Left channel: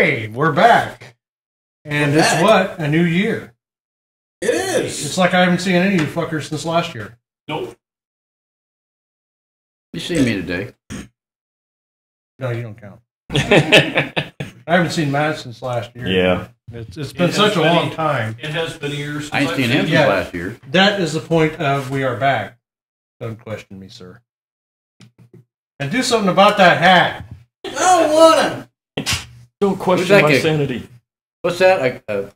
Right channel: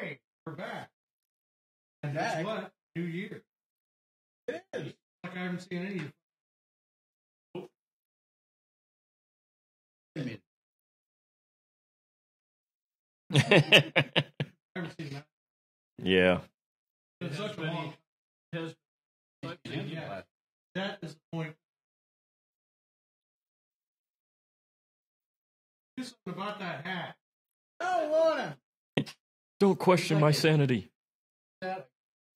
Hey, we're back. And We're it's back. what? A new year. It is. It's like I haven't seen any of you fuckers since last year. Nope. You see me today. No, you don't count. I haven't seen Matt since last year. Yeah. It's been such a long time. It has been years since I ain't seen him since Yeah. last year. That is the point of we are back. Don't question me, sir. And do something about that hat. I don't want Don't Who's question that my kid? sanity. What's that? Cock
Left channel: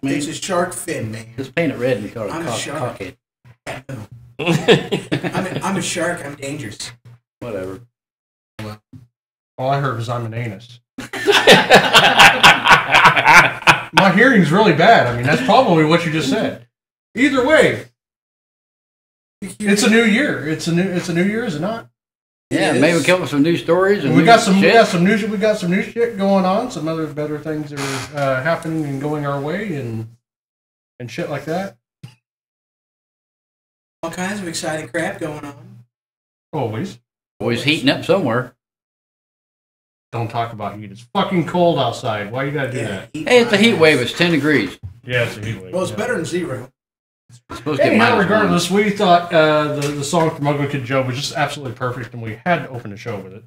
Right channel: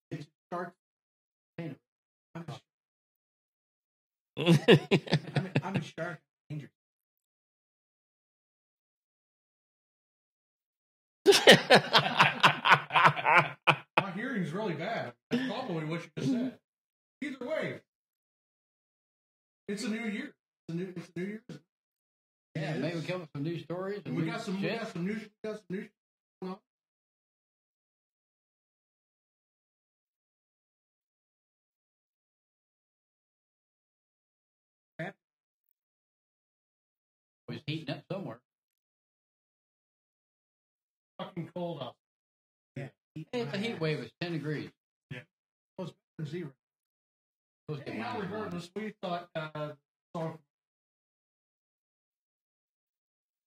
to. It's me? a shark fin, man. Just paint it red and you call it I'm a cock, shark. cockhead. I'm a shark. I'm dangerous. Whatever. All I heard was I'm an anus. My hearing's really bad. I mean, that's probably what you just said. Either way, it's a new year. It's a new year, is it not? Yeah, Yes. maybe come up with some new stories and We new got some shit. we got some new shit going on. Some other better things are happening and going our way and shit like that. All kinds of exciting crap going on. Always. Always heating up somewhere. Don't talk about heat. It's fucking cold outside. Why you gotta do that? Hey, it's a heat wave. It's 10 degrees. Yeah, it's a heat wave. Well, it's yeah. better than zero. It's supposed to get Anyhow, -1. regardless, we thought the song from Ugly Kid Joe was just absolutely perfect, and we had to open the show with it.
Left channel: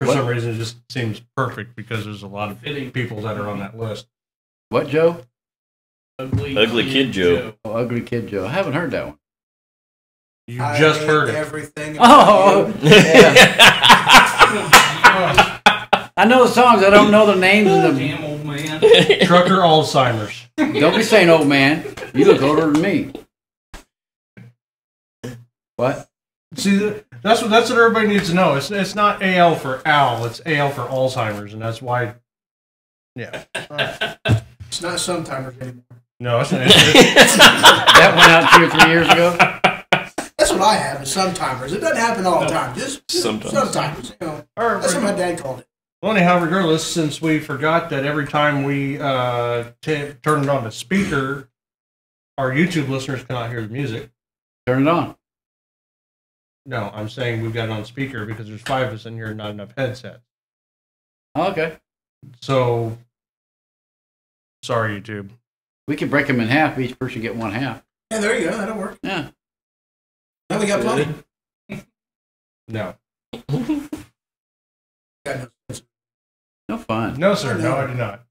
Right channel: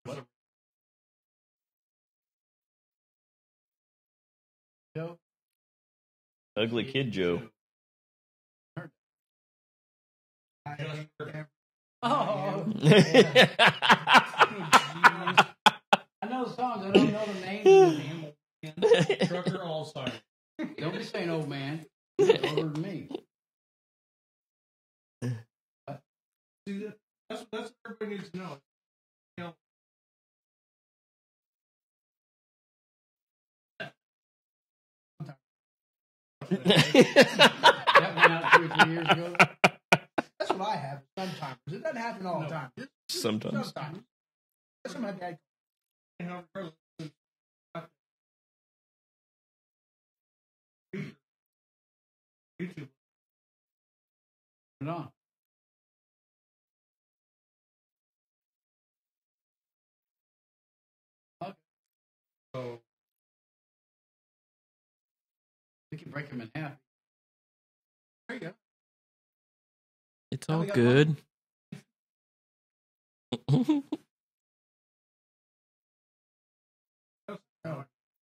For What? some reason, it just seems perfect because there's a lot of Fitting. people that are on that list. What, Joe? Ugly Kid Joe. Oh, Ugly Kid Joe. I haven't heard that one. You I just hate heard it. everything. Oh, about you. I know the songs. I don't know the names of them. Damn old man. Trucker Alzheimer's. Don't be saying old man. You look older than me. What? See, that's what everybody needs to know. It's not AL for Al. It's AL for Alzheimer's, and that's why. Yeah. It's not sometimers anymore. No, it's not. That went out 2 or 3 years ago. That's what I have is sometimers. It doesn't happen all the time. Just Sometimes. sometimes. You know, that's what my dad called it. Well, anyhow, regardless, since we forgot that every time we turn it on the speaker, our YouTube listeners cannot hear the music. Turn it on. No, I'm saying we've got it on speaker because there's 5 of us in here and not enough headsets. Oh, okay. So, sorry, YouTube. We could break them in half. Each person get one half. Yeah, there you go. That'll work. Yeah. It's Now all we got good. No. Got no sense. No fun. No, sir. No, I do not.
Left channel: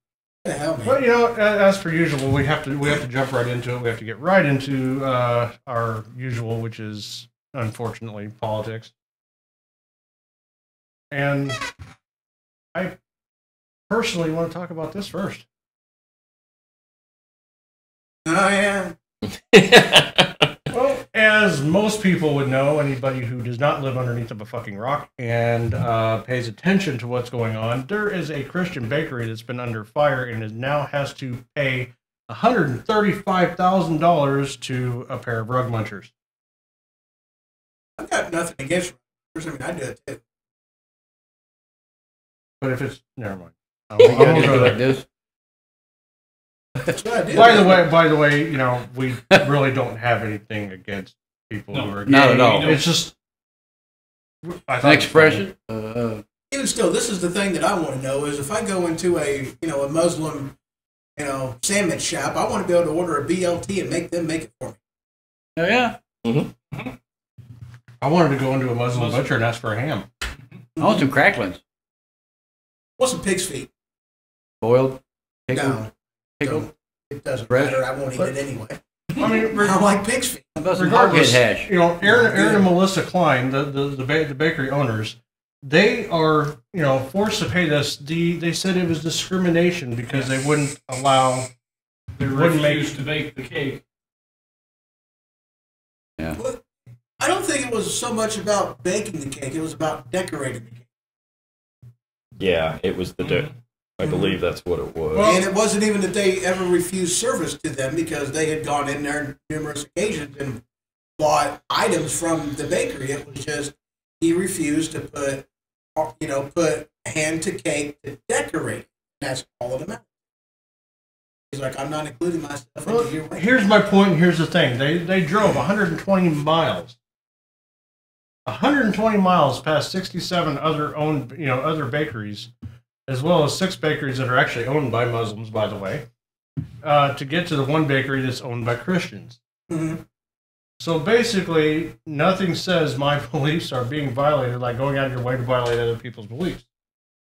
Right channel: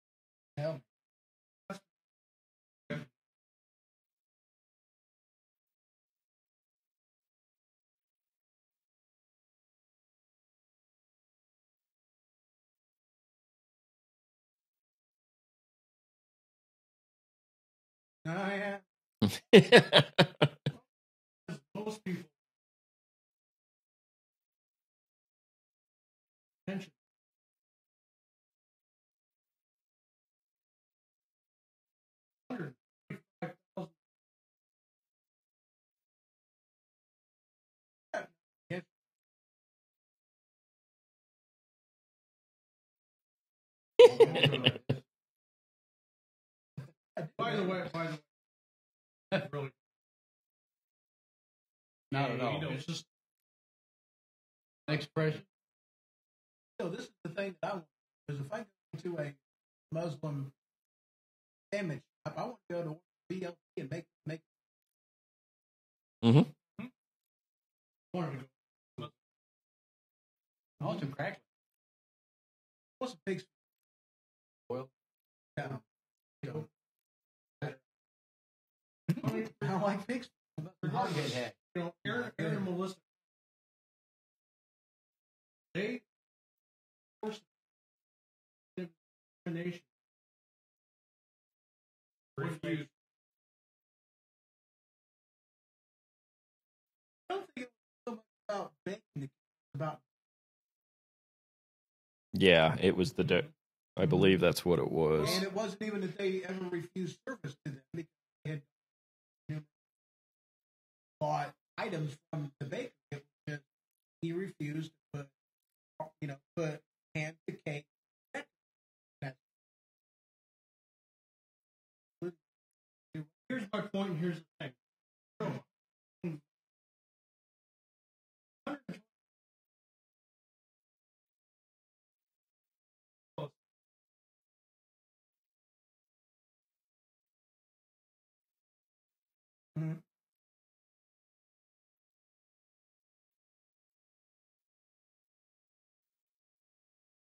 What the hell, man? Well, you know, as per usual, we have to jump right into it. We have to get right into our usual, which is unfortunately politics. And I personally want to talk about this first. Oh, yeah. Well, as most people would know, anybody who does not live underneath of a fucking rock and pays attention to what's going on, there is a Christian bakery that's been under fire and is now has to pay $135,000 to a pair of rug munchers. I've got nothing against runners. I mean, I do it too. But if it's never mind. I You won't gotta go do it there. like this. That's what I do. By the way, you know, we really don't have anything against people who are gay. Not at all. It's just I An thought expression. Even still, this is the thing that I want to know is if I go into a Muslim sandwich shop, I want to be able to order a BLT and make them make it for me. Oh, yeah. I wanted to go into a Muslim butcher and ask for a ham. I want some cracklings. What's some pig's feet? Boiled. Pickled. No, Pickled. don't. It doesn't Fresh. matter. I won't eat it anyway. I mean, I don't like pig's feet. How about some hog regardless, hash? you know, Aaron and Melissa Klein, the bakery owners, they are, you know, forced to pay this. They said it was discrimination because they wouldn't allow, They wouldn't make. refused to bake the cake. Yeah. Well, I don't think it was so much about baking the cake. It was about decorating the cake. Yeah, it was I believe that's what it was. And it wasn't even that they ever refused service to them because they had gone in there on numerous occasions and bought items from the bakery. It was just he refused to put hand to cake to decorate it. That's all of them. He's like, I'm not including myself Well, into your rate. here's my point. And here's the thing: they drove 120 miles 120 miles past 67 other bakeries, as well as 6 bakeries that are actually owned by Muslims, by the way, to get to the one bakery that's owned by Christians. Mm-hmm. So basically, nothing says my beliefs are being violated, like going out of your way to violate other people's beliefs.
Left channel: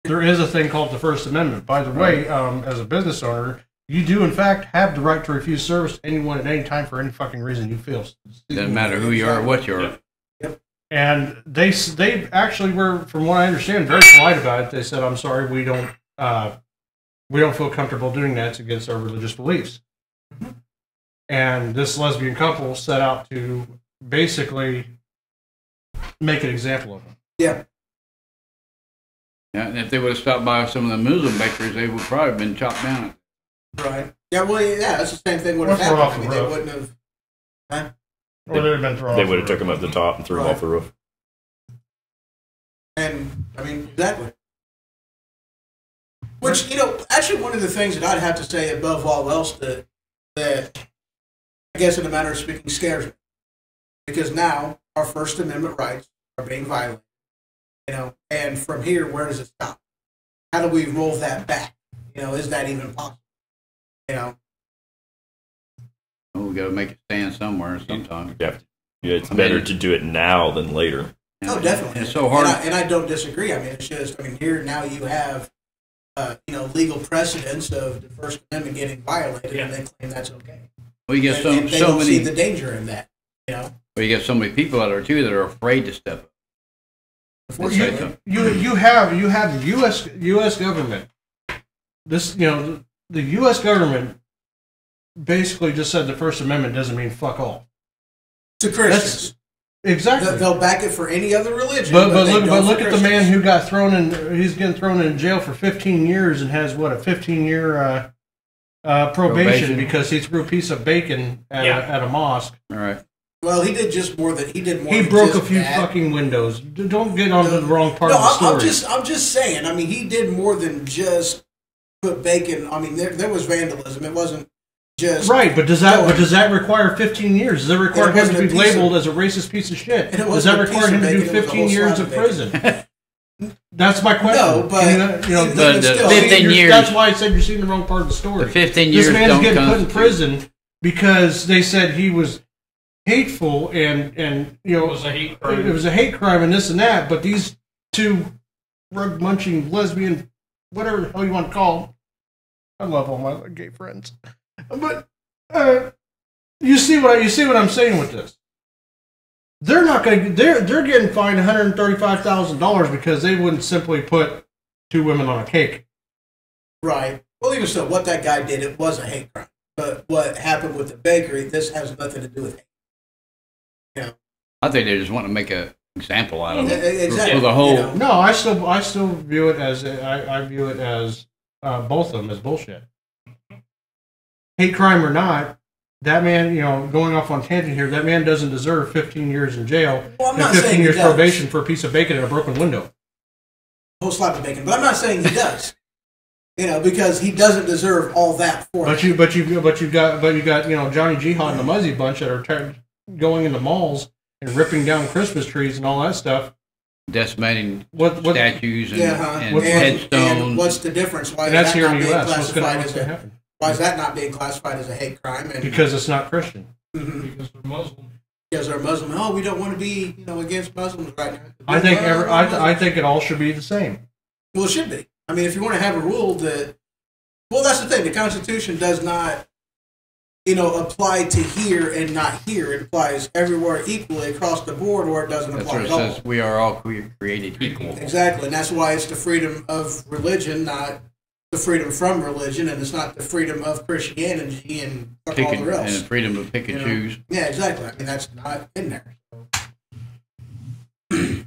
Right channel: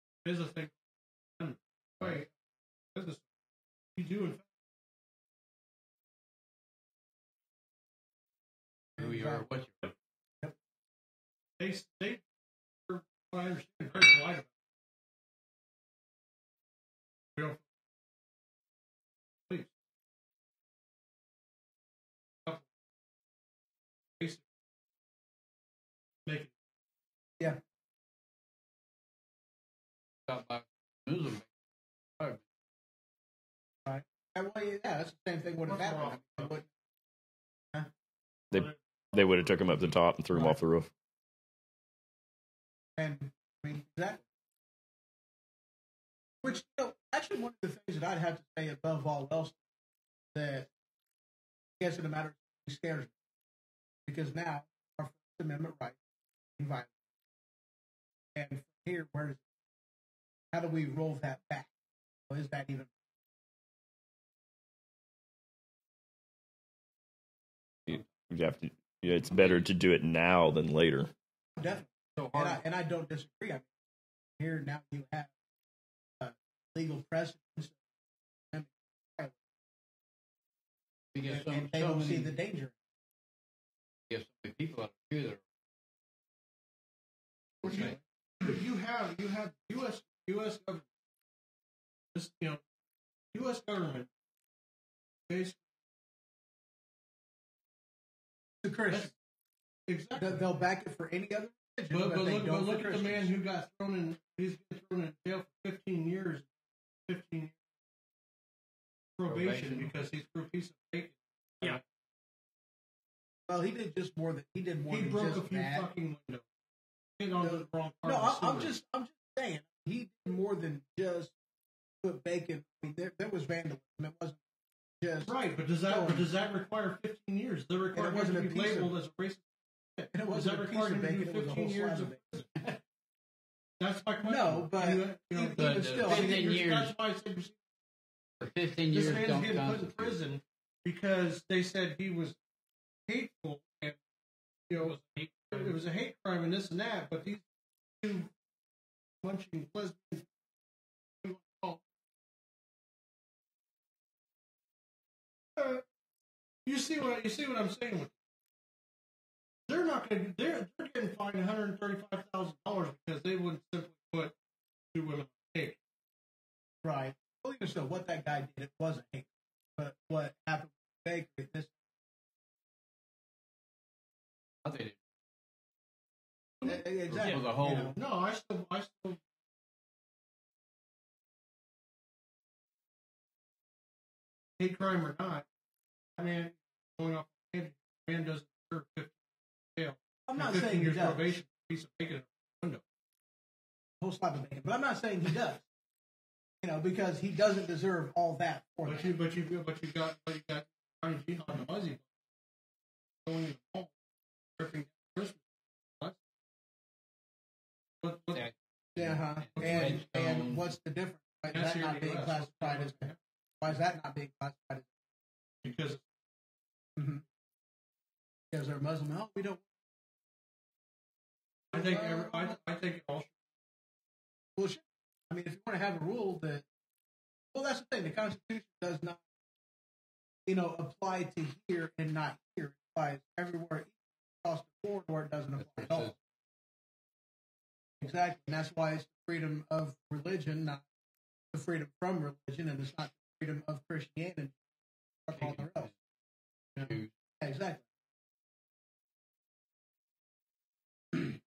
There is a thing called the First Amendment. By the way, as a business owner, you do in fact have the right to refuse service to anyone at any time for any fucking reason you feel. Doesn't matter who you are or what you are. Yep. And they actually were, from what I understand, very polite about it. They said, "I'm sorry, we don't feel comfortable doing that. It's against our religious beliefs." Mm-hmm. And this lesbian couple set out to basically make an example of them. Yeah. Yeah, and if they would have stopped by some of the Muslim bakeries, they would probably have been chopped down. Right. Yeah. Well, yeah. That's the same thing would have Or throw happened. off I the mean, they roof. wouldn't have. Huh? Or they'd have been thrown They off would the have took roof. him up the top and threw him Right. off the roof. And I mean, exactly. Which, actually one of the things that I'd have to say above all else that I guess in a matter of speaking scares me. Because now our First Amendment rights are being violated. And from here, where does it stop? How do we roll that back? Is that even possible? Well, we got to make it stand somewhere sometime. You have to, it's better to do it now than later. Oh, definitely. And it's so hard. And I don't disagree. I mean, it's just, here now you have, legal precedents of the First Amendment getting violated, and they claim that's okay. Well, you get And they so don't see many. the danger in that, Well, you get so many people out there too that are afraid to step up. Unfortunately. You have the U.S. government. This the U.S. government basically just said the First Amendment doesn't mean fuck all. To Christians. Exactly. They'll back it for any other religion. But they look don't for at the man Christians. who got thrown in. He's getting thrown in jail for 15 years and has what, a 15-year probation because he threw a piece of bacon at a mosque. All right. Well, he did just more than he did more. He than broke a just few that. fucking windows. Don't get onto the wrong part No, of the story. I'm just saying. I mean, he did more than just put bacon. I mean, there was vandalism. It wasn't just Right, but does that require 15 years? Does that require it him to wasn't be a piece labeled as a racist piece of shit? And it Does that wasn't a piece require him of to do bacon, it was a 15 whole years slab of of prison? That's my question. No, but But still, 15 years. That's why I said you're seeing the wrong part of the story. The 15 years This man's don't getting put in constitute. prison because they said he was hateful and It was a hate crime. it was a hate crime and this and that. But these two rug munching lesbian, whatever the hell you want to call them, I love all my gay friends, but you see what I'm saying with this. They're not going. They're getting fined $135,000 because they wouldn't simply put 2 women on a cake. right. Well, even so, what that guy did, it was a hate crime. But what happened with the bakery, this has nothing to do with hate. I think they just want to make an example out of it. Exactly. For the whole. No, I still view it as I view it as both of them as bullshit. Hate crime or not, that man, going off on tangent here, that man doesn't deserve 15 years in jail Well, I'm and not 15 saying he years does. probation for a piece of bacon and a broken window. Whole slab of bacon. But I'm not saying he does. Because he doesn't deserve all that for it. But you got Johnny Jihad and the Muzzy bunch that are going into malls and ripping down Christmas trees and all that stuff. Decimating What statues and, and What- headstones. And what's the difference? Why and is that's that here not in the being U.S. What's going classified as to a happen? Why is that not being classified as a hate crime? And Because it's not Christian. Mhm. Because they're Muslim. because they're Muslim. Oh, we don't want to be against Muslims right now. I think Well, I think it all should be the same. Well, it should be. I mean, if you want to have a rule that, well, that's the thing. The Constitution does not, apply to here and not here. It applies everywhere equally across the board, or it doesn't That's apply what it at all. says. We are all created equal. Exactly, and that's why it's the freedom of religion, not the freedom from religion, and it's not the freedom of Christianity and fuck all Pick the and rest. freedom to pick and choose. Yeah, exactly. I mean, that's not in there.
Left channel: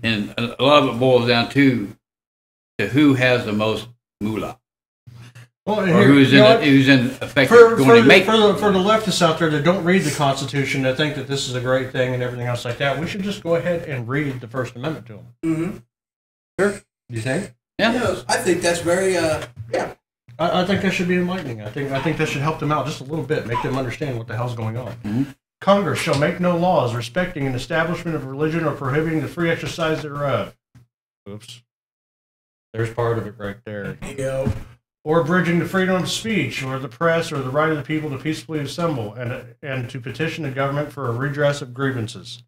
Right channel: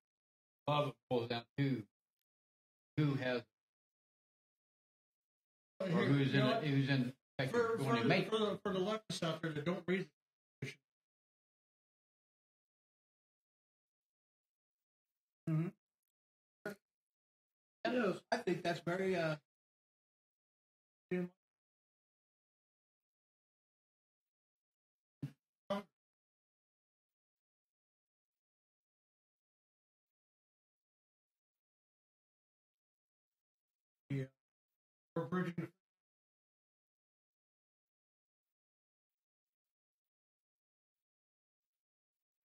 And a lot of it boils down to who has the most moolah, Well, or here, who's you know what? who's in effect for going to make. the leftists out there that don't read the Constitution, that think that this is a great thing and everything else like that, we should just go ahead and read the First Amendment to them. Mm-hmm. Sure. Do you think? Yeah. I think that's very, I think that should be enlightening. I think that should help them out just a little bit, make them understand what the hell's going on. Mhm. Congress shall make no laws respecting an establishment of religion or prohibiting the free exercise thereof. Oops. There's part of it right there. You go. Or abridging the freedom of speech or the press or the right of the people to peacefully assemble and to petition the government for a redress of grievances.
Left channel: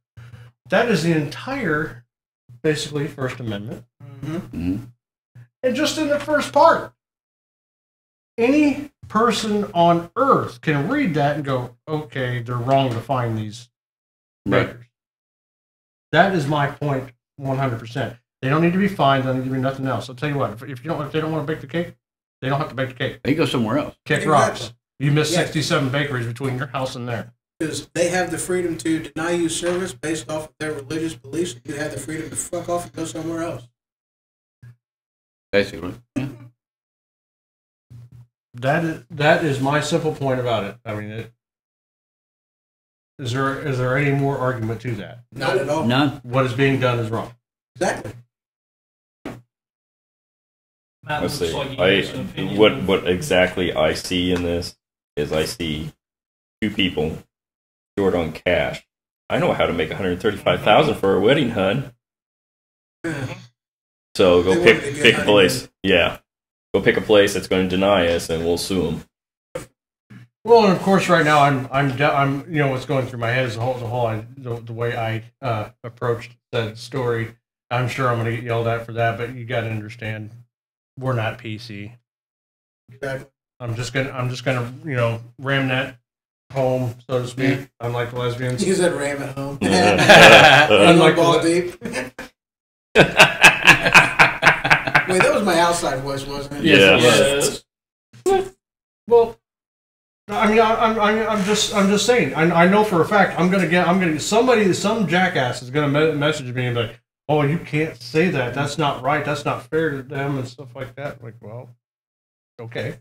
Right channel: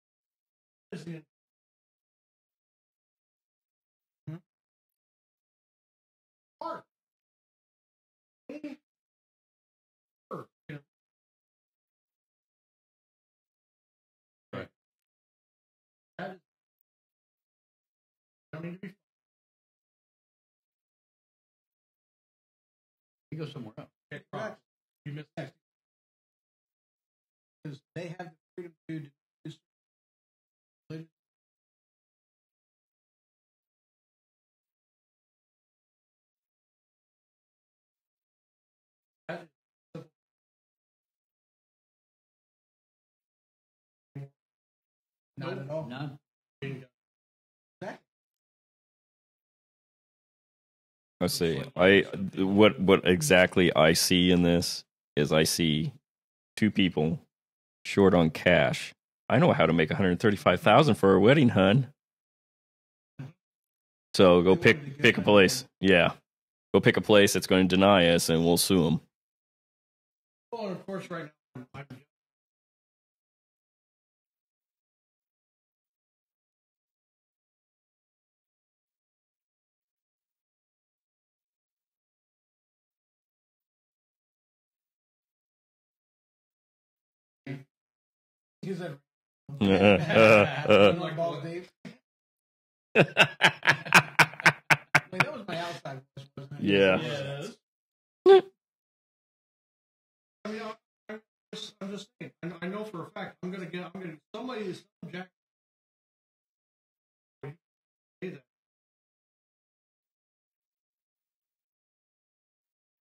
That is the entire, basically, First Amendment. Mm-hmm. And just in the first part, any person on earth can read that and go, okay, they're wrong to find these Right. bakers. That is my point 100%. They don't need to be fined, they don't need to be nothing else. I'll tell you what, if they don't want to bake the cake, they don't have to bake the cake. They go somewhere else. Kick Exactly. rocks. You miss Yeah. 67 bakeries between your house and there. Because they have the freedom to deny you service based off of their religious beliefs. You have the freedom to fuck off and go somewhere else. Basically. Yeah. That is my simple point about it. I mean, is there any more argument to that? Not at all. None. What is being done is wrong. Exactly. Matt, Let's looks see. like you have some opinion. What exactly I see in this is I see two people short on cash. I know how to make $135,000 for a wedding, hun. So go They pick wanted to get pick a honeymoon. place. Yeah, go pick a place that's going to deny us, and we'll sue them. Well, and of course, right now I'm you know what's going through my head is the way I approached that story. I'm sure I'm going to get yelled at for that, but you got to understand, we're not PC. Exactly. I'm just gonna you know ram that home, so to speak. Yeah. Unlike the lesbians. You said ram at home. Unlike Ball the, deep. Wait, that was my outside voice, wasn't it? Yes. Yes. well, I mean, I'm just saying. I know for a fact I'm gonna get some jackass is gonna message me and be like, oh, you can't say that. That's not right. That's not fair to them and stuff like that. Like, well, okay.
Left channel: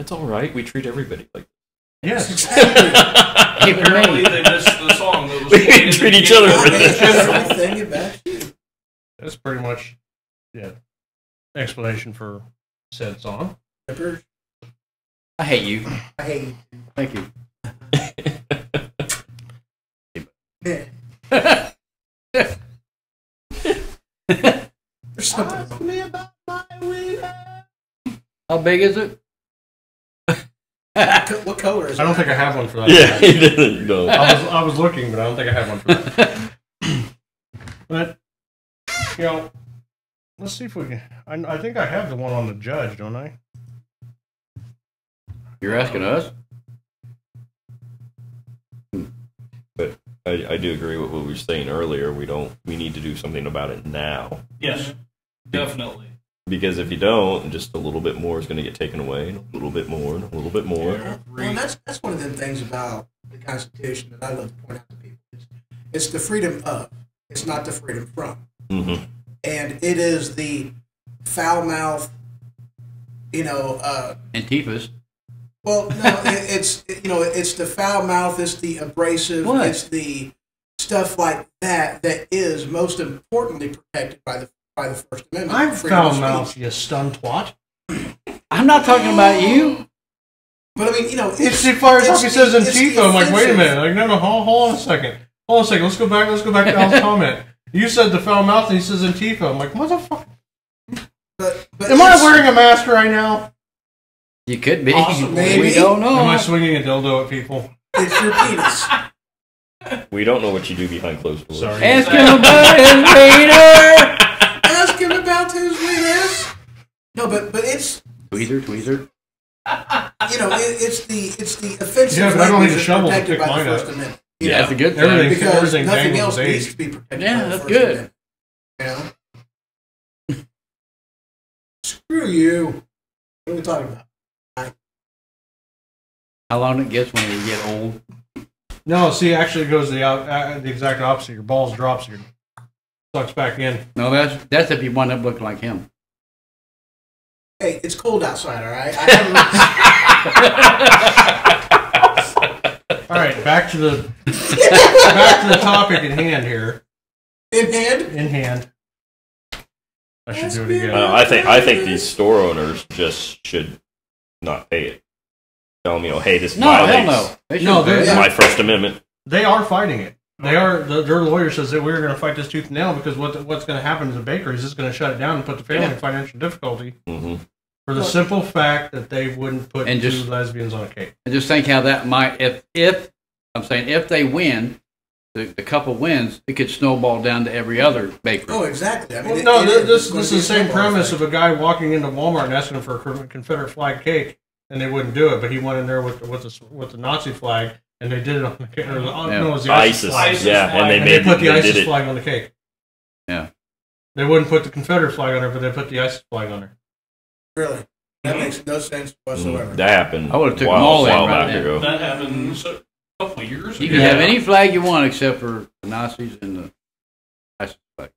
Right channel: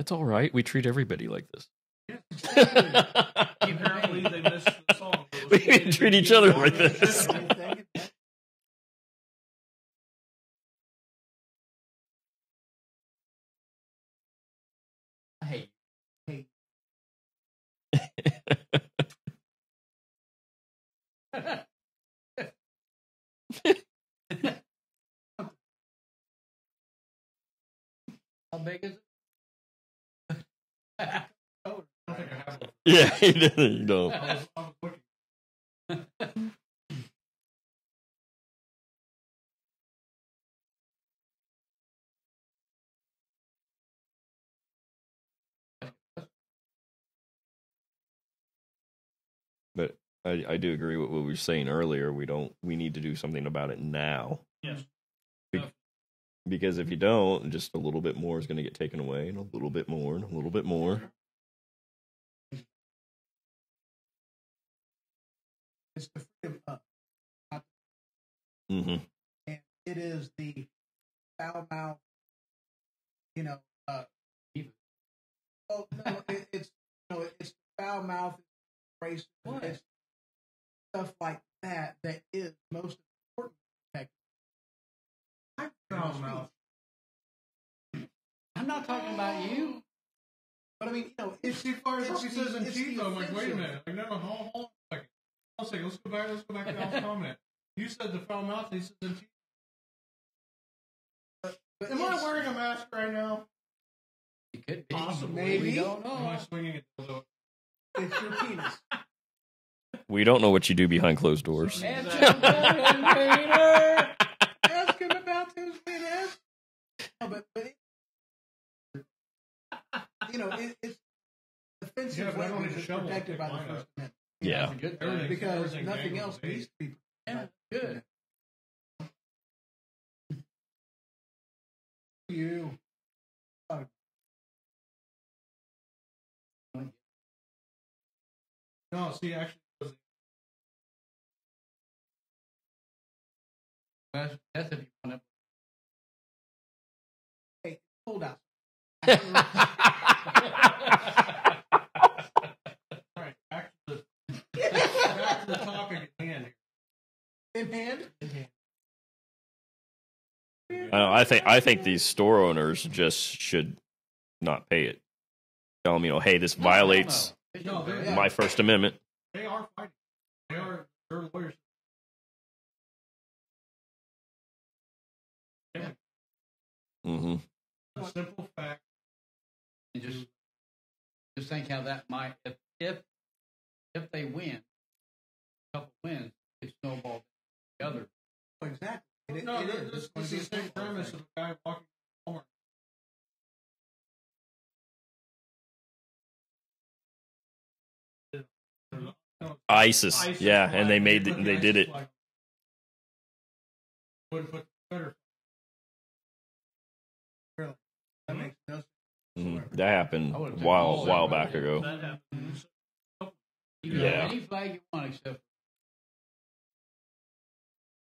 It's all right. We treat everybody like this. Yes. Exactly. Apparently they missed the song that was We played at treat the each other beginning. with Everything about you. That's pretty much, yeah, explanation for said song. I hate you. I hate you. Thank you. Yeah. There's something wrong. How big is it? What color is it? I don't think I have one for that. Yeah, he didn't know. I was looking, but I don't think I have one for that. But you know, let's see if we can. I think I have the one on the judge, don't I? You're asking us? But I do agree with what we were saying earlier. We need to do something about it now. Yes, definitely. Because if you don't, just a little bit more is going to get taken away, and a little bit more, and a little bit more. Well, and that's one of the things about the Constitution that I love to point out to people. It's the freedom of. It's not the freedom from. Mm-hmm. And it is the foul mouth, Antifa's. well, no, it's the foul mouth, it's the abrasive, What? it's the stuff like that that is most importantly protected by the First Amendment. I'm freedom of foul speech. mouth, you stun twat. I'm not talking about you. But I mean, It's the fire talk. He says it's the Antifa. I'm like, wait a offensive. minute. Like, no, hold on a second. Hold on a second. Let's go back to Al's comment. You said the foul mouth, and he says Antifa. I'm like, motherfucker. But Am I it's- wearing a mask right now? You could be. Possibly. Maybe. We don't know. Am I swinging a dildo at people? It's your penis. We don't know what you do behind closed doors. Sorry. Ask him about his wiener. Ask him about his weenus. No, but it's Tweezer. it's the offensive. Yeah, but I don't need a language shovel to protected pick by the mine up. First Amendment. Yeah. That's a good thing. Everything- Because everything nothing dangles else with needs age. to be protected. Yeah, by the that's First good. Amendment. Screw you. What are we talking about? How long it gets when you get old? No, see, actually, it goes the exact opposite. Your balls drops, your sucks back in. No, that's if you wind up looking like him. Hey, it's cold outside, all right? All right, back to the topic at hand here. In hand? In hand. I should do it again. I think these store owners just should not pay it. tell them, hey, this No, hell violates no. They No, shouldn't do they're- it. my First Amendment. They are fighting it. They are. Their lawyer says that we're going to fight this tooth and nail because what's going to happen to the bakeries is going to shut it down and put the family in financial difficulty Mm-hmm. for the simple fact that they wouldn't put And two just- lesbians on a cake. And just think how that might, if I'm saying if they win, the couple wins, it could snowball down to every other bakery. Oh, exactly. I mean, Well, it- no, it this is gonna is be the a same snowball premise effect. of a guy walking into Walmart and asking for a Confederate flag cake, and they wouldn't do it, but he went in there with the Nazi flag, and they did it on the cake. Or no, it was the ISIS. flag. ISIS Yeah, flag. and they And made they put the they ISIS did it. flag on the cake. Yeah. They wouldn't put the Confederate flag on there, but they put the ISIS flag on there. Really, that makes no sense whatsoever. That happened. I would've took a them all in while right back then. ago. That happened a couple of years ago. You can have any flag you want except for the Nazis and the ISIS flag.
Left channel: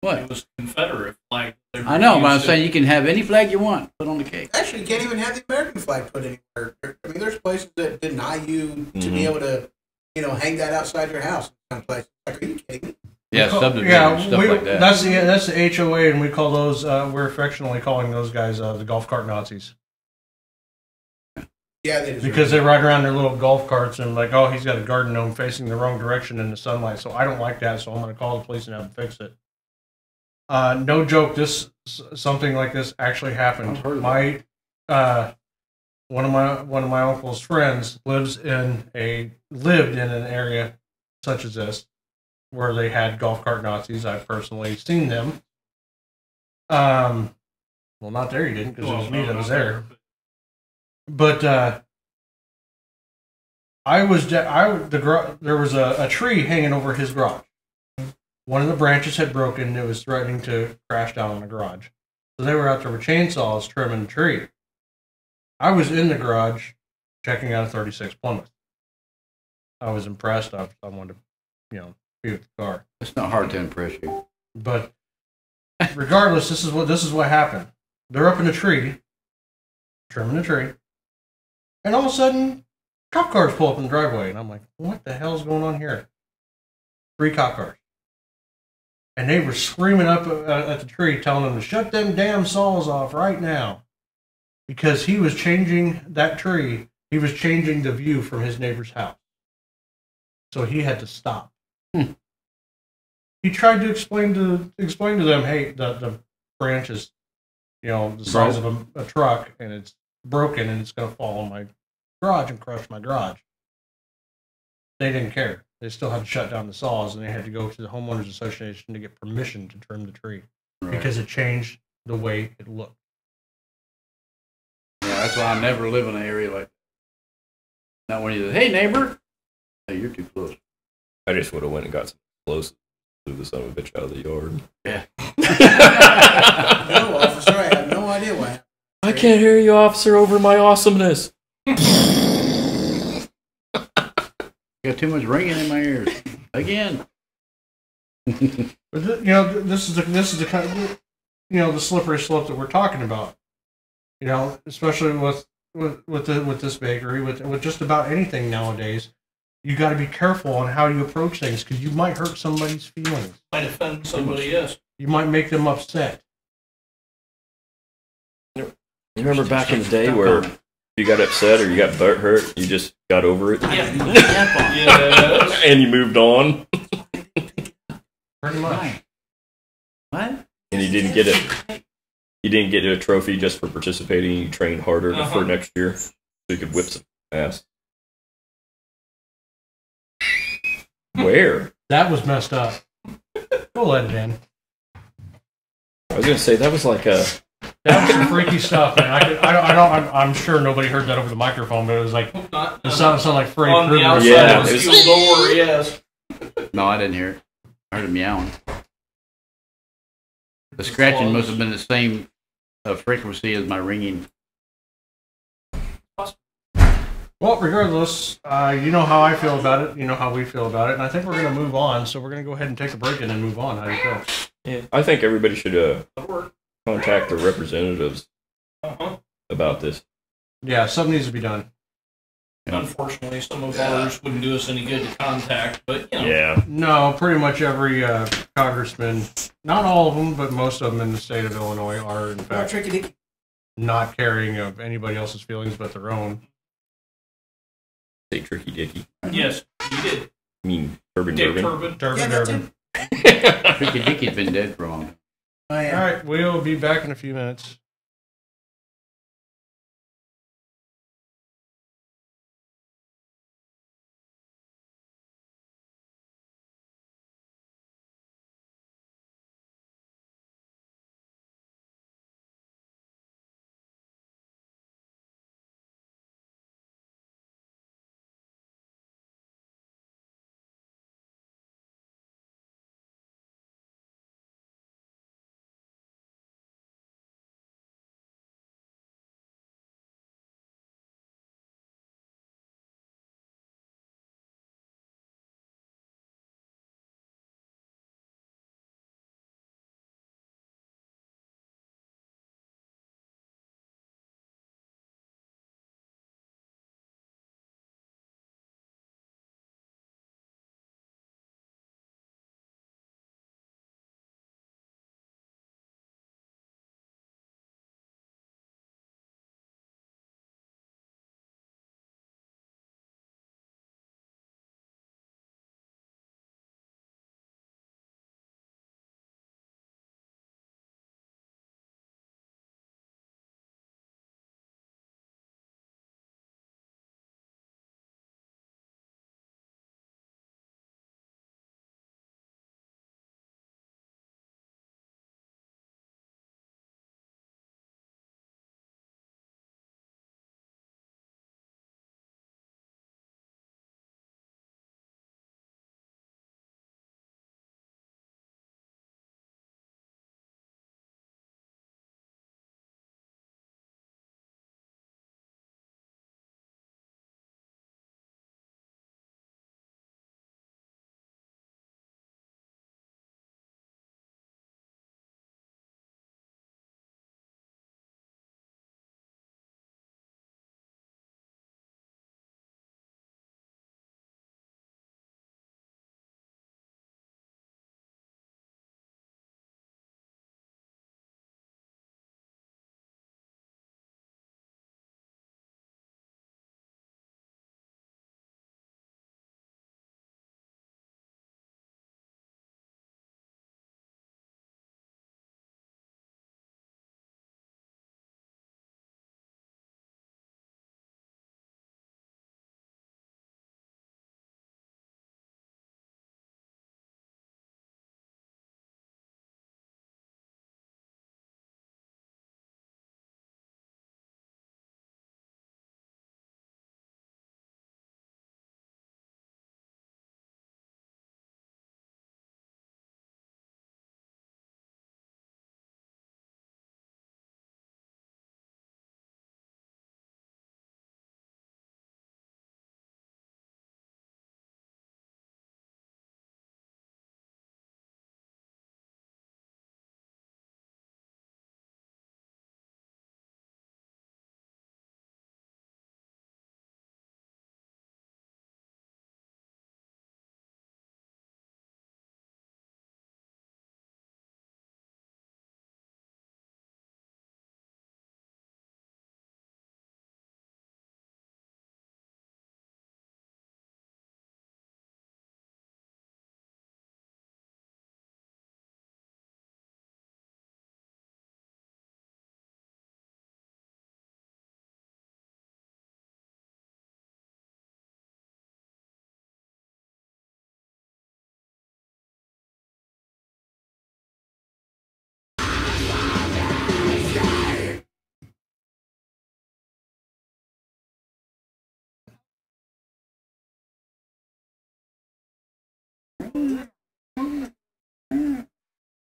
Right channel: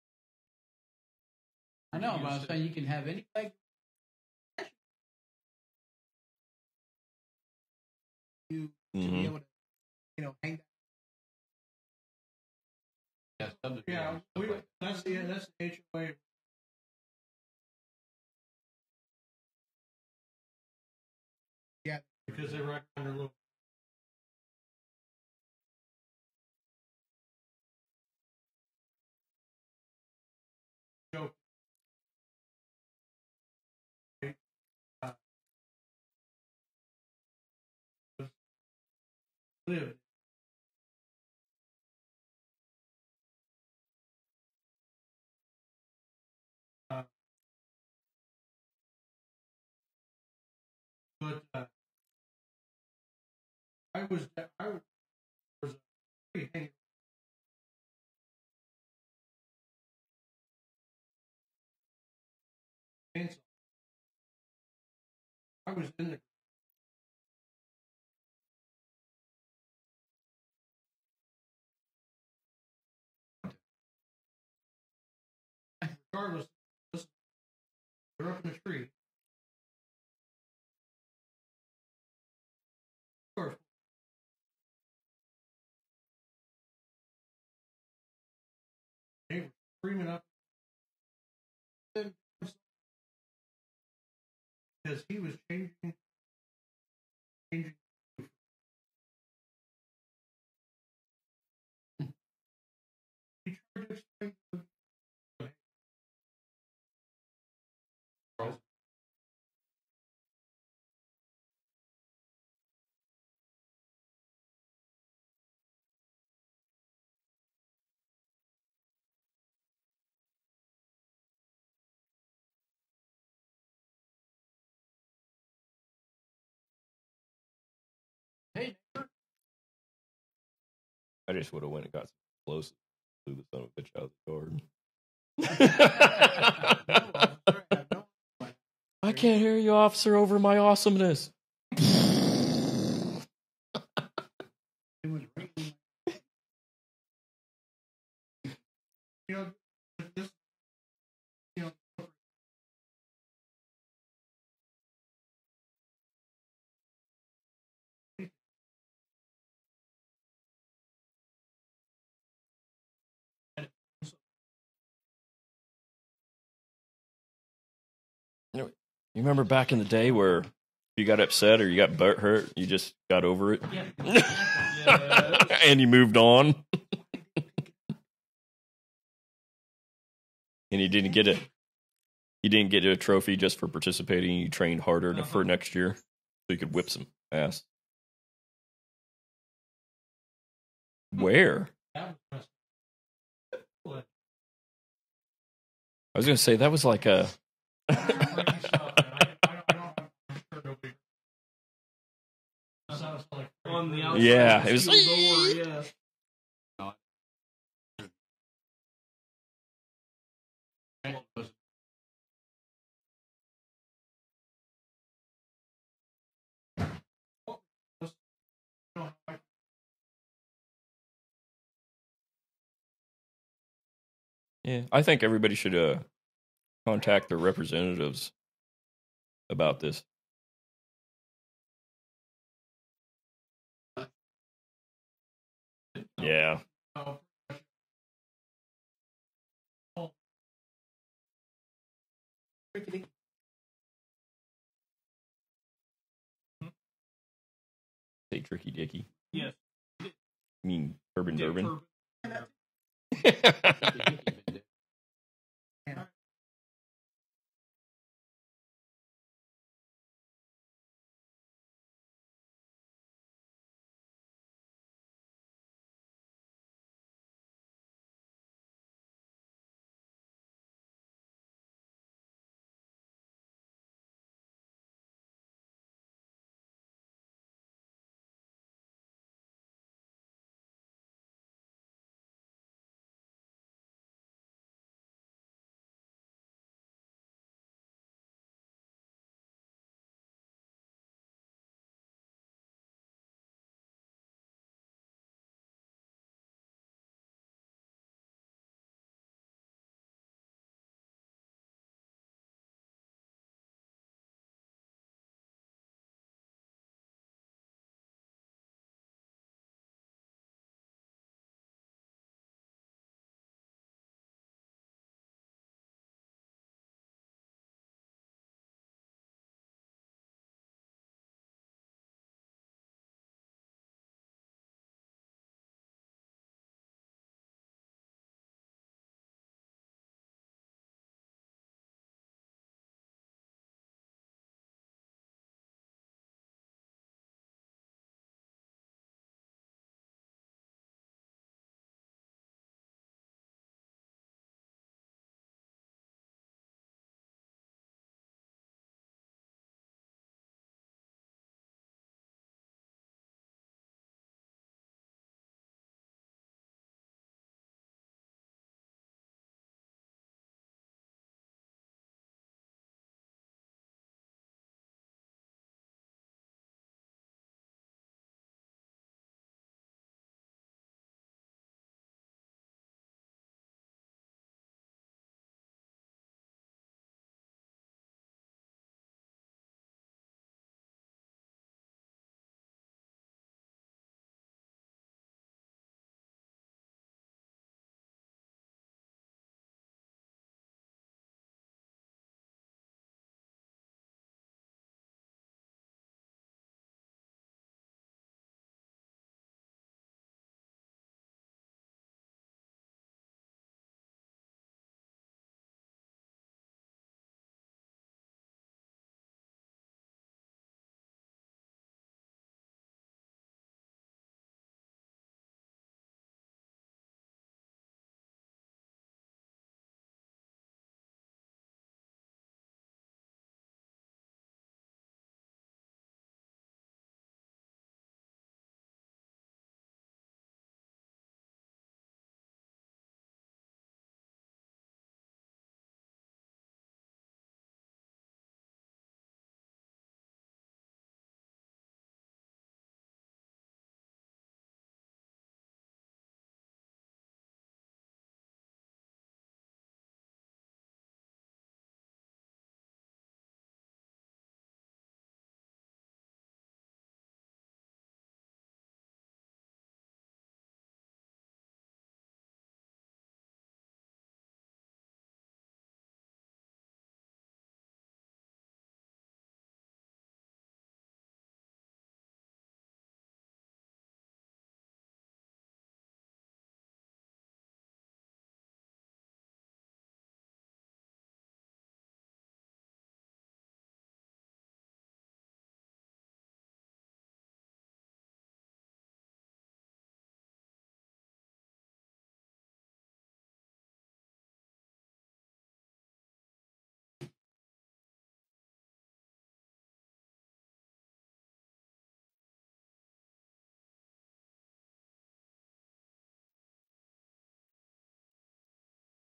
What? It was Confederate flag. They I know, but I'm refused it. saying you can have any flag you want put on the cake. Actually, you can't even have the American flag put anywhere. I mean, there's places that deny you to Mhm. be able to, hang that outside your house. Kind of place. Like, are you kidding me? Yeah, subdivision Yeah, stuff like that. That's the HOA, and we call those. We're affectionately calling those guys the golf cart Nazis Yeah, they deserve because it. they ride around their little golf carts and like, oh, he's got a garden gnome facing the wrong direction in the sunlight. So I don't like that. So I'm going to call the police and have them fix it. No joke. Something like this actually happened. I've heard of My one of my uncle's friends lived in an area such as this where they had golf cart Nazis. I've personally seen them. Well, not there. You didn't because it was me that was there. But there was a tree hanging over his garage. One of the branches had broken and it was threatening to crash down on the garage. So they were out there with chainsaws trimming the tree. I was in the garage checking out a 36 Plymouth. I was impressed. I wanted to, be with the car. It's not hard to impress you. But regardless, this is what happened. They're up in a tree, trimming the tree, and all of a sudden, cop cars pull up in the driveway, and I'm like, "What the hell's going on here?" 3 cop cars, and they were screaming up at the tree, telling them to shut them damn saws off right now, because he was changing that tree. He was changing the view from his neighbor's house, so he had to stop. He tried to explain to them, hey, the branch is, the size of a truck, and it's broken, and it's going to fall on my garage and crush my garage. They didn't care. They still had to shut down the saws, and they had to go to the homeowners association to get permission to trim the tree because it changed the way it looked. Yeah, that's why I never live in an area like that. Not when you say, hey, neighbor. Hey, you're too close. I just would have went and got some clothes, blew the son of a bitch out of the yard. Yeah. No, officer, I have no idea what happened. I can't hear you, officer, over my awesomeness. Got too much ringing in my ears. Again. But this is the kind of, the slippery slope that we're talking about. Especially with this bakery, with just about anything nowadays. You got to be careful on how you approach things because you might hurt somebody's feelings. Might offend somebody, yes. You might make them upset. You remember back in the day where you got upset or you got butt hurt, you just got over it Yeah. Yes. and you moved on, Pretty much. What? and you didn't get it. You didn't get a trophy just for participating. You trained harder for next year, so you could whip some ass. Where? That was messed up. We'll let it in. I was gonna say that was like a. That was some freaky stuff, man. I'm sure nobody heard that over the microphone, but it was like it sounded like Freddy On the Krueger. outside Yeah, of the it steel was- door, yes. No, I didn't hear it. I heard it meowing. The scratching must have been the same frequency as my ringing. Well, regardless, you know how I feel about it. You know how we feel about it, and I think we're going to move on. So we're going to go ahead and take a break and then move on. How do you feel? Yeah, I think everybody should That'll work. contact the representatives Uh-huh. about this. Yeah, something needs to be done. Unfortunately, some of ours wouldn't do us any good to contact, but Yeah, No, pretty much every congressman, not all of them, but most of them in the state of Illinois are in Or fact. tricky dicky. not caring of anybody else's feelings but their own. Say Tricky Dicky. Yes, you did. I mean, Turban Dick Durbin. Turbin. Yeah, that too. Tricky Dicky's been dead for a long time. Oh, All yeah. right, we'll be back in a few minutes.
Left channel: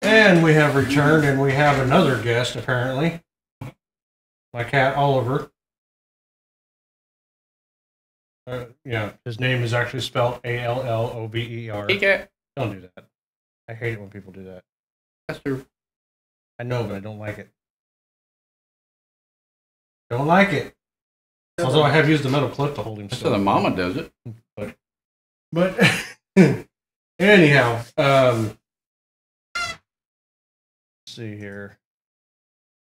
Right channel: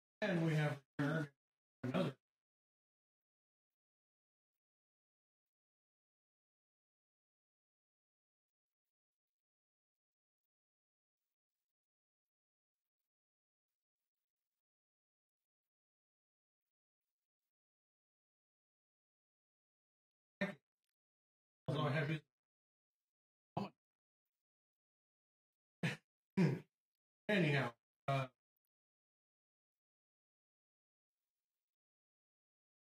And we have returned, and we have another guest, apparently. My cat, Oliver. Yeah, his name is actually spelled Allover. Hey, cat. Don't do that. I hate it when people do that. That's her. I know, but I don't like it. Don't like it. Although I have used the metal clip to hold him That's still. how the mama does it. But anyhow, let's see here.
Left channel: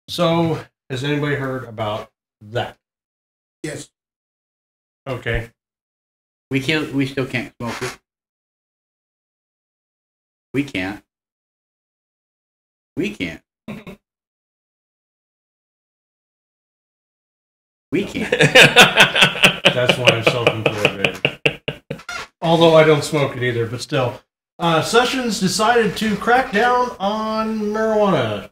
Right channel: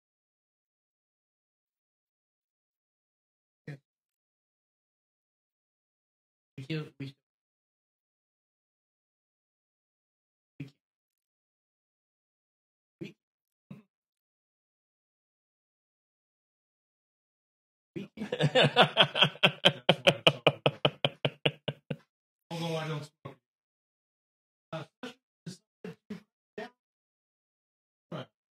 So Has anybody heard about that? Yes. Okay. We still can't smoke it. We can't. We can't. We can't. That's why I'm self-employed. Although I don't smoke it either, but still. Sessions decided to crack down on marijuana,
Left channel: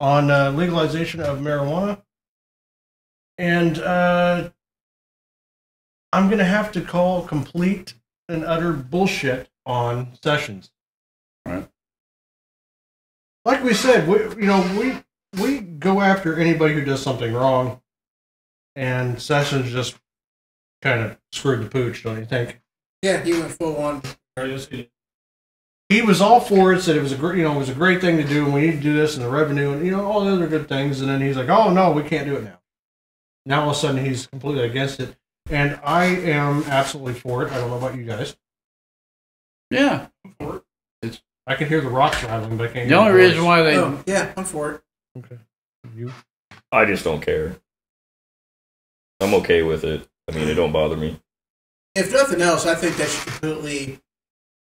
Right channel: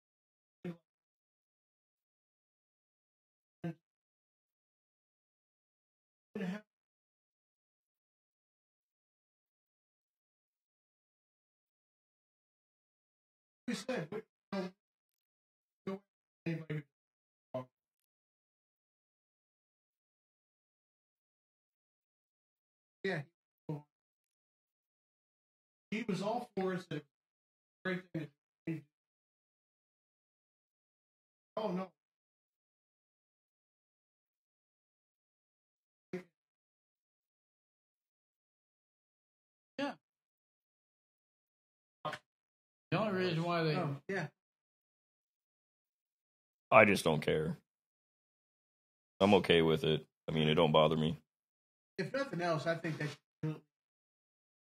on legalization of marijuana. And I'm going to have to call complete and utter bullshit on Sessions. Right. Like we said, we go after anybody who does something wrong, and Sessions just kind of screwed the pooch, don't you think? Yeah, he went full on. He was all for it, said it was a great thing to do, and we need to do this, and the revenue, and all the other good things. And then he's like, "Oh no, we can't do it now." Now all of a sudden he's completely against it, and I am absolutely for it. I don't know about you guys. Yeah. I can hear the rocks rattling, but I can't. The hear only the reason voice. why they Oh, yeah, I'm for it. Okay. You? I just don't care. I'm okay with it. I mean, it don't bother me. If nothing else, I think they should completely,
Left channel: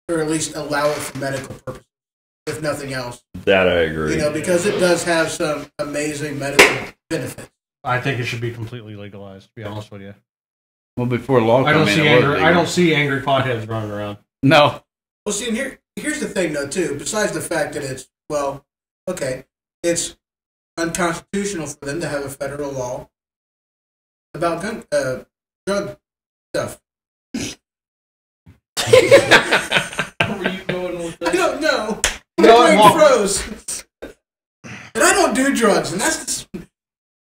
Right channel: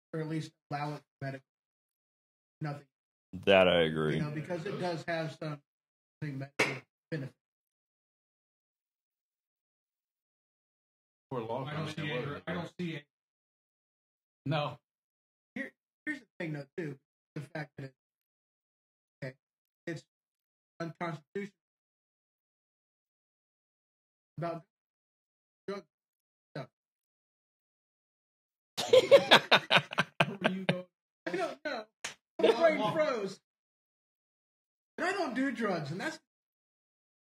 or at least allow it for medical purposes. If nothing else, That I agree. because it does have some amazing medical benefits. I think it should be completely legalized. To be honest with you, well before law I come don't in, see it was angry. legal. I don't see angry potheads running around. No. Well, see, and here's the thing, though, too. Besides the fact that it's unconstitutional for them to have a federal law about drug stuff. Where were you going with I that? don't know. You know, My brain well- froze. And I don't do drugs, and that's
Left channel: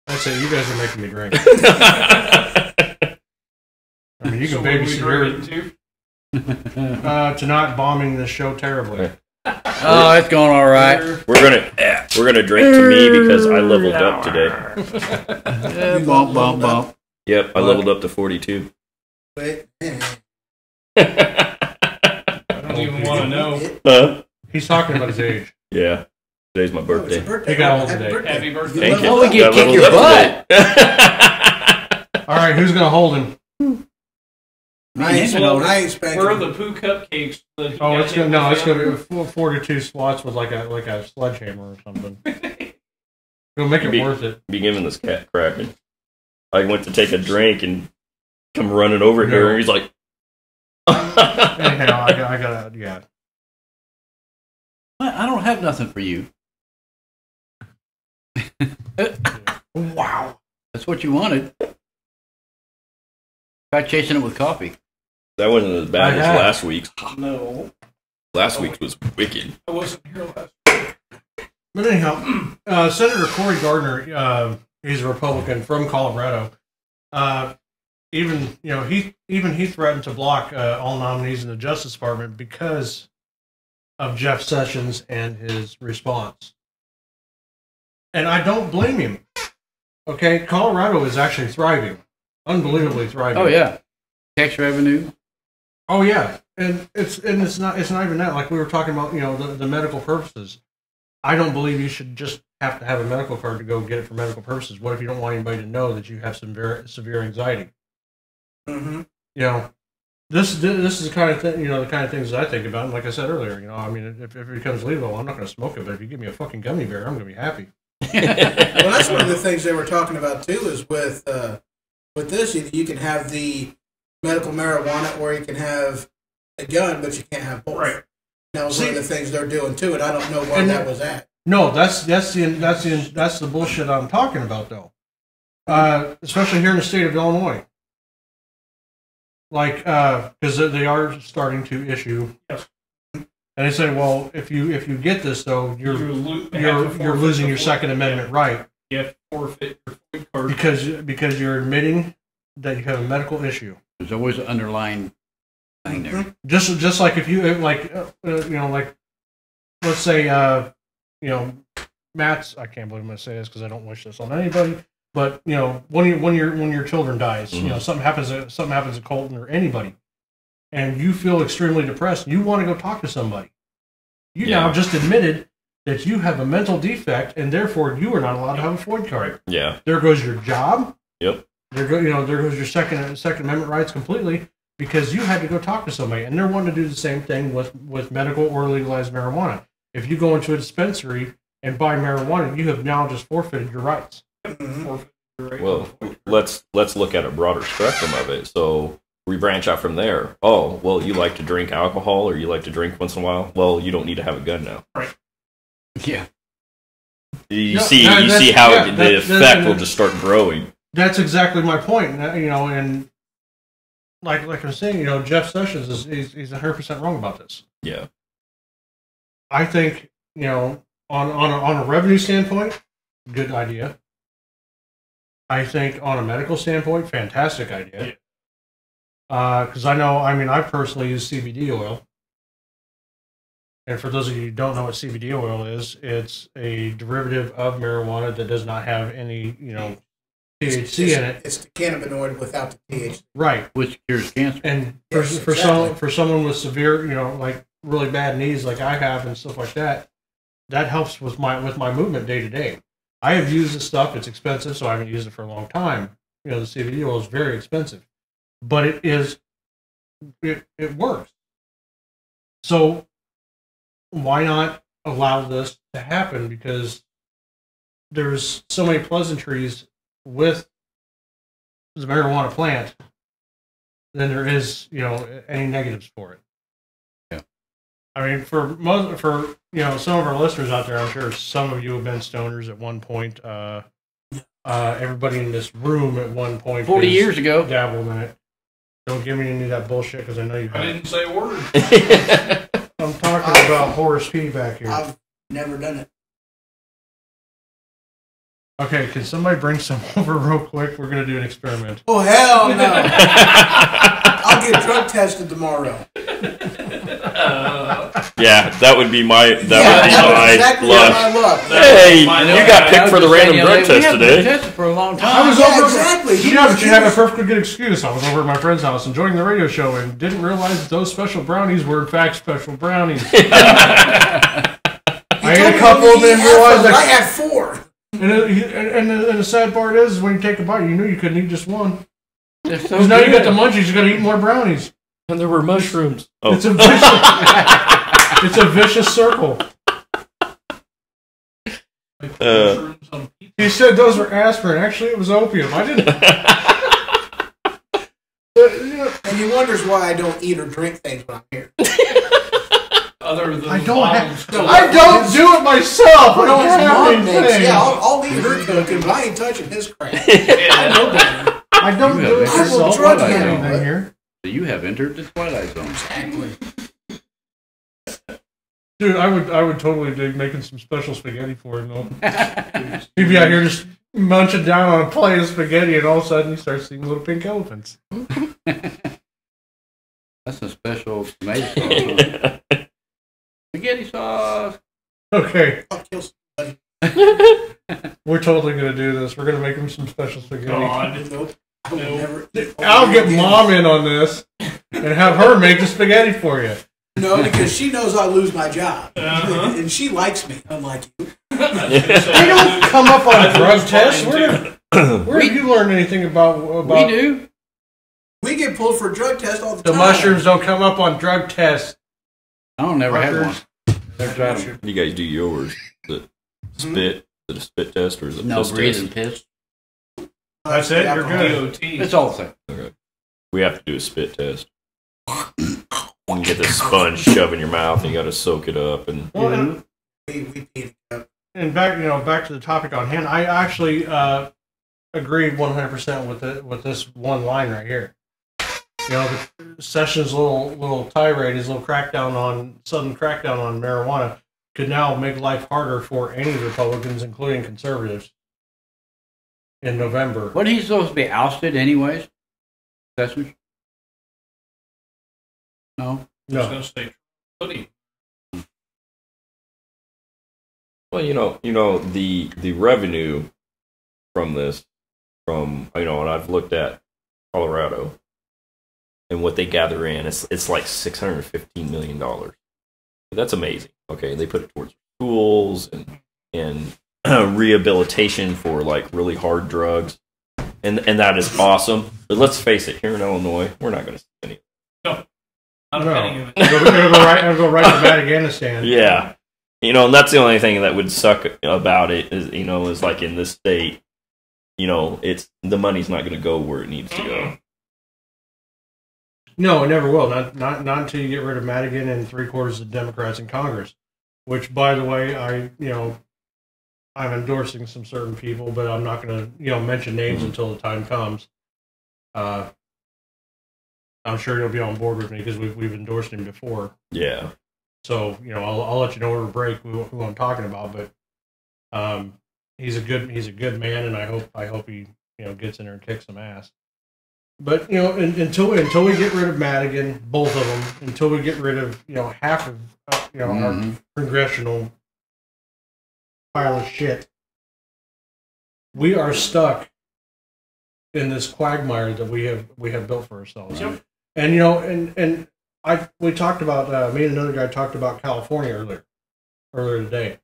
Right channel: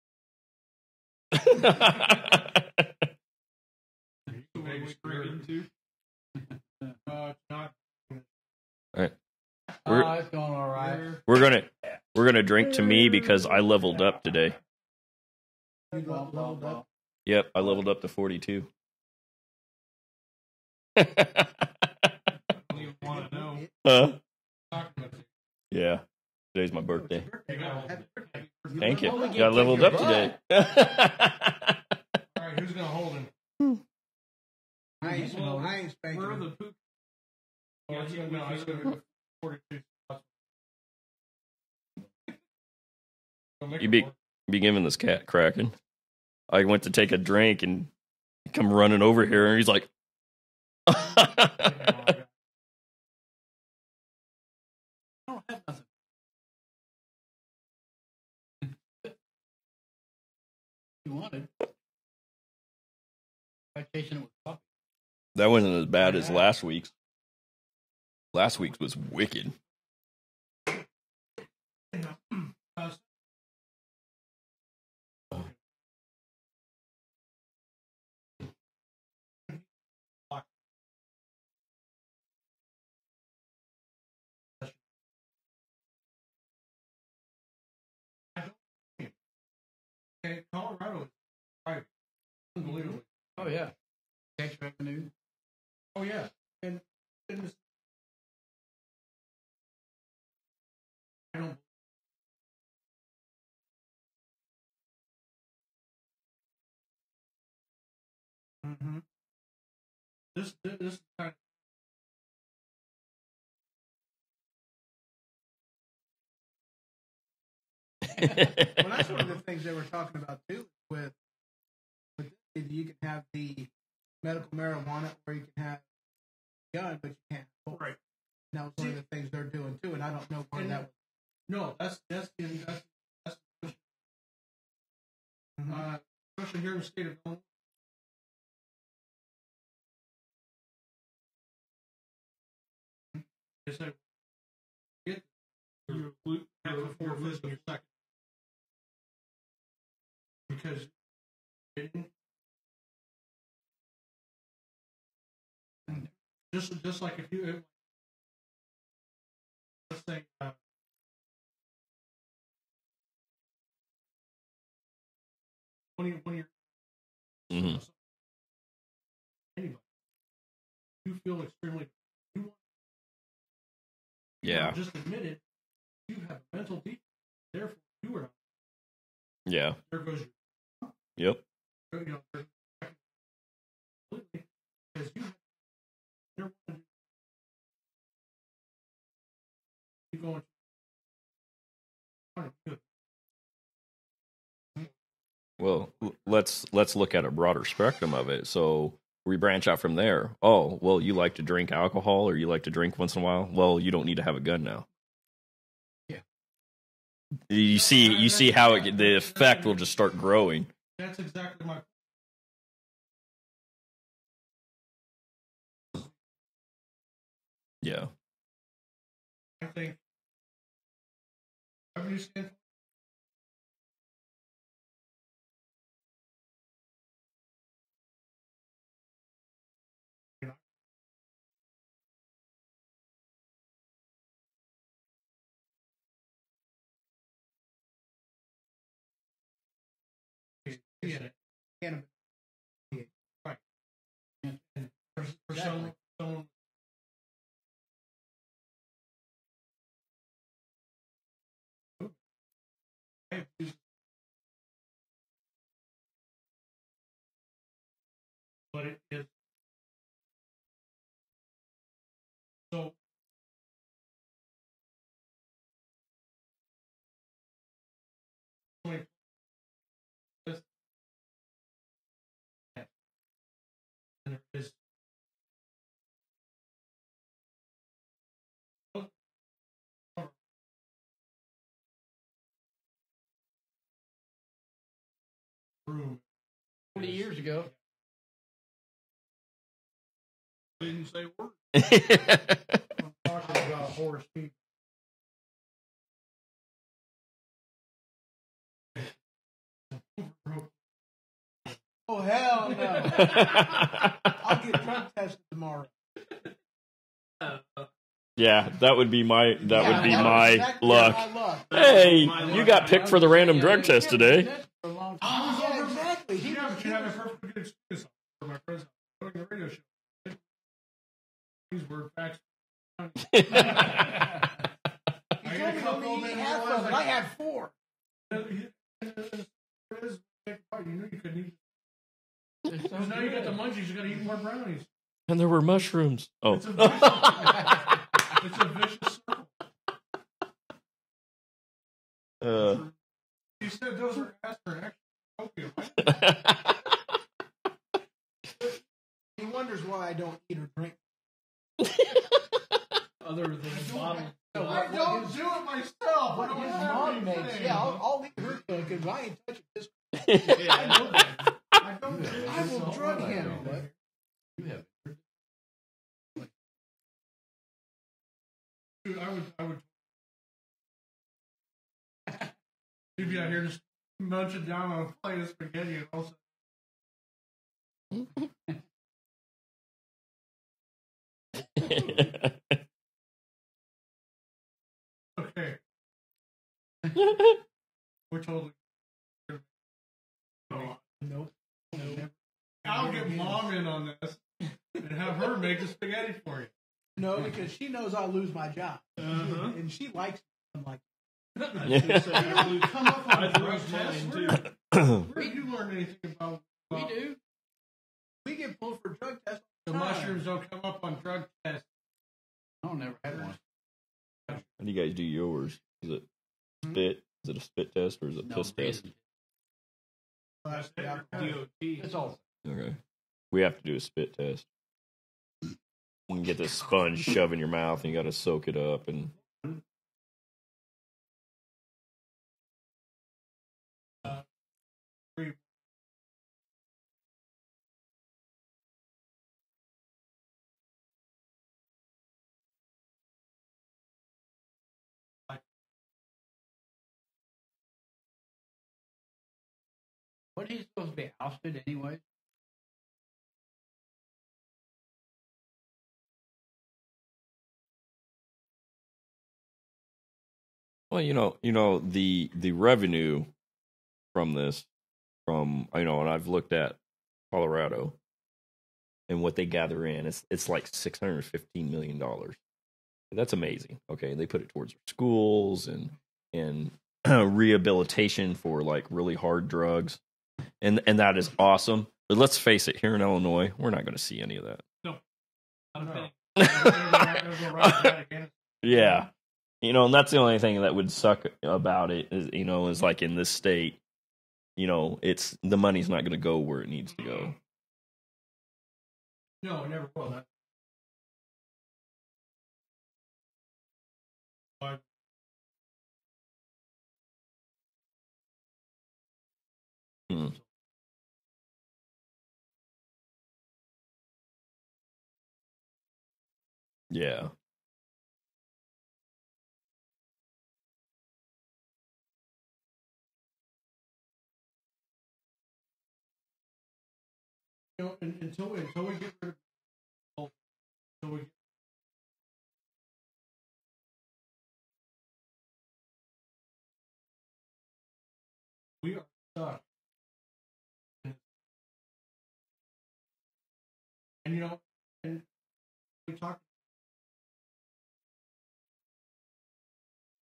I say you guys are making me drink. I I mean, you So can what are we babysit her drinking to not bombing this show terribly. Oh, it's going all right. we're gonna drink to me because I leveled up today. Yeah, bump, bump, bump. Yep, I leveled up to 42. wait. I don't even want to know. Huh? He's talking about his age. Yeah. Today's my Oh, it's a birthday. birthday. He got old Happy today. birthday. Happy birthday. Thank you. Oh, we get Got kick your leveled butt. up All right, who's gonna hold him? I ain't spanking. Where are the poo cupcakes? That he Oh, got it's hit gonna with be the 42 slots with like a sledgehammer or something. It'll make it Be- worth it. Be giving this cat cracking. I went to take a drink and come running over here, and he's like, Anyhow, I got yeah. I don't have nothing for you. Wow. That's what you wanted. Try chasing it with coffee. that wasn't as bad I as have. last week's. No, Last week's was wicked. I wasn't here last. But anyhow, Senator Cory Gardner, he's a Republican from Colorado. Even he threatened to block all nominees in the Justice Department because of Jeff Sessions and his response. And I don't blame him. Okay, Colorado is actually thriving, unbelievably thriving. Oh yeah, tax revenue. Oh yeah, and it's not even that. Like we were talking about, the medical purposes. I don't believe you should just have to have a medical card to go get it for medical purposes. What if you don't want anybody to know that you have some severe anxiety? Mm-hmm. This is the kind of thing, the kind of things that I think about. And like I said earlier, I mean, if it becomes legal, I'm not going to smoke it. But if you give me a fucking gummy bear, I'm going to be happy. Well, that's one of the things they were talking about too. Is with this, you can have the medical marijuana, or you can have a gun, but you can't have both. Right. That was one of the things they're doing too, and I don't know where And that was at. No, that's the bullshit I'm talking about, though. Especially here in the state of Illinois. Like, because they are starting to issue. Yes. And they say, well, if you get this, though, you're Forfeit losing your the Second Amendment right You have to forfeit your food card. because you're admitting that you have a medical issue. There's always an underlying thing there. Just like if you like let's say Matt's. I can't believe I'm going to say this because I don't wish this on anybody. But when your children dies, something happens to Colton or anybody, and you feel extremely depressed. You want to go talk to somebody. You now just admitted that you have a mental defect and therefore you are not allowed to have a FOID card. Yeah. There goes your job. Yep. There goes your Second Amendment rights completely because you had to go talk to somebody, and they're wanting to do the same thing with medical or legalized marijuana. If you go into a dispensary and buy marijuana, you have now just forfeited your rights. Well, let's look at a broader spectrum of it. So we branch out from there. Oh, well, you like to drink alcohol or you like to drink once in a while? Well, you don't need to have a gun now. Right. Yeah. You see how the effect will just start growing. That's exactly my point. And like I was saying, Jeff Sessions he's 100% wrong about this. Yeah. I think, on a revenue standpoint, good idea. I think on a medical standpoint, fantastic idea. Because I personally use CBD oil. And for those of you who don't know what CBD oil is, it's a derivative of marijuana that does not have any, THC in it. It's the cannabinoid without the THC. Right. Which cures cancer. And Yes, for exactly. someone with severe, like really bad knees like I have and stuff like that, that helps with my movement day to day. I have used this stuff. It's expensive, so I haven't used it for a long time. The CBD oil is very expensive, but it works. So why not allow this to happen? Because there's so many pleasantries with the marijuana plant than there is, any negatives for it. Yeah. I mean, for some of our listeners out there, I'm sure some of you have been stoners at one point. Everybody in this room at one point 40 years ago. dabbled in it. Don't give me any of that bullshit because I know you I have. didn't say a word. I'm talking about Horace P back here. I've never done it. Okay, can somebody bring some over real quick? We're going to do an experiment. Oh, hell no. I'll get drug tested tomorrow. Yeah, that would be my Exactly luck. my luck. Hey, you I got picked for the random drug test We haven't been today. tested for a long I time. was Yeah, over. exactly. But you have a perfectly good excuse. I was over at my friend's house enjoying the radio show and didn't realize that those special brownies were in fact special brownies. I ate a couple of them and realized I that. had 4. And the sad part is when you take a bite, you knew you couldn't eat just one. They're so Because now you got good. the munchies, you got to eat more brownies. And there were mushrooms. Oh, It's a vicious, it's a vicious circle. Uh, He said those were aspirin. Actually, it was opium. I didn't. And he wonders why I don't eat or drink things when I'm here. Other than I don't bottles. I don't do it myself. I don't His have mom anything. makes, yeah, I'll eat her cooking, but I ain't touching his crap. I Yeah. know better. I don't You do have it entered I will myself. drug I don't you. have anything here. You have entered the Twilight Zone. Exactly. Dude, I would totally dig making some special spaghetti for him though. He'd be out here just munching down on a plate of spaghetti, and all of a sudden he starts seeing little pink elephants. That's a special tomato sauce. Huh? Spaghetti sauce. Okay, I'll kill somebody. we're totally gonna do this. We're gonna make him some special spaghetti. God. Nope. I will never. I'll get mom in on this and have her make the spaghetti for you. No, because she knows I'll lose my job. Uh-huh. And she likes me, unlike you. They don't come up on I drug was tests. fine, Where have you learned anything about We do. We get pulled for a drug test all the the time. mushrooms? Don't come up on drug tests. I don't never had one. Fuckers. They're trying you guys do yours. Is it spit? Is it a spit test or is it No piss breathing test? piss. That's it? You're good. DOT. It's all the same. Okay. We have to do a spit test. You get this sponge shove in your mouth and you got to soak it up and Well, and, We peed it up. and back to the topic on hand. I actually agree 100% with this one line right here. The Sessions' little tirade, his little sudden crackdown on marijuana, could now make life harder for any Republicans, including conservatives, in November. Wasn't he supposed to be ousted anyways? Sessions? No. I was No, going to say pudding. well, the revenue from this, and I've looked at Colorado and what they gather in. It's like $615 million. That's amazing. Okay, they put it towards schools and rehabilitation for like really hard drugs, and that is awesome. But let's face it, here in Illinois, we're not going to see any of that. No. Not a No. penny of it. It'll go right to Afghanistan. Yeah, and that's the only thing that would suck about it is like in this state, it's the money's not going to go where it needs to go. No, it never will. Not until you get rid of Madigan and 3/4 of the Democrats in Congress. Which, by the way, I'm endorsing some certain people, but I'm not going to mention names until the time comes. I'm sure you'll be on board with me because we've endorsed him before. Yeah. So I'll let you know over break who I'm talking about. But he's a good man, and I hope he gets in there and kicks some ass. But until we get rid of Madigan, both of them, until we get rid of half of our congressional pile of shit, we are stuck in this quagmire that we have built for ourselves. Yep. And we talked about me and another guy talked about California earlier today.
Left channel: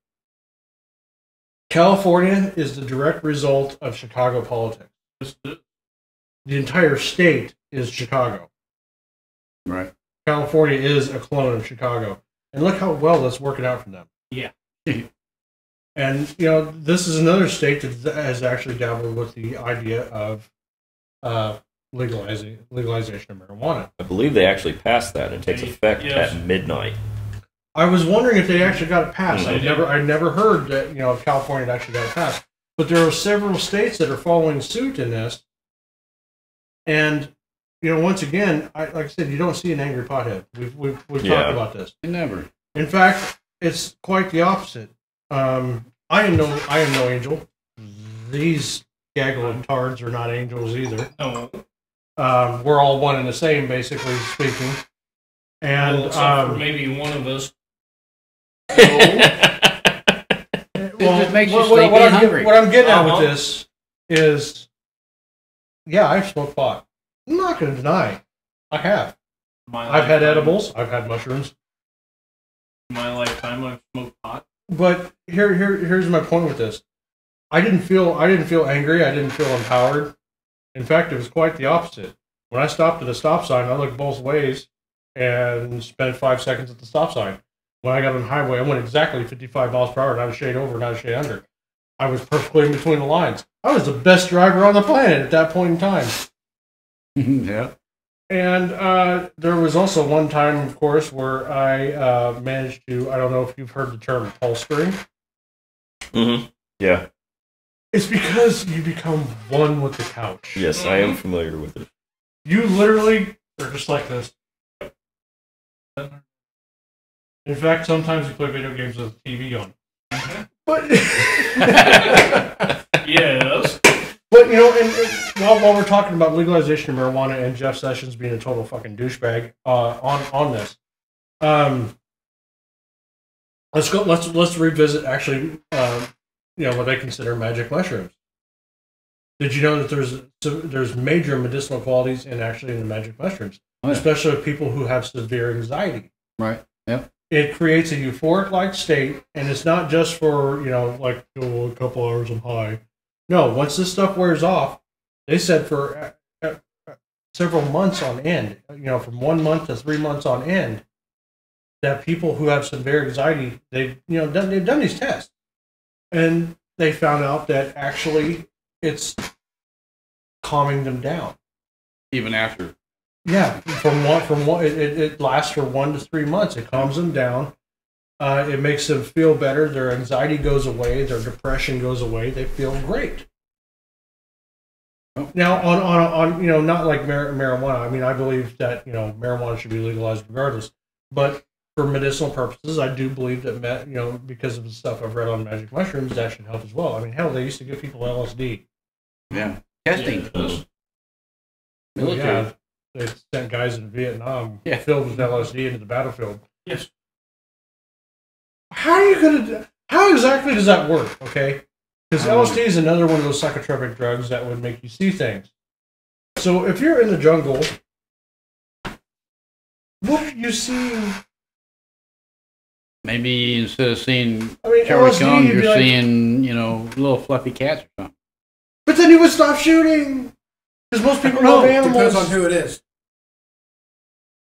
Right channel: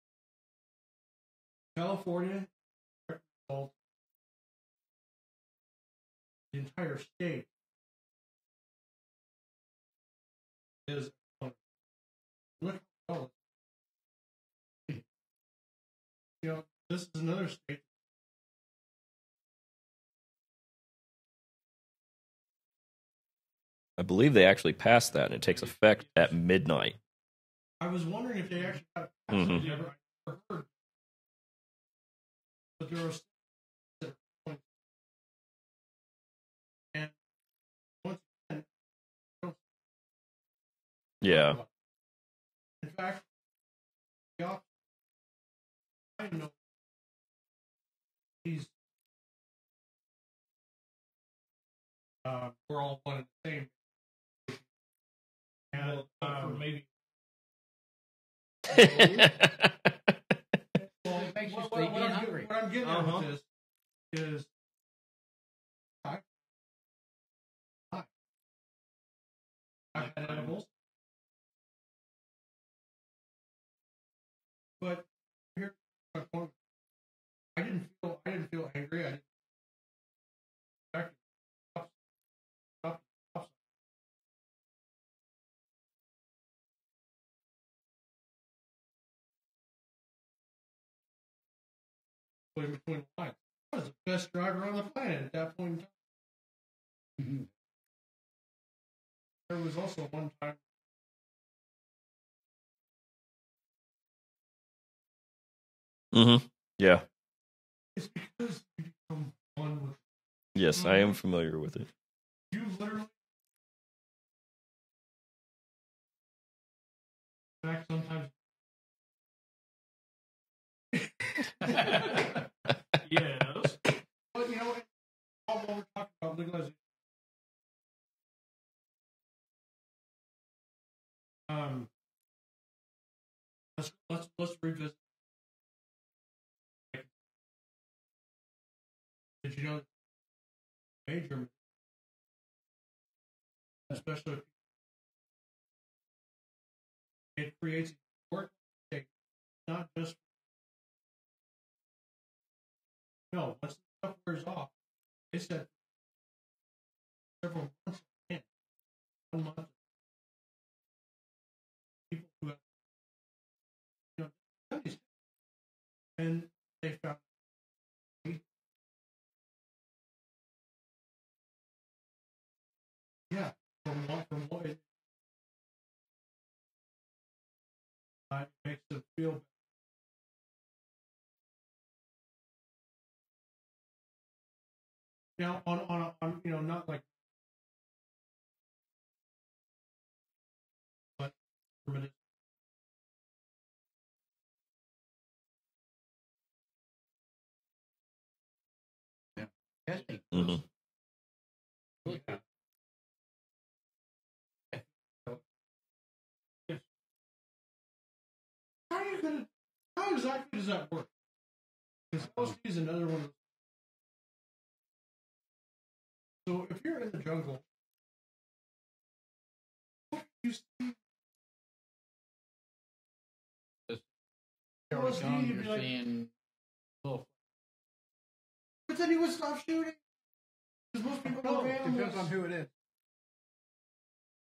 California is the direct result of Chicago politics. The entire state is Chicago. Right. California is a clone of Chicago. And look how well that's working out for them. Yeah. And, this is another state that has actually dabbled with the idea of legalization of marijuana. I believe they actually passed that. It takes effect Yes. at midnight. I was wondering if they actually got it passed. Mhm. I never heard that, California had actually got it passed. But there are several states that are following suit in this. And, once again, like I said, you don't see an angry pothead. We've talked about this. Never. In fact, it's quite the opposite. I am no angel. These gaggle of tards are not angels either. No. We're all one and the same, basically speaking. And Well, except for maybe one of us. It just makes you sleepy and hungry. What I'm getting at with this is, yeah, I've smoked pot. I'm not going to deny I have. I've had edibles. I've had mushrooms. In my lifetime, I've smoked pot. But here's my point with this. I didn't feel angry. I didn't feel empowered. In fact, it was quite the opposite. When I stopped at a stop sign, I looked both ways and spent 5 seconds at the stop sign. When I got on the highway, I went exactly 55 miles per hour, and I was shade over, and I was shade under. I was perfectly in between the lines. I was the best driver on the planet at that point in time. Yeah. And there was also one time, of course, where I managed to, I don't know if you've heard the term polstering. Mm-hmm. Yeah. It's because you become one with the couch. Yes, I am familiar with it. You literally are just like this. In fact, sometimes you play video games with the TV on. But Yes. But and while we're talking about legalization of marijuana and Jeff Sessions being a total fucking douchebag on this, let's revisit actually what they consider magic mushrooms. Did you know that there's major medicinal qualities in the magic mushrooms, especially with people who have severe anxiety? Right. Yep. It creates a euphoric-like state, and it's not just for a couple hours I'm high. No, once this stuff wears off, they said for several months on end, from 1 month to 3 months on end, that people who have severe anxiety, they've done these tests, and they found out that actually it's calming them down. Even after. Yeah, it lasts for 1 to 3 months. It calms them down. It makes them feel better. Their anxiety goes away. Their depression goes away. They feel great. Now, on not like marijuana. I mean, I believe that marijuana should be legalized regardless. But for medicinal purposes, I do believe that because of the stuff I've read on magic mushrooms, that should help as well. I mean, hell, they used to give people LSD. Yeah. Testing. Military. Yeah, they sent guys in Vietnam filled with LSD into the battlefield. Yes. How exactly does that work? Okay, because LSD is another one of those psychotropic drugs that would make you see things. So if you're in the jungle, what are you seeing Maybe instead of seeing I mean, Charlie LSD, Kong, you'd you're be like, seeing, little fluffy cats or something. but then he would stop shooting. Because most people love animals. Depends on who it is.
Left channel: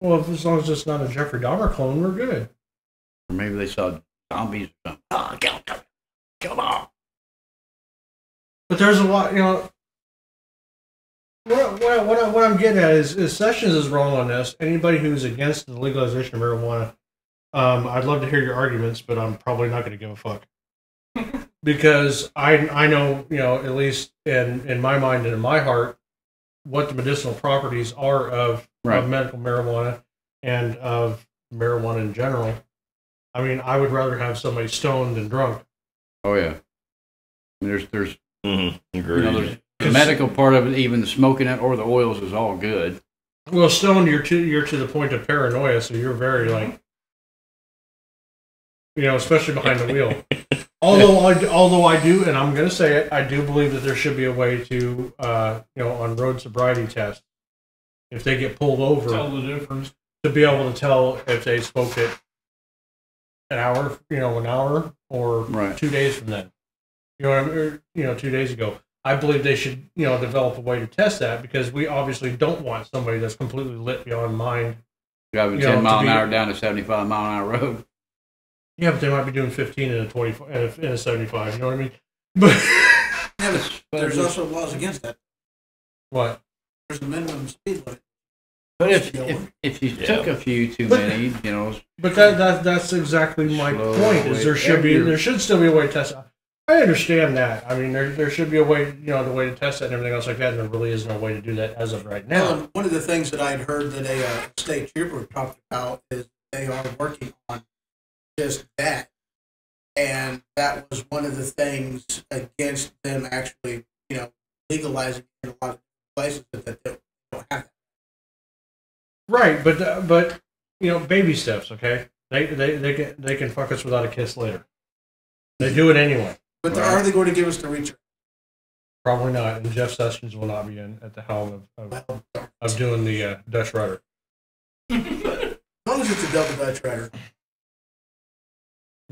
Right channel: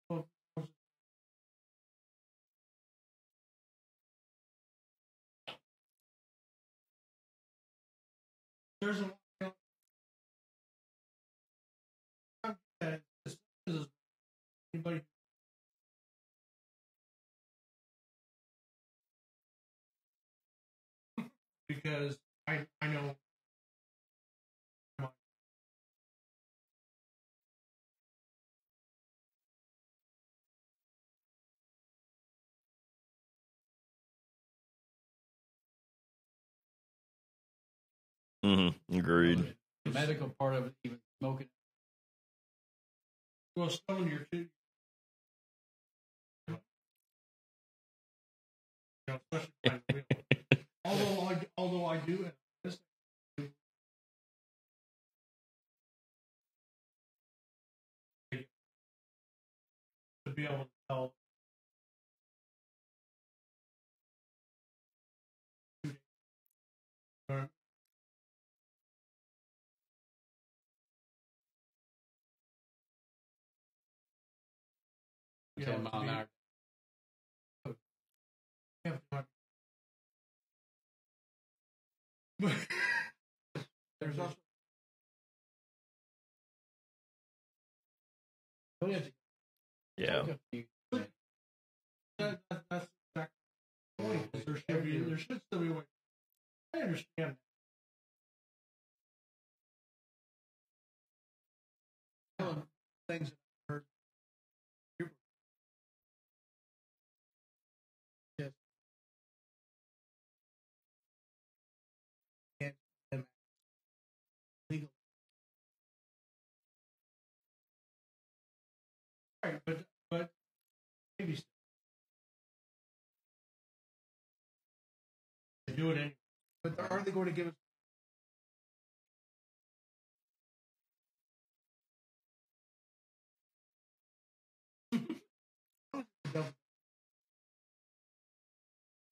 Well, as long as it's not a Jeffrey Dahmer clone, we're good. Or maybe they saw zombies or something. Oh, kill them all. But there's a lot, what I'm getting at is Sessions is wrong on this. Anybody who's against the legalization of marijuana, I'd love to hear your arguments, but I'm probably not going to give a fuck. Because I know, at least in my mind and in my heart, what the medicinal properties are of medical marijuana and of marijuana in general. I mean, I would rather have somebody stoned than drunk. Oh yeah. There's Agreed. the medical part of it, even the smoking it or the oils is all good. Well, stoned, you're to the point of paranoia, so you're very especially behind the wheel. Although I do, and I'm going to say it, I do believe that there should be a way to, on road sobriety tests, if they get pulled over, Tell the difference. to be able to tell if they smoked it an hour or 2 days from then. 2 days ago. I believe they should, develop a way to test that because we obviously don't want somebody that's completely lit beyond mind. Driving 10 mile an hour down a 75 mile an hour road. Yeah, but they might be doing 15 in a 25 in a 75. You know what I mean? But Yeah, but there's also laws against that. what? There's a minimum speed limit. But if you took a few too many, But that's exactly my point. Is there should still be a way to test it. I understand that. I mean, there should be a way, the way to test it and everything else like that, and there really isn't a way to do that as of right now. Well, one of the things that I'd heard that a state trooper talked about is they are working on just that, and that was one of the things against them actually, legalizing in a lot of places that they don't have that. Right, but baby steps. Okay, they can fuck us without a kiss later. They do it anyway. But are they going to give us the reach? Probably not, and Jeff Sessions will not be at the helm of doing the Dutch rudder. As long as it's a double Dutch rudder.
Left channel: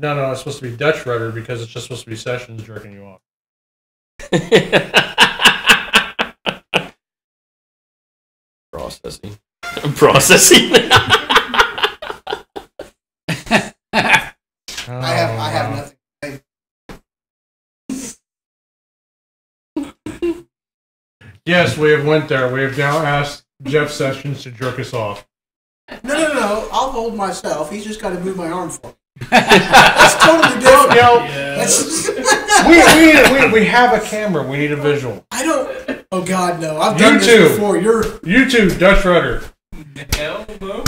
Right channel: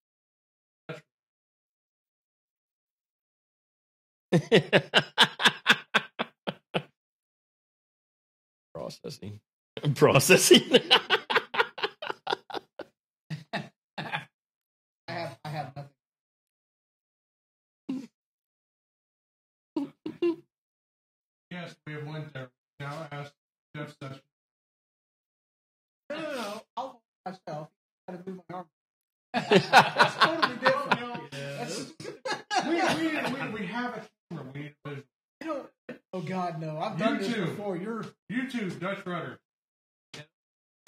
No, it's supposed to be Dutch rudder because it's just supposed to be Sessions jerking you off. Processing. I have nothing. Yes, we have went there. We have now asked Jeff Sessions to jerk us off. No. I'll hold myself. He's just got to move my arm for me. That's totally different. We have a camera. We need a visual. I don't. Oh God, no! I've done this before. You too, Dutch rudder. Hell no.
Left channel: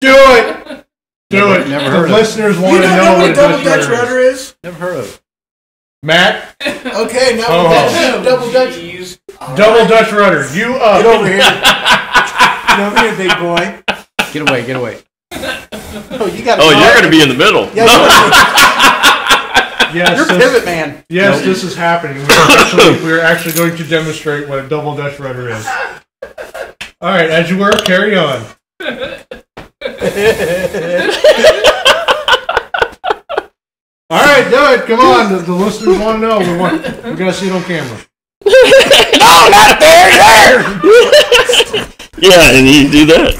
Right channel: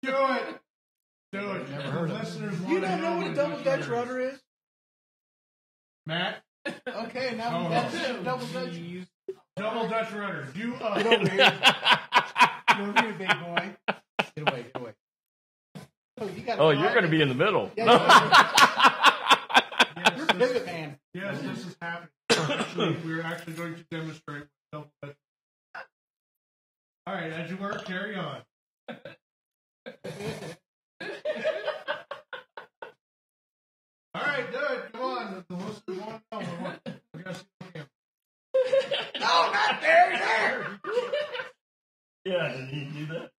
Do it. Do it. Never The heard of it. listeners want to know what what a a double Dutch Dutch rudder rudder is. is? Never heard of it. Matt, Okay, now Oh. we're back to double Dutch. Jeez. double Dutch rudder. You up? Get over here. Get over here, big boy. Get away. Oh, you got. Oh, you're going to be in the middle. Yeah, Yes, you're pivot man. yes, this is happening. We're actually going to demonstrate what a double Dutch rudder is. All right, as you were, carry on. All right, do it. Come on. The listeners want to know. We're going to see it on camera. No, not there. Yeah, and you do that.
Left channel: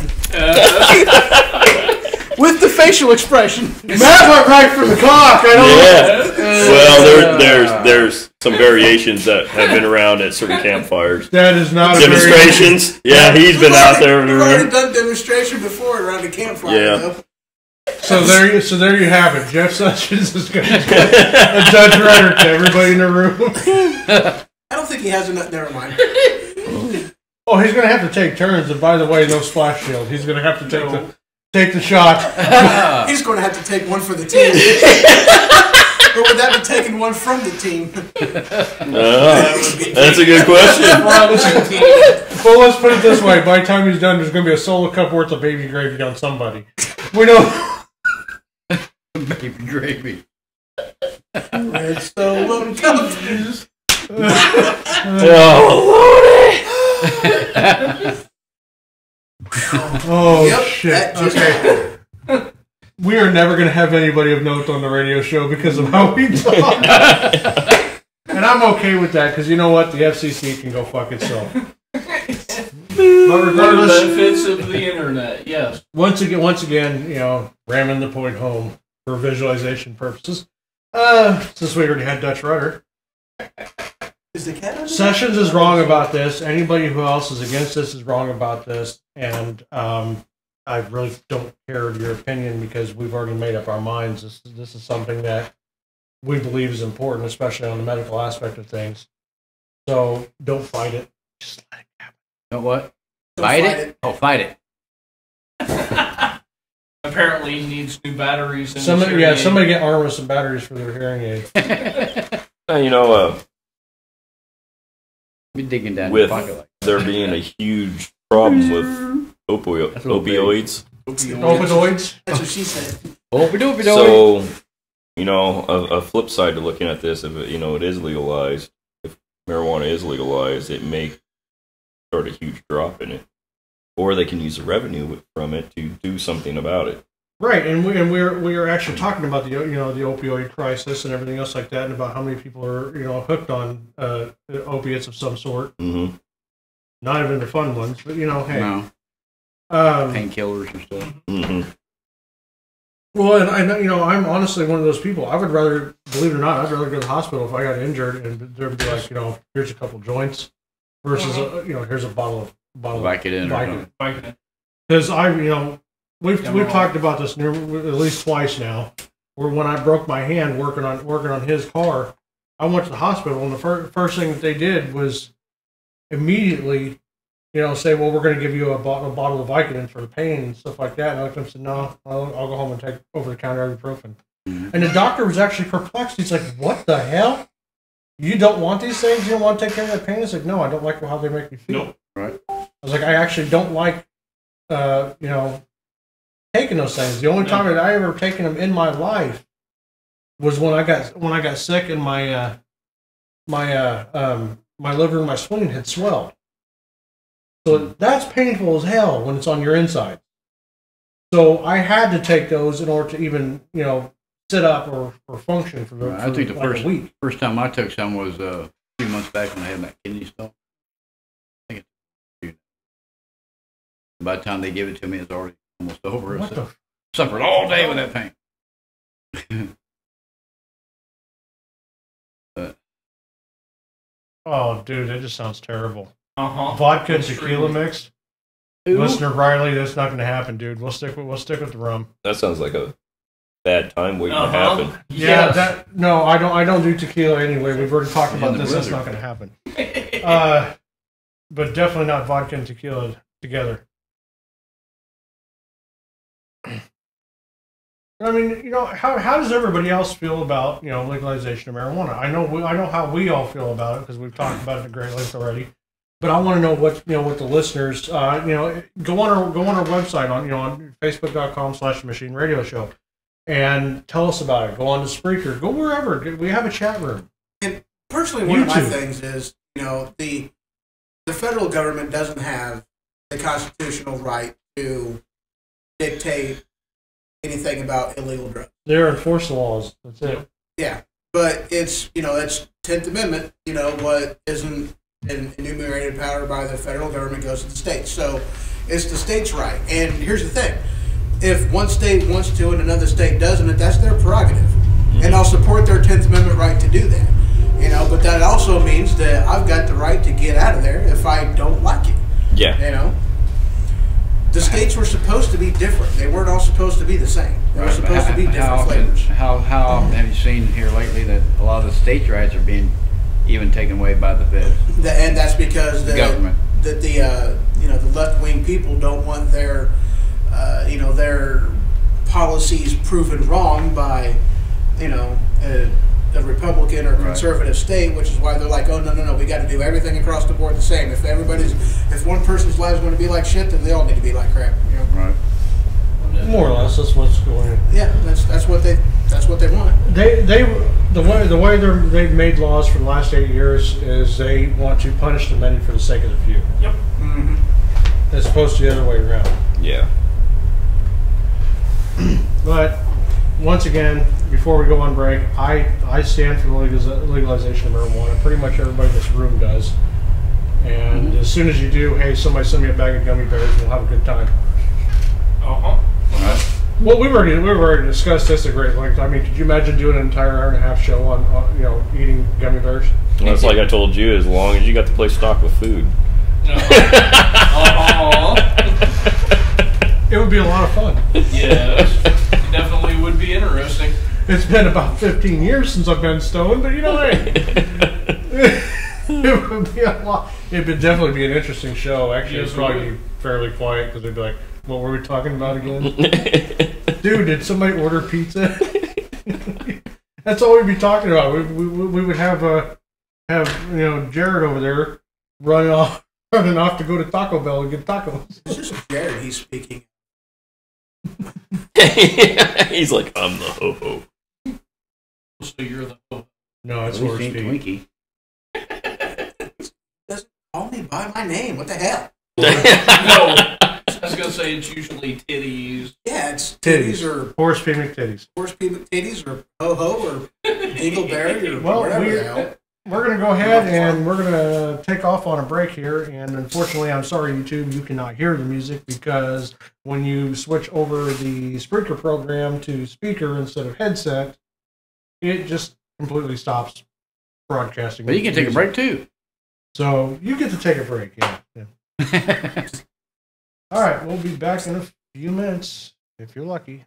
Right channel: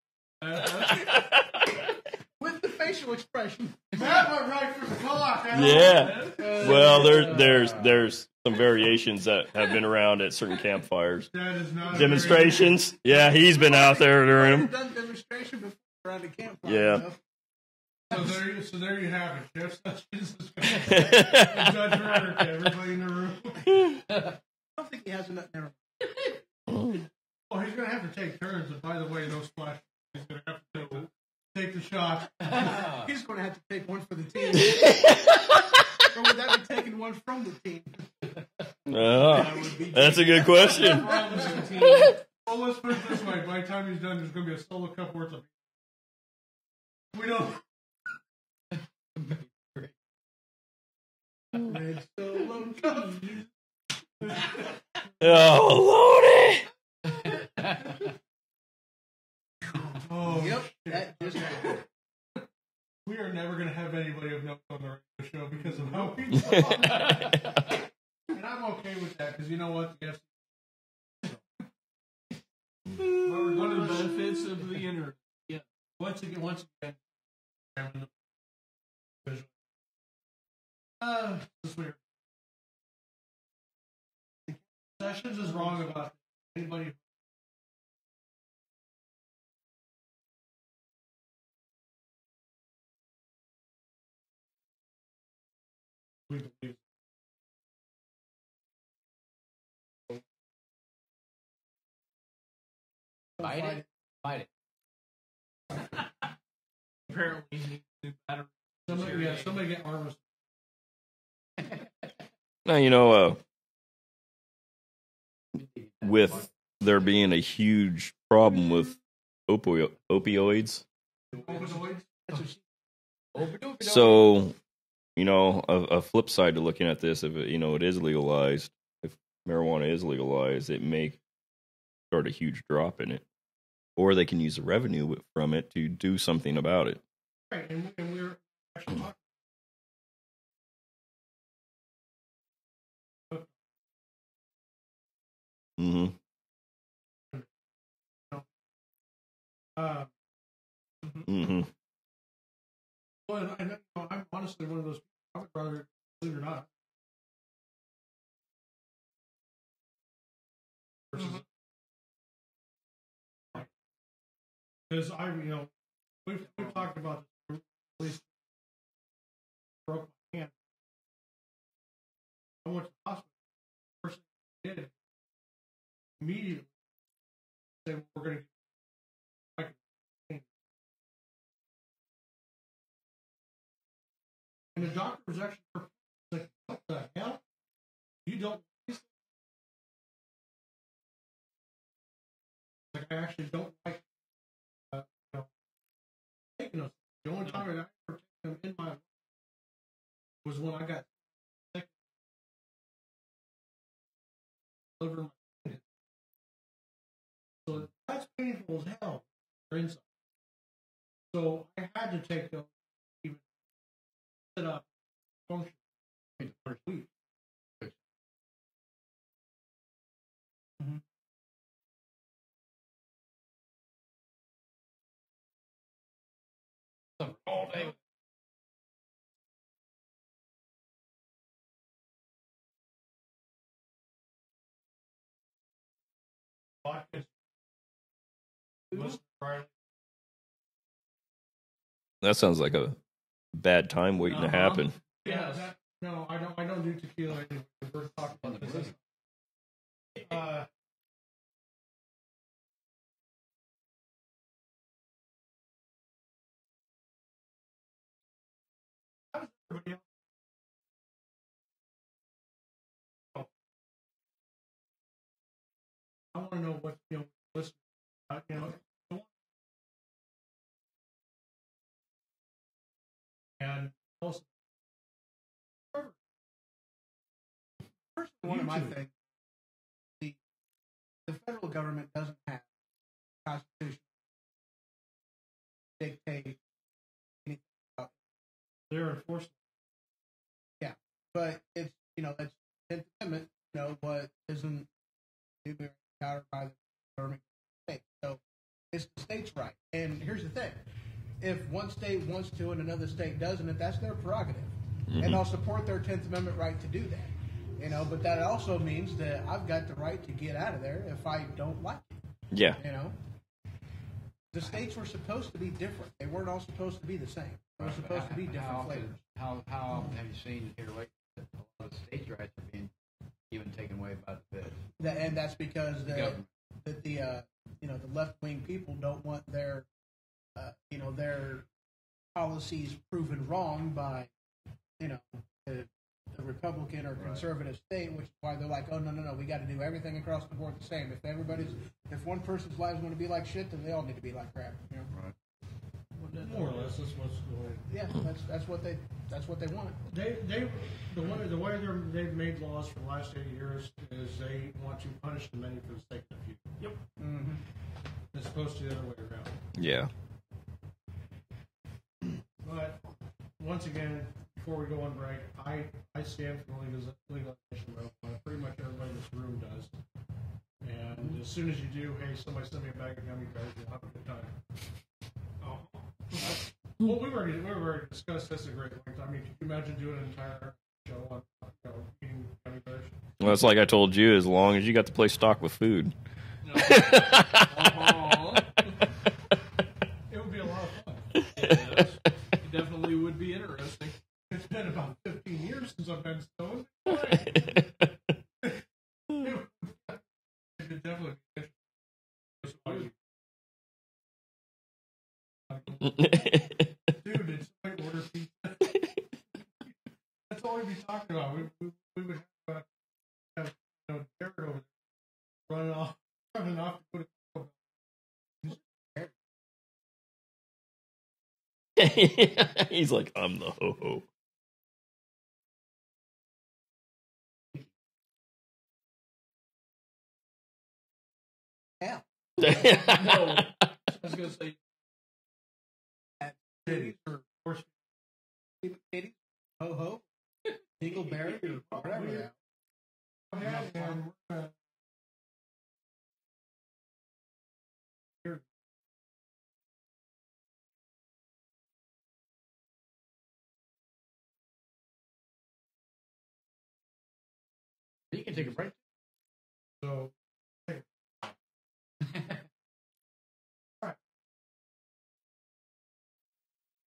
With the facial expression. Matt went right for the cock. I don't know. Yeah. Well, there's some variations that have been around at certain campfires. That is not a Demonstrations. Yeah, he's been out there. We've already done demonstration before around the campfire. Yeah. Though. So there you have it. Jeff Sessions is going to a Dutch rudder to everybody in the room. I don't think he has enough. Never mind. Oh, he's going to have to take turns. And by the way, no splash shield. He's going to have to take the shot. He's going to have to take one for the team. Or would that be taking one from the team? That's a good question. Well, let's put it this way. By the time he's done, there's going to be a solo cup worth of baby gravy on somebody. We know. Baby gravy. Red Solo Cup. Oh, Oh, Yep, shit. that just Okay. We are never going to have anybody of note on the radio show because of how we talk. And I'm okay with that because you know what? The FCC can go fuck itself. But regardless, benefits of the internet, yes. Once again, you know, ramming the point home for visualization purposes. Since we already had Dutch Rudder. Is the cat under Sessions is wrong about this. Anybody who else is against this is wrong about this. And I really don't care your opinion because we've already made up our minds. This is something that we believe is important, especially on the medical aspect of things. So don't fight it. Just let it happen. Know what? Don't Fight fight it? it. Oh, fight it. Apparently, he needs new batteries. In Somebody get armed with some batteries for their hearing aids. Now, you know, Be digging down with the pocket like there being a huge problem with That's a little opioids. Opioids? That's what she said. Oh, So, you know, a flip side to looking at this, if it, you know, it is legalized, if marijuana is legalized, it may start a huge drop in it, or they can use the revenue from it to do something about it. Right, and we're actually talking about the the opioid crisis and everything else like that, and about how many people are hooked on opiates of some sort. Mm-hmm. Not even the fun ones, but hey, no. Painkillers and stuff. Mm-hmm. Well, and I'm honestly one of those people. I would rather, believe it or not, I'd rather go to the hospital if I got injured and there'd be like, here's a couple joints versus here's a bottle of Vicodin or Vicodin. Vicodin. Because we've talked about this at least twice now. Where when I broke my hand working on his car, I went to the hospital and the first thing that they did was immediately, say, well, we're going to give you a bottle of Vicodin for the pain and stuff like that. And I looked at him and said, no, I'll go home and take over-the-counter ibuprofen. Mm-hmm. And the doctor was actually perplexed. He's like, what the hell? You don't want these things? You don't want to take care of that pain? It's like, no, I don't like how they make me feel. Nope. Right. I was like, I actually don't like, taking those things. The only time that I ever taken them in my life was when I got sick and my liver and my spleen had swelled. So that's painful as hell when it's on your inside. So I had to take those in order to even sit up or function for the. I think the a week. first time I took some was a few months back when I had that kidney stone. Mm-hmm. I think by the time they give it to me, it's already almost over. What the? Suffered all day with that pain. Oh, dude, that just sounds terrible. Vodka and tequila mixed. Listener Riley, that's not going to happen, dude. We'll stick with the rum. That sounds like a bad time waiting to happen. Yeah, no, I don't do tequila anyway. We've already talked about this. That's not going to happen. But definitely not vodka and tequila together. I mean, how does everybody else feel about legalization of marijuana? I know how we all feel about it because we've talked about it at great length already. But I want to know what what the listeners go on our website on Facebook.com/Machine Radio Show and tell us about it. Go on to Spreaker. Go wherever. We have a chat room. And personally, one of my things is the federal government doesn't have the constitutional right to dictate anything about illegal drugs. They're enforce the laws. That's it. Yeah, but it's it's 10th Amendment. What isn't enumerated power by the federal government goes to the states. So it's the state's right. And here's the thing: if one state wants to and another state doesn't, that's their prerogative, and I'll support their 10th Amendment right to do that. But that also means that I've got the right to get out of there if I don't like it. Yeah. The states were supposed to be different. They weren't all supposed to be the same. They were supposed to be different flavors. How often have you seen here lately that a lot of the states' rights are being even taken away by the feds? And that's because the government, that the left-wing people don't want their their policies proven wrong by a Republican or conservative state, which is why they're like, oh no, we got to do everything across the board the same. If one person's life is going to be like shit, then they all need to be like crap. Right. More or less, that's what's going on. Yeah, that's what they want. The way they've made laws for the last 8 years is they want to punish the many for the sake of the few. Yep. Mm-hmm. As opposed to the other way around. Yeah. But once again, before we go on break, I stand for the legalization of marijuana. Pretty much everybody in this room does. And as soon as you do, hey, somebody send me a bag of gummy bears and we'll have a good time. Well, we've already discussed this at great length. I mean, could you imagine doing an entire hour and a half show on eating gummy bears? Well, it's like I told you, as long as you got the place stocked with food. It would be a lot of fun. Yes, it definitely would be interesting. It's been about 15 years since I've been stoned, but hey, it would be a lot. It would definitely be an interesting show. Actually, Yes, it'd probably it would. be fairly quiet because they'd be like, "What were we talking about again?" Dude, did somebody order pizza? That's all we'd be talking about. We would have Jared over there running off to go to Taco Bell and get tacos. This is Jared he's speaking. He's like, I'm the ho-ho. So you're the hope. No, it's At least horse ain't feet. Twinkie. Doesn't call me by my name. What the hell? No, I was gonna say it's usually titties. Yeah, it's Titties. titties or Horse feet McTitties. horse people titties or ho ho or dingleberry or Well, whatever the hell. We're going to go ahead and we're going to take off on a break here. And unfortunately, I'm sorry, YouTube, you cannot hear the music because when you switch over the Spreaker program to speaker instead of headset, it just completely stops broadcasting. But you can take a music. break too. So you get to take a break, yeah. All right, we'll be back in a few minutes if you're lucky.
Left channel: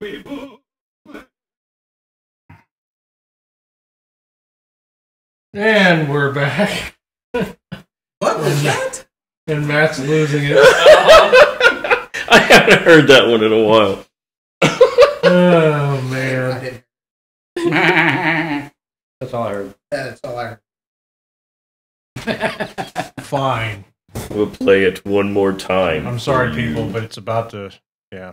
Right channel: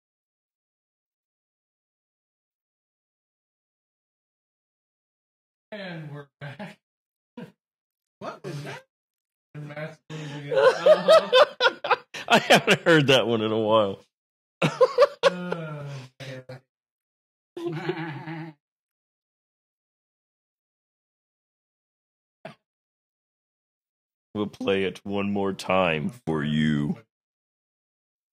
And we're back. What was that? And Matt's losing it. I haven't heard that one in a while. Oh, I man. didn't. That's all I heard. That's all I heard. Fine. We'll play it one more time. I'm sorry, for you. people, but it's about to. Yeah.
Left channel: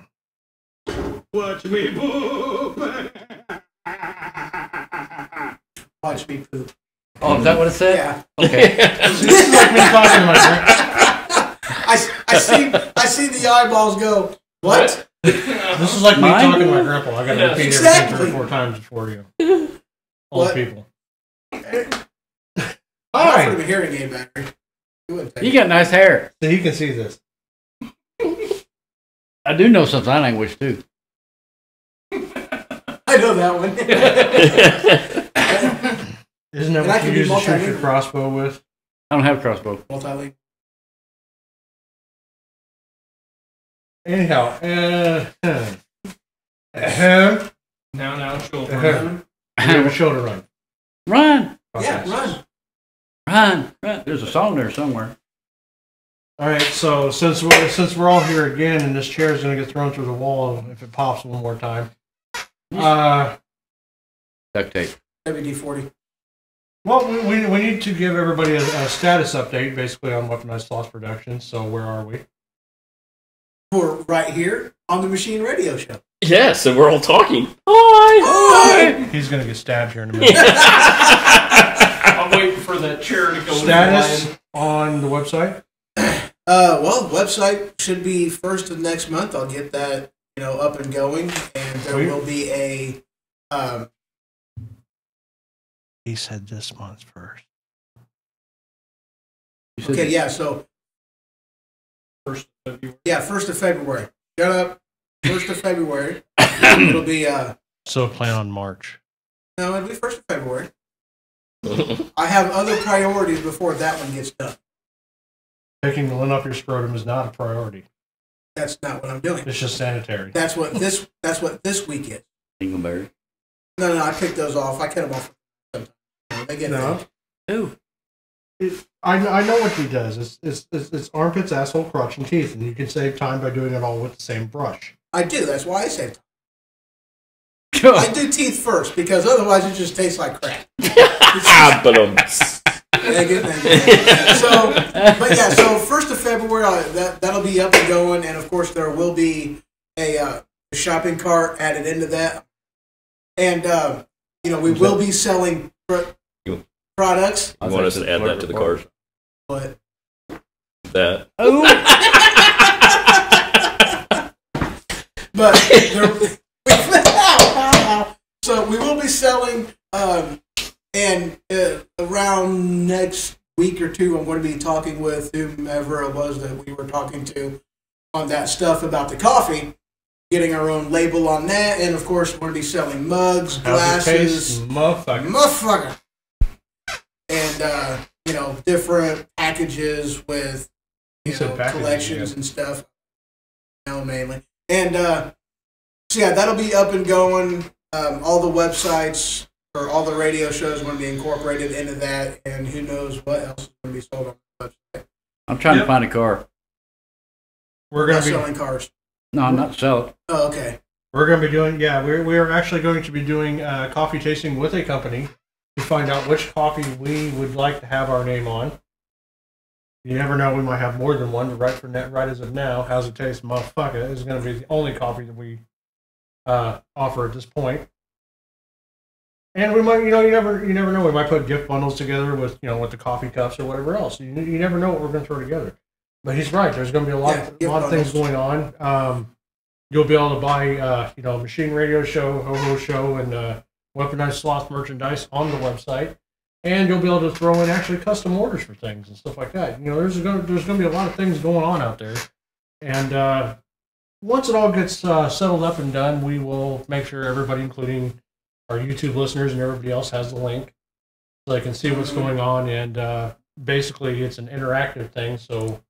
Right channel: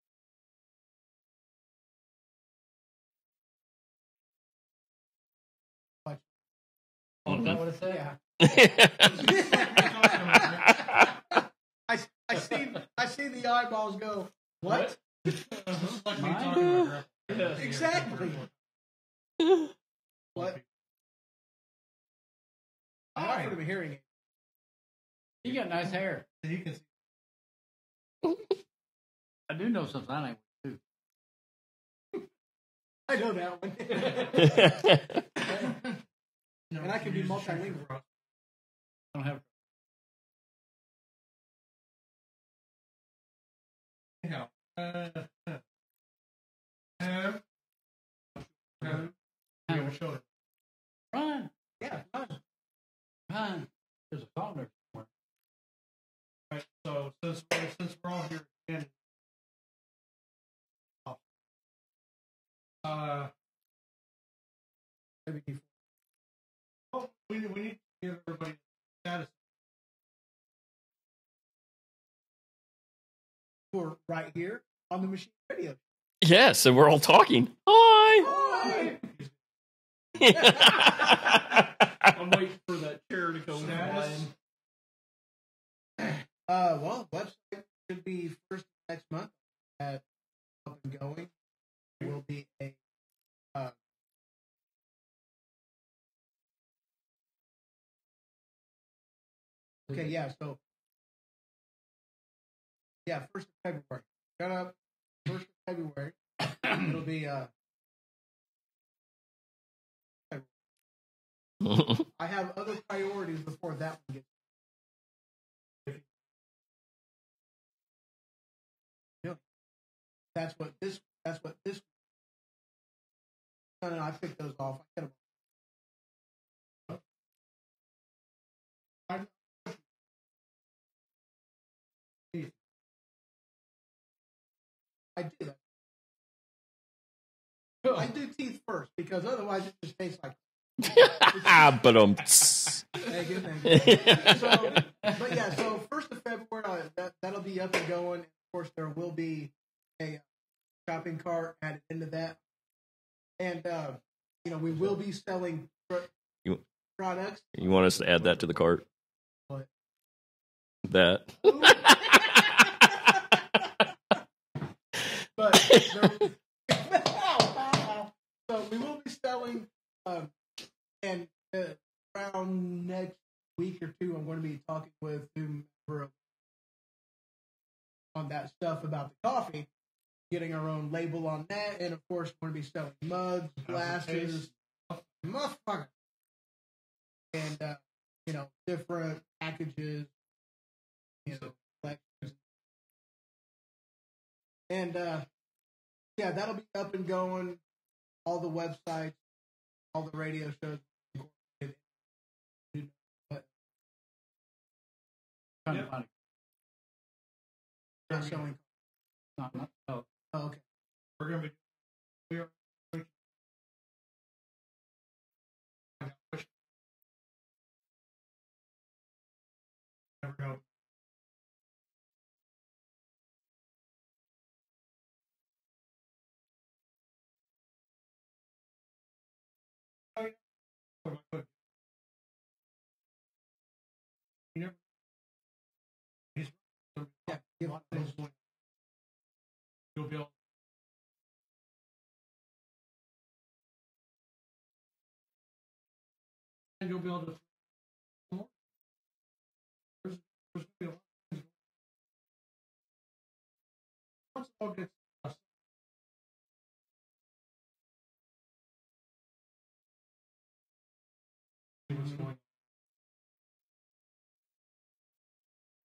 Watch me move. Watch me poop. Oh, is that what it said? Yeah. Okay. This is like me talking to my I see the eyeballs go, what? This is like me Mine? talking to my grandpa. I got to Yeah. repeat Exactly. everything 3 or 4 times before you. All What? the people. I Hi. offered him a hearing aid battery. He wouldn't take You it. got nice hair. So you can see this. I do know some sign language too. I know that one. Isn't that And I what can you be use to shoot your multilingual. crossbow with? I don't have a crossbow. Multilingual. Anyhow, Now, children. we have a show to run. Run, Yeah, run. run. There's a song there somewhere. All right, so since we're all here again, and this chair is going to get thrown through the wall if it pops one more time. Duct tape. WD-40. Well, we need to give everybody a status update, basically, on Weaponized Loss Productions. So where are we? We're right here on the Machine Radio Show. Yeah, so we're all talking. Hi. He's going to get stabbed here in a minute. I'm waiting for that chair to go. Status on the website. Well, website should be first of next month. I'll get that, up and going, and there Sweet. will be a. He said this month first. You said Okay, yeah. So First of February. yeah, 1st of February. Shut up. 1st of February. It'll be So plan on March. no, it'll be 1st of February. I have other priorities before that one gets done. Taking the lint off your scrotum is not a priority. That's not what I'm doing. It's just sanitary. That's what this week is. Dingleberry. No, I picked those off. I cut them off. Sometimes. They get No. Ooh. I know what he does. It's armpits, asshole, crotch, and teeth, and you can save time by doing it all with the same brush. I do. That's why I say I do teeth first because otherwise it just tastes like crap. Thank you. So, but yeah, so 1st of February that'll be up and going, and of course there will be a shopping cart added into that, and we will be selling products. You want us to add that to the card? But That. but so we will be selling, and around next week or two, I'm going to be talking with whomever it was that we were talking to on that stuff about the coffee, getting our own label on that, and of course we're going to be selling mugs, How's it glasses, taste? Motherfucker. motherfucker, and different packages with He said packages, collections yeah. and stuff. Mainly, and so yeah, that'll be up and going. All the websites or all the radio shows are going to be incorporated into that, and who knows what else is going to be sold on the website. I'm trying to find a car. We're Not gonna be selling cars. No, I'm not sell it. Oh, okay. we're gonna be doing we are actually going to be doing coffee tasting with a company to find out which coffee we would like to have our name on. You never know, we might have more than one. But right as of now, How's It Taste, Motherfucker is going to be the only coffee that we offer at this point. And we might, you never know. We might put gift bundles together with the coffee cups or whatever else. You never know what we're going to throw together. But he's right. There's going to be a lot of things going on. You'll be able to buy, Machine Radio Show, Ho-Ho Show, and Weaponized Sloth merchandise on the website. And you'll be able to throw in actually custom orders for things and stuff like that. There's going to be a lot of things going on out there. And once it all gets settled up and done, we will make sure everybody, including our YouTube listeners and everybody else, has the link so they can see what's going on. And basically, it's an interactive thing, so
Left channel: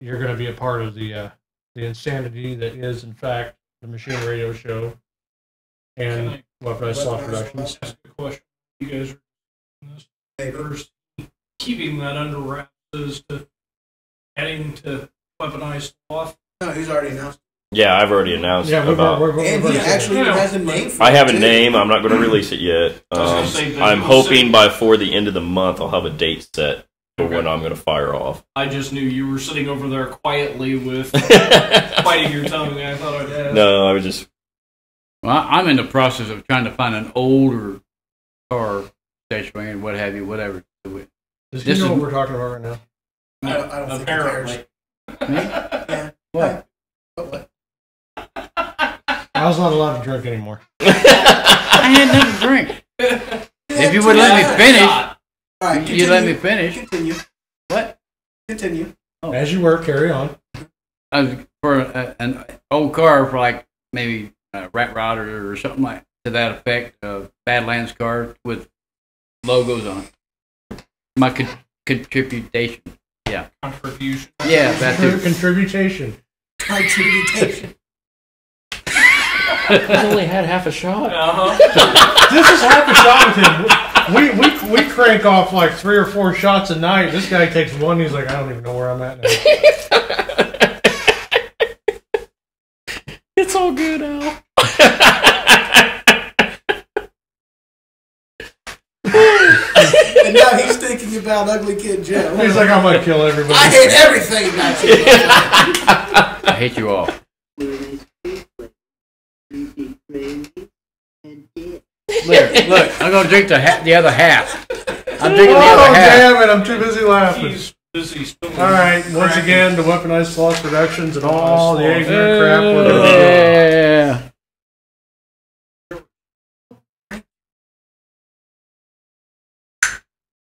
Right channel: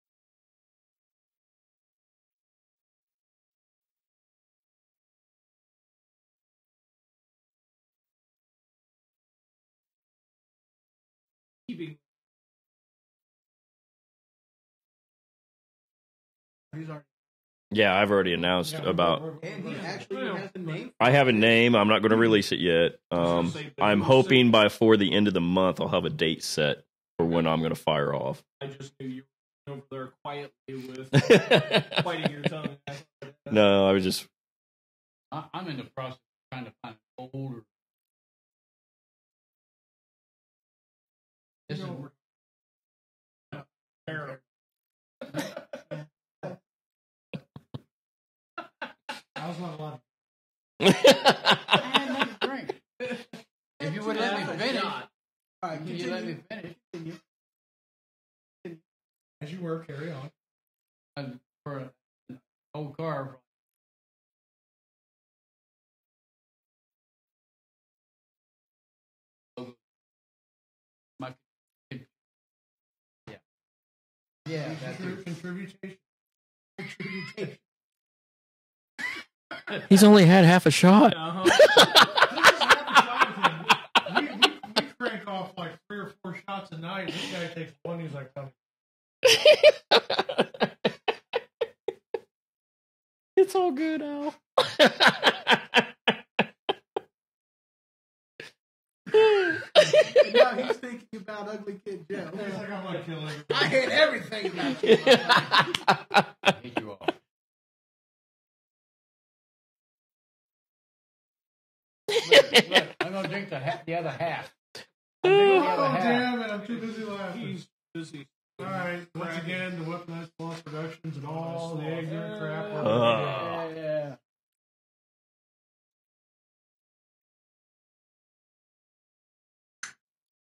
you're going to be a part of the insanity that is, in fact, the Machine Radio Show, and Weaponized Sloth Productions. Ask a question. You guys are keeping that under wraps as to adding to Weaponized Sloth. No, he's already announced. Yeah, I've already announced about. And he actually has a name for it. I have a name. I'm not going to release it yet. I'm hoping before the end of the month I'll have a date set for when I'm going to fire off. I just knew you were sitting over there quietly with biting your tongue. I thought I'd ask. No, I was just. Well, I'm in the process of trying to find an older car, station wagon, what have you, whatever. Does he know what we're talking about right now? I don't think he cares. Apparently. What? What? I was not allowed to drink anymore. I had nothing to drink. If you would let me finish, All right, you let me finish. Continue. What? Continue. As you were, carry on. For an old car, for like maybe a Rat Rider or something like to that effect, Badlands car with logos on it. My contribution. Yeah. Contribution. Yeah, that's it. Contribution. Contribution. He's only had half a shot. This is half a shot with him. We crank off like 3 or 4 shots a night. This guy takes one. He's like, I don't even know where I'm at now. It's all good, Al. And now he's thinking about Ugly Kid Joe. He's like, I'm gonna kill everybody. I hate everything about you. I hate you all. Look, I'm gonna drink the other half. I'm drinking the other half. Damn it! I'm too busy laughing. He's busy still. All right, once again, the Weaponized Sloth Productions and all the ignorant crap we're gonna do. Yeah.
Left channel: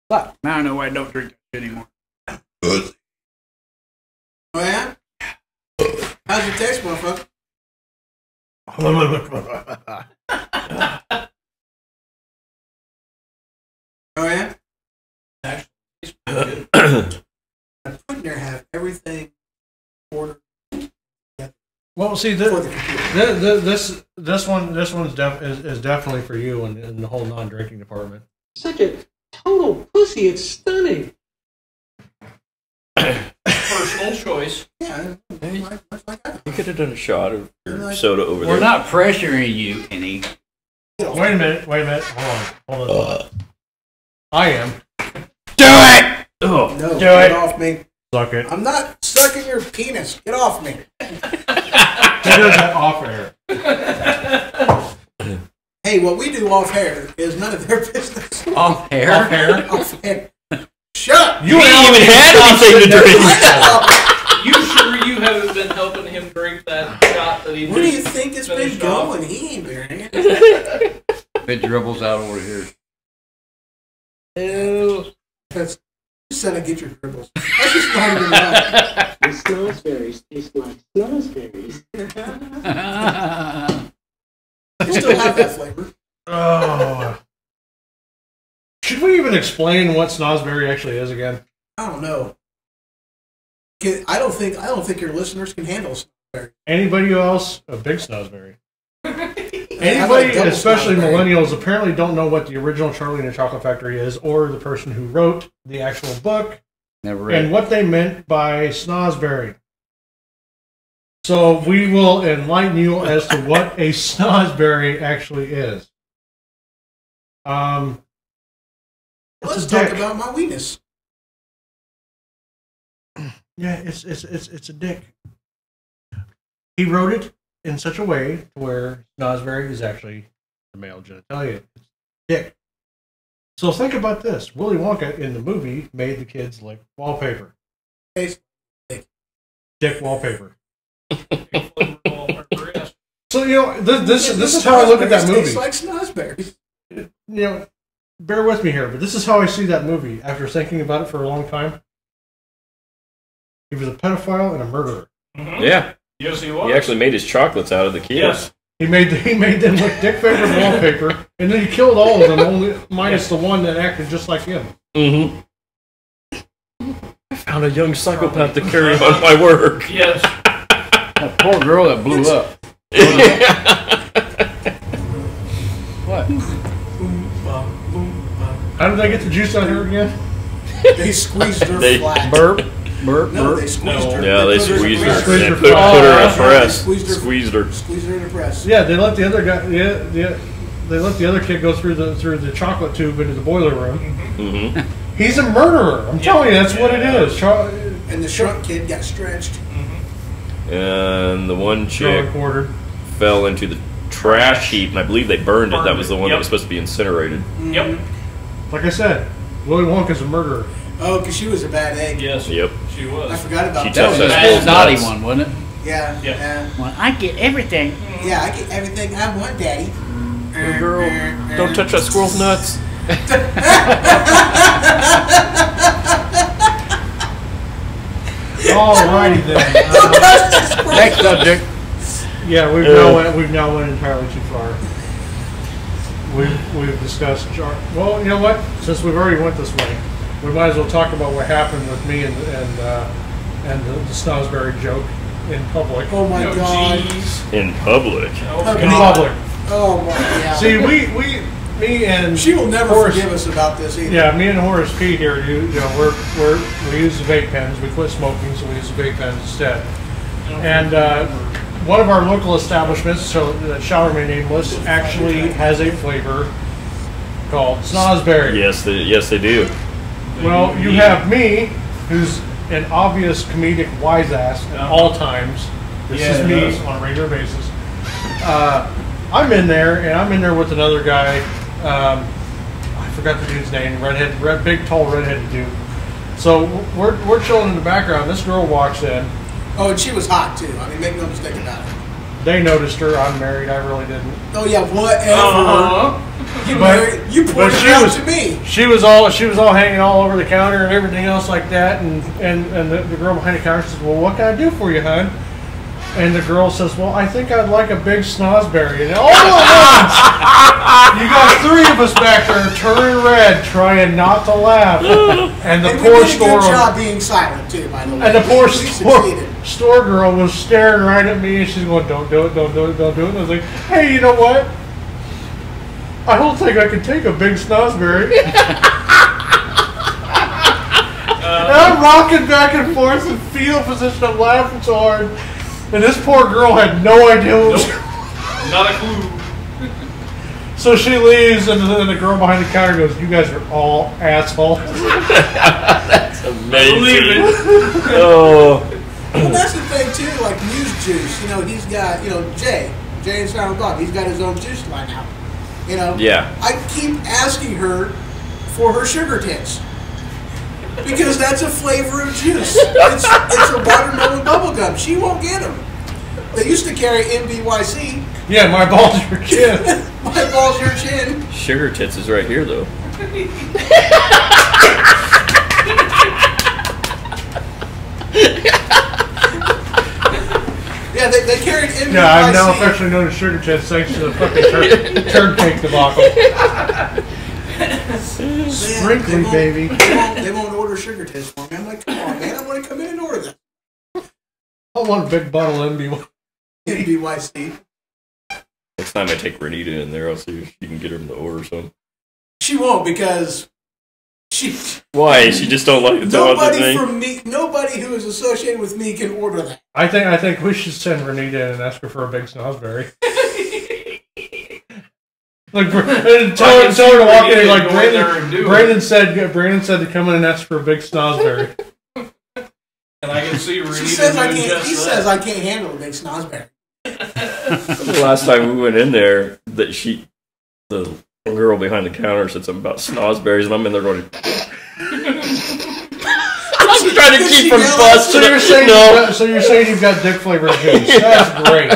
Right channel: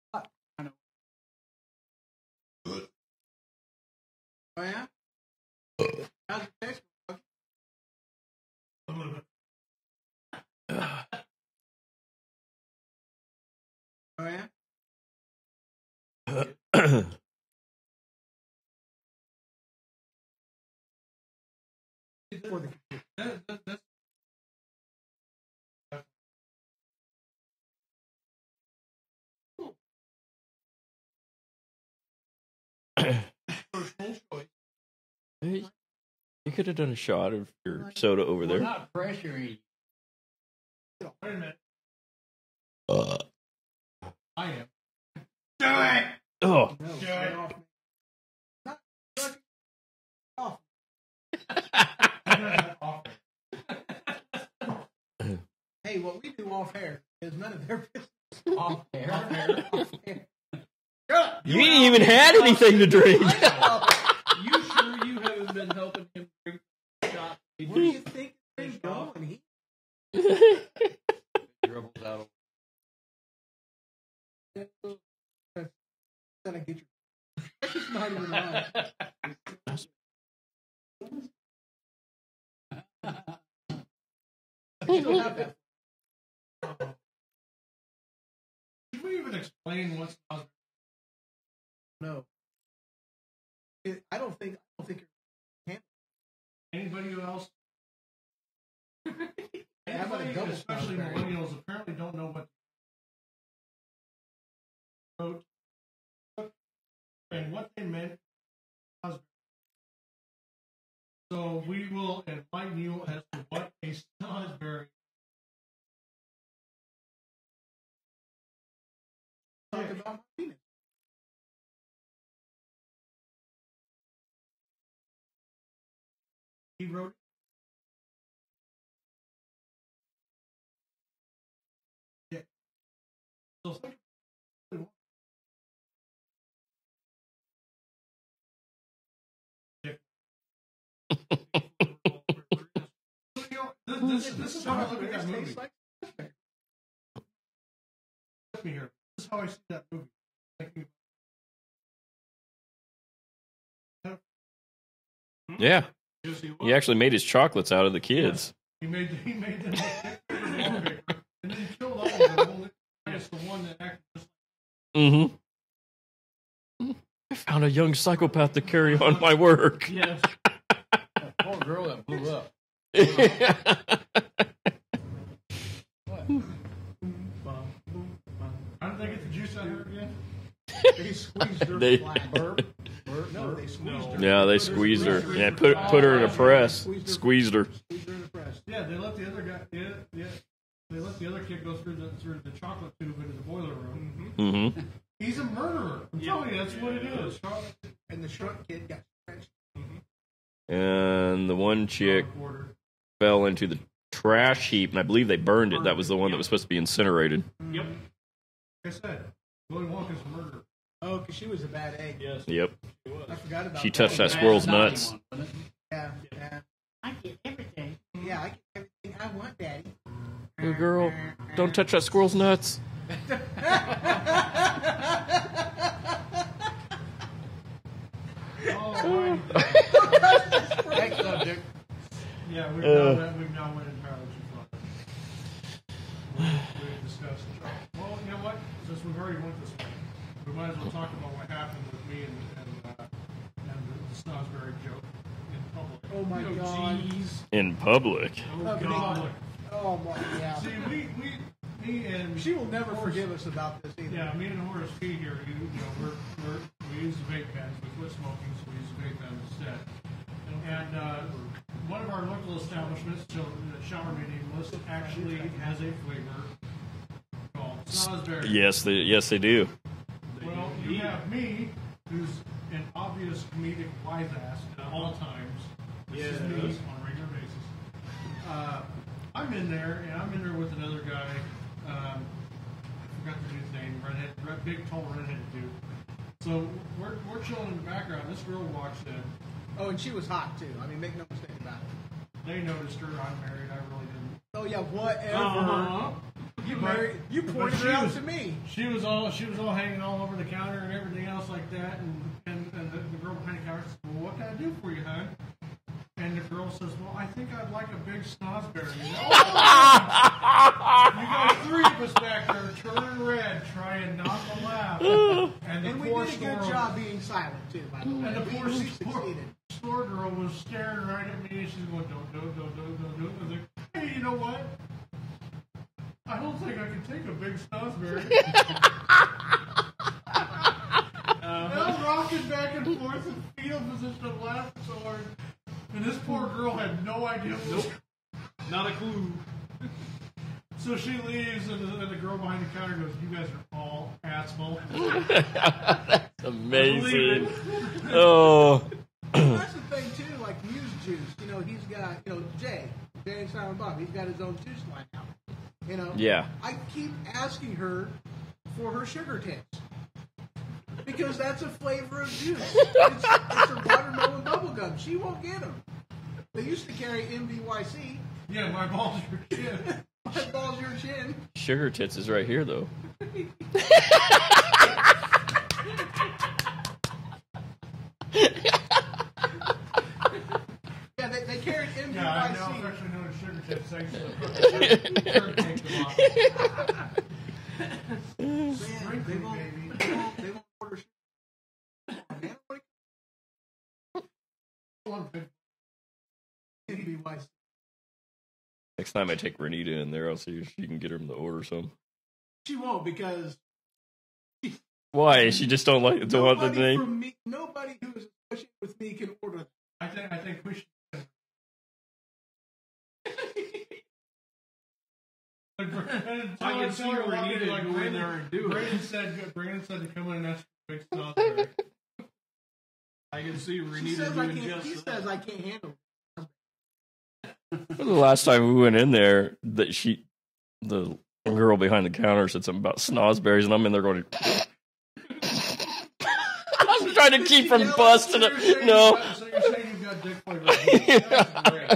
But now I know why I don't drink that anymore. Oh, yeah? How's your taste, motherfucker? Oh, yeah? I put in there have everything ordered. Well, see, this one's is definitely for you in the whole non-drinking department. Such a total pussy. It's stunning. Personal choice. Yeah. You could have done a shot of your soda over We're there. not pressuring you any. Wait a minute. Hold on. I am. Do it! Oh, No, Do get it. off me. Suck it. I'm not sucking your penis. Get off me. He does that off air. Hey, what we do off air is none of their business. Off hair? Off air. Shut up. you ain't even had anything to drink. You sure you haven't been helping him drink that shot that he Where do you just think it's been finished off? going? He ain't been it. It dribbles out over here. Ew. That's you said I get your dribbles. That's just not even right. The snozberries taste like snozberries. They still have that flavor. Oh. Should we even explain what snozberry actually is again? I don't know. I don't think your listeners can handle snozberry. Anybody else? A big snozberry. How about Anybody, a double especially snozberry? millennials, apparently don't know what the original Charlie and the Chocolate Factory is, or the person who wrote the actual book, Never read. and what they meant by snozberry. So we will enlighten you as to what a snozberry actually is. Let's a talk dick. about my weenus. Yeah, it's a dick. He wrote it in such a way where snozberry is actually the male genitalia. It's dick. So think about this. Willy Wonka in the movie made the kids lick wallpaper. Tastes Dick wallpaper. Yes. So, you know, this is how I look at that movie. Tastes like snozberries. You know, bear with me here, but this is how I see that movie after thinking about it for a long time. He was a pedophile and a murderer. Yeah, Yes, he was. he actually made his chocolates out of the kids. Yes. He made them lick dick favorite wallpaper, and then he killed all of them, only minus the one that acted just like him. Mm-hmm. I found a young psychopath to carry on my work. Yes. That poor girl that blew up. What? How did they get the juice on her again? They squeezed her They flat. Burp. Burp, No, they burp. squeezed her. Yeah, they put her in a squeezed her. press. Squeezed They her put flat. her in a They press. squeezed her. Squeezed her. Squeezed her in a press. Yeah, they let the other guy. Yeah. They let the other kid go through the chocolate tube into the boiler room. Mm-hmm. He's a murderer. I'm telling you, that's what it is. And the shrunk kid got stretched. And the one chick Quartered. fell into the trash heap, and I believe they burned it. That was the one that Yep. was supposed to be incinerated. Yep. Like I said, Willy Wonka's a murderer. Oh, because she was a bad egg. Yes. Yep. She I was. forgot about She that. That was touched a that squirrel's naughty nuts. one, wasn't it? Yeah. Yeah. Yeah. Well, I get everything. Yeah, I get everything I want, Daddy. Girl, don't touch that squirrel's nuts. Alrighty then. Next subject. Yeah, we've now went entirely too far. We've discussed. Well, you know what? Since we've already went this way, we might as well talk about what happened with me and the Snosberry joke in public. Oh my Oh, God. jeez. In public. Oh, In God. public. Oh my God. See, me and She will never Horace- forgive us about this either. Yeah, me and Horace P here. You know, we use the vape pens. We quit smoking, so we use the vape pens instead. And one of our local establishments, so that shall remain nameless, actually has a flavor called Snosberry. Yes, they do. Well, you have me, who's an obvious comedic wise ass at all times. This is me on a regular basis. I'm in there, and I'm in there with another guy. I forgot the dude's name. Big, tall, redheaded dude. So we're chilling in the background. This girl walks in. Oh, and she was hot too. I mean, make no mistake about it. They noticed her. I'm married. I really didn't. Oh yeah, whatever. Uh-huh. You but pointed she it out was- to me. She was all hanging all over the counter and everything else like that. And the girl behind the counter says, "Well, what can I do for you, hon?" And the girl says, "Well, I think I'd like a big Snosberry." And all at once, you got three of us back there turning red, trying not to laugh. And the And we poor did a store good owner, job being silent too, by the way. and the poor We succeeded. store girl was staring right at me, and she's going, "Don't do it, don't do it, don't do it." And I was like, "Hey, you know what? I don't think I can take a big Snosberry." And I'm rocking back and forth in fetal position. I'm laughing so hard. And this poor girl had no idea what was. Not a clue. So she leaves, and then the girl behind the counter goes, "You guys are all assholes." That's amazing. Believe it. Oh. Well, that's the thing too, like Muse Juice. You know, he's got, you know, Jay and Silent Bob. He's got his own juice line now. You know. Yeah. I keep asking her for her sugar tits because that's a flavor of juice. It's a watermelon bubblegum. She won't get them. They used to carry MBYC. Yeah, my balls are your chin. My balls, your chin. Sugar tits is right here, though. Yeah, they carried MBYC. Yeah, I'm now affectionately known as Sugar Tits thanks to the fucking turd cake debacle. Sprinkly, baby. They won't order sugar tits for me. I'm like, come on, man. I want to come in and order them. I want a big bottle of MBYC. Next time I take Renita in there, I'll see if she can get him to order some. She won't because she. Why? She just don't like the Nobody thing? from me. Nobody who is associated with me can order that. I think we should send Renita in and ask her for a big Snosberry. Like, and tell her to walk in and like Brandon said to come in and ask for a big Snosberry. And I can see Renita She says I doing can't. just He that. says I can't handle a big Snosberry. The last time we went in there, the girl behind the counter said something about Snosberries, and I'm in there going, I'm trying to keep from busting. So you're saying you've got dick flavored juice? That's great.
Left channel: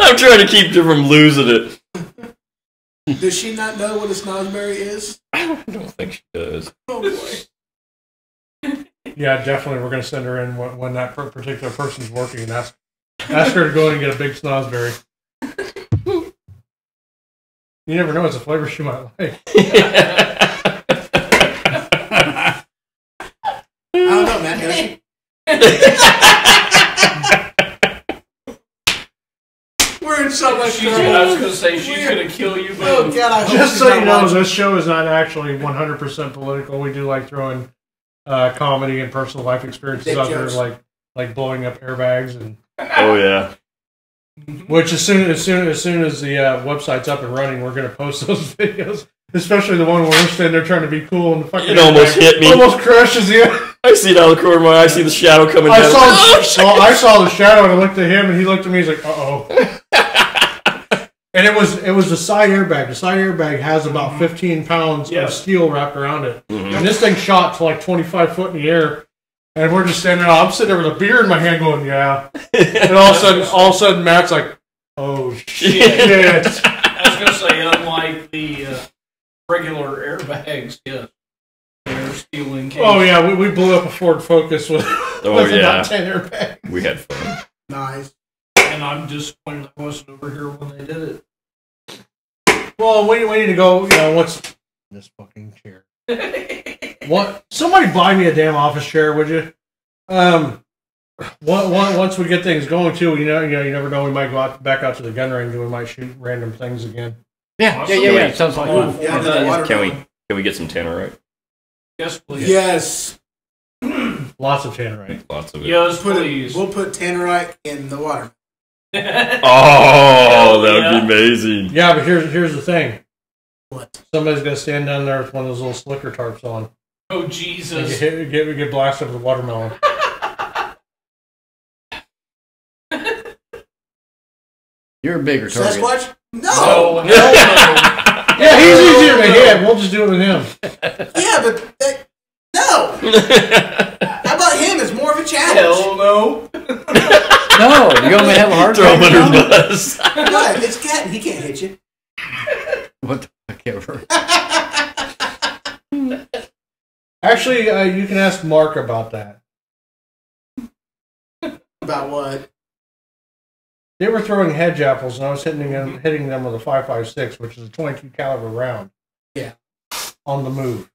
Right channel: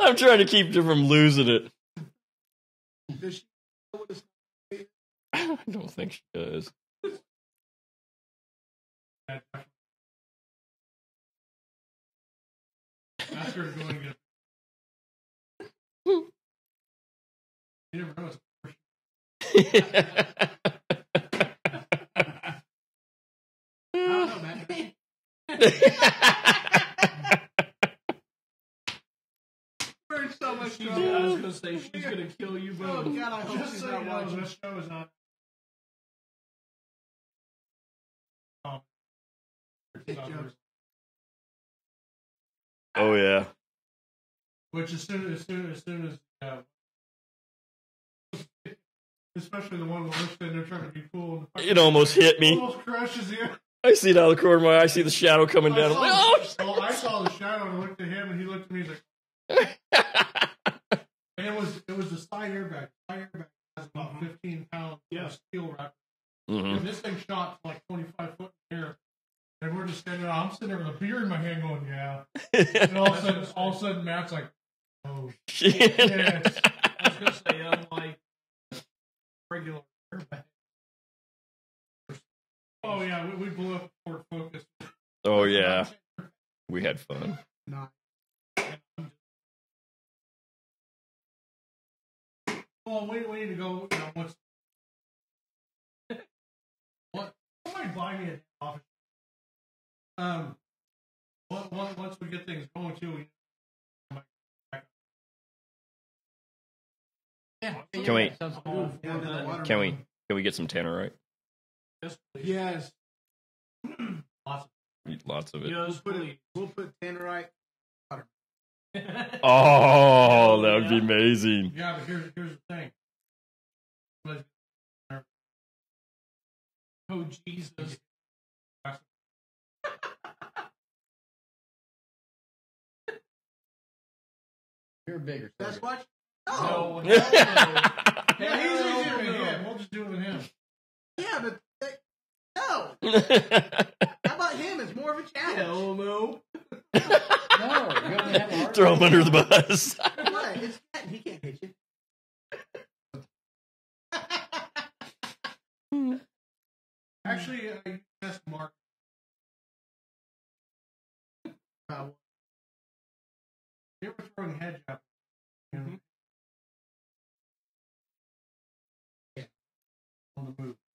I'm trying to keep her from losing it. Does she not know what a Snosberry is? I don't think she does. Oh boy. Yeah, definitely. We're going to send her in when that particular person's working and ask her to go in and get a big Snosberry. You never know; it's a flavor she might like. I don't know, man. Does she? so much She's, trouble. I was gonna say she's gonna kill you, but Oh God, I hope Just she's so not you know, watching. this show is not actually 100% political. We do like throwing comedy and personal life experiences Dick out jokes. there, like blowing up airbags, and Oh yeah. which as soon as the website's up and running, we're gonna post those videos. Especially the one where we're standing there trying to be cool and the fucking It almost airbag hit me. almost crushes you. I see it out of the corner of my eye. I see the shadow coming down. I saw the shadow and I looked at him and he looked at me. He's like, "Uh oh." And it was the side airbag. The side airbag has about 15 pounds Yeah. of steel wrapped around it, Mhm. and this thing shot to like 25 foot in the air. And we're just standing there. I'm sitting there with a beer in my hand, going, "Yeah." And all of a sudden, Matt's like, "Oh shit!" I was gonna say, unlike the regular airbags, yes, they're steel encased. Oh yeah, we blew up a Ford Focus with, Oh, with yeah. about 10 airbags. We had fun. Nice. And I'm disappointed I wasn't over here when they did Well, we need to go. What's this fucking chair? it. What? Somebody buy me a damn office chair, would you? Once we get things going too, you never know. We might go back out to the gun range and we might shoot random things again. Yeah. Sounds like Oh, fun. Yeah, for the that. water Can we gun. get some tannerite? Yes, please. Yes. Lots of tannerite. Lots of it. Yes, Put please. we'll put tannerite in the water. Oh, Hell that would yeah. be amazing. Yeah, but here's the thing. What? Somebody's gonna stand down there with one of those little slicker tarps on Oh, and Jesus. get blasted with a watermelon. You're a bigger target. Sasquatch? No. Oh, hell Yeah, he's easier to hit. We'll just do it with him. Yeah, but no. How about him? It's more of a no. challenge. Hell no. No, you're gonna have a hard Throw him time. under the bus. What? It's cat. He can't hit you. What the fuck ever? Actually, you can ask Mark about that. About what? They were throwing hedge apples, and I was hitting them with a 5.56, which is a 22 caliber round. Yeah. On the move.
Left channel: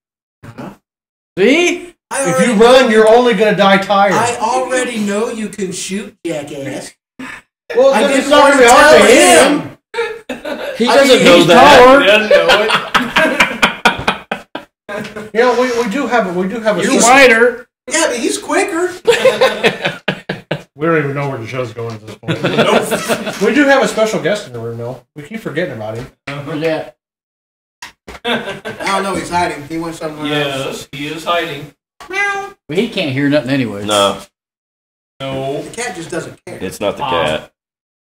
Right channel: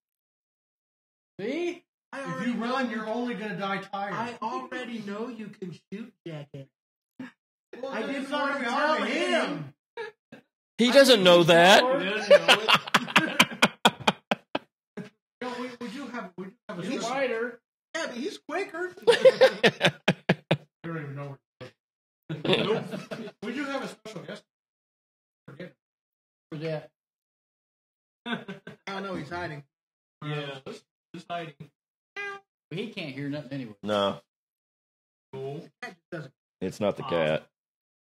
See? I If already you run, you're only gonna die tired. I already know you can shoot, jackass. Well, I it's didn't not want gonna to be hard tell to hit him. him. He I doesn't mean, know he's that. Doesn't know it. You know, we do have a You're special- wider. Yeah, but he's quicker. We don't even know where the show's going at this point. We do have a special guest in the room, though. We keep forgetting about him. Where's that? I don't know. He's hiding. He went somewhere else. Yes, he is hiding. Meow. Well, he can't hear nothing anyway. No, No. The cat just doesn't care. it's not the cat.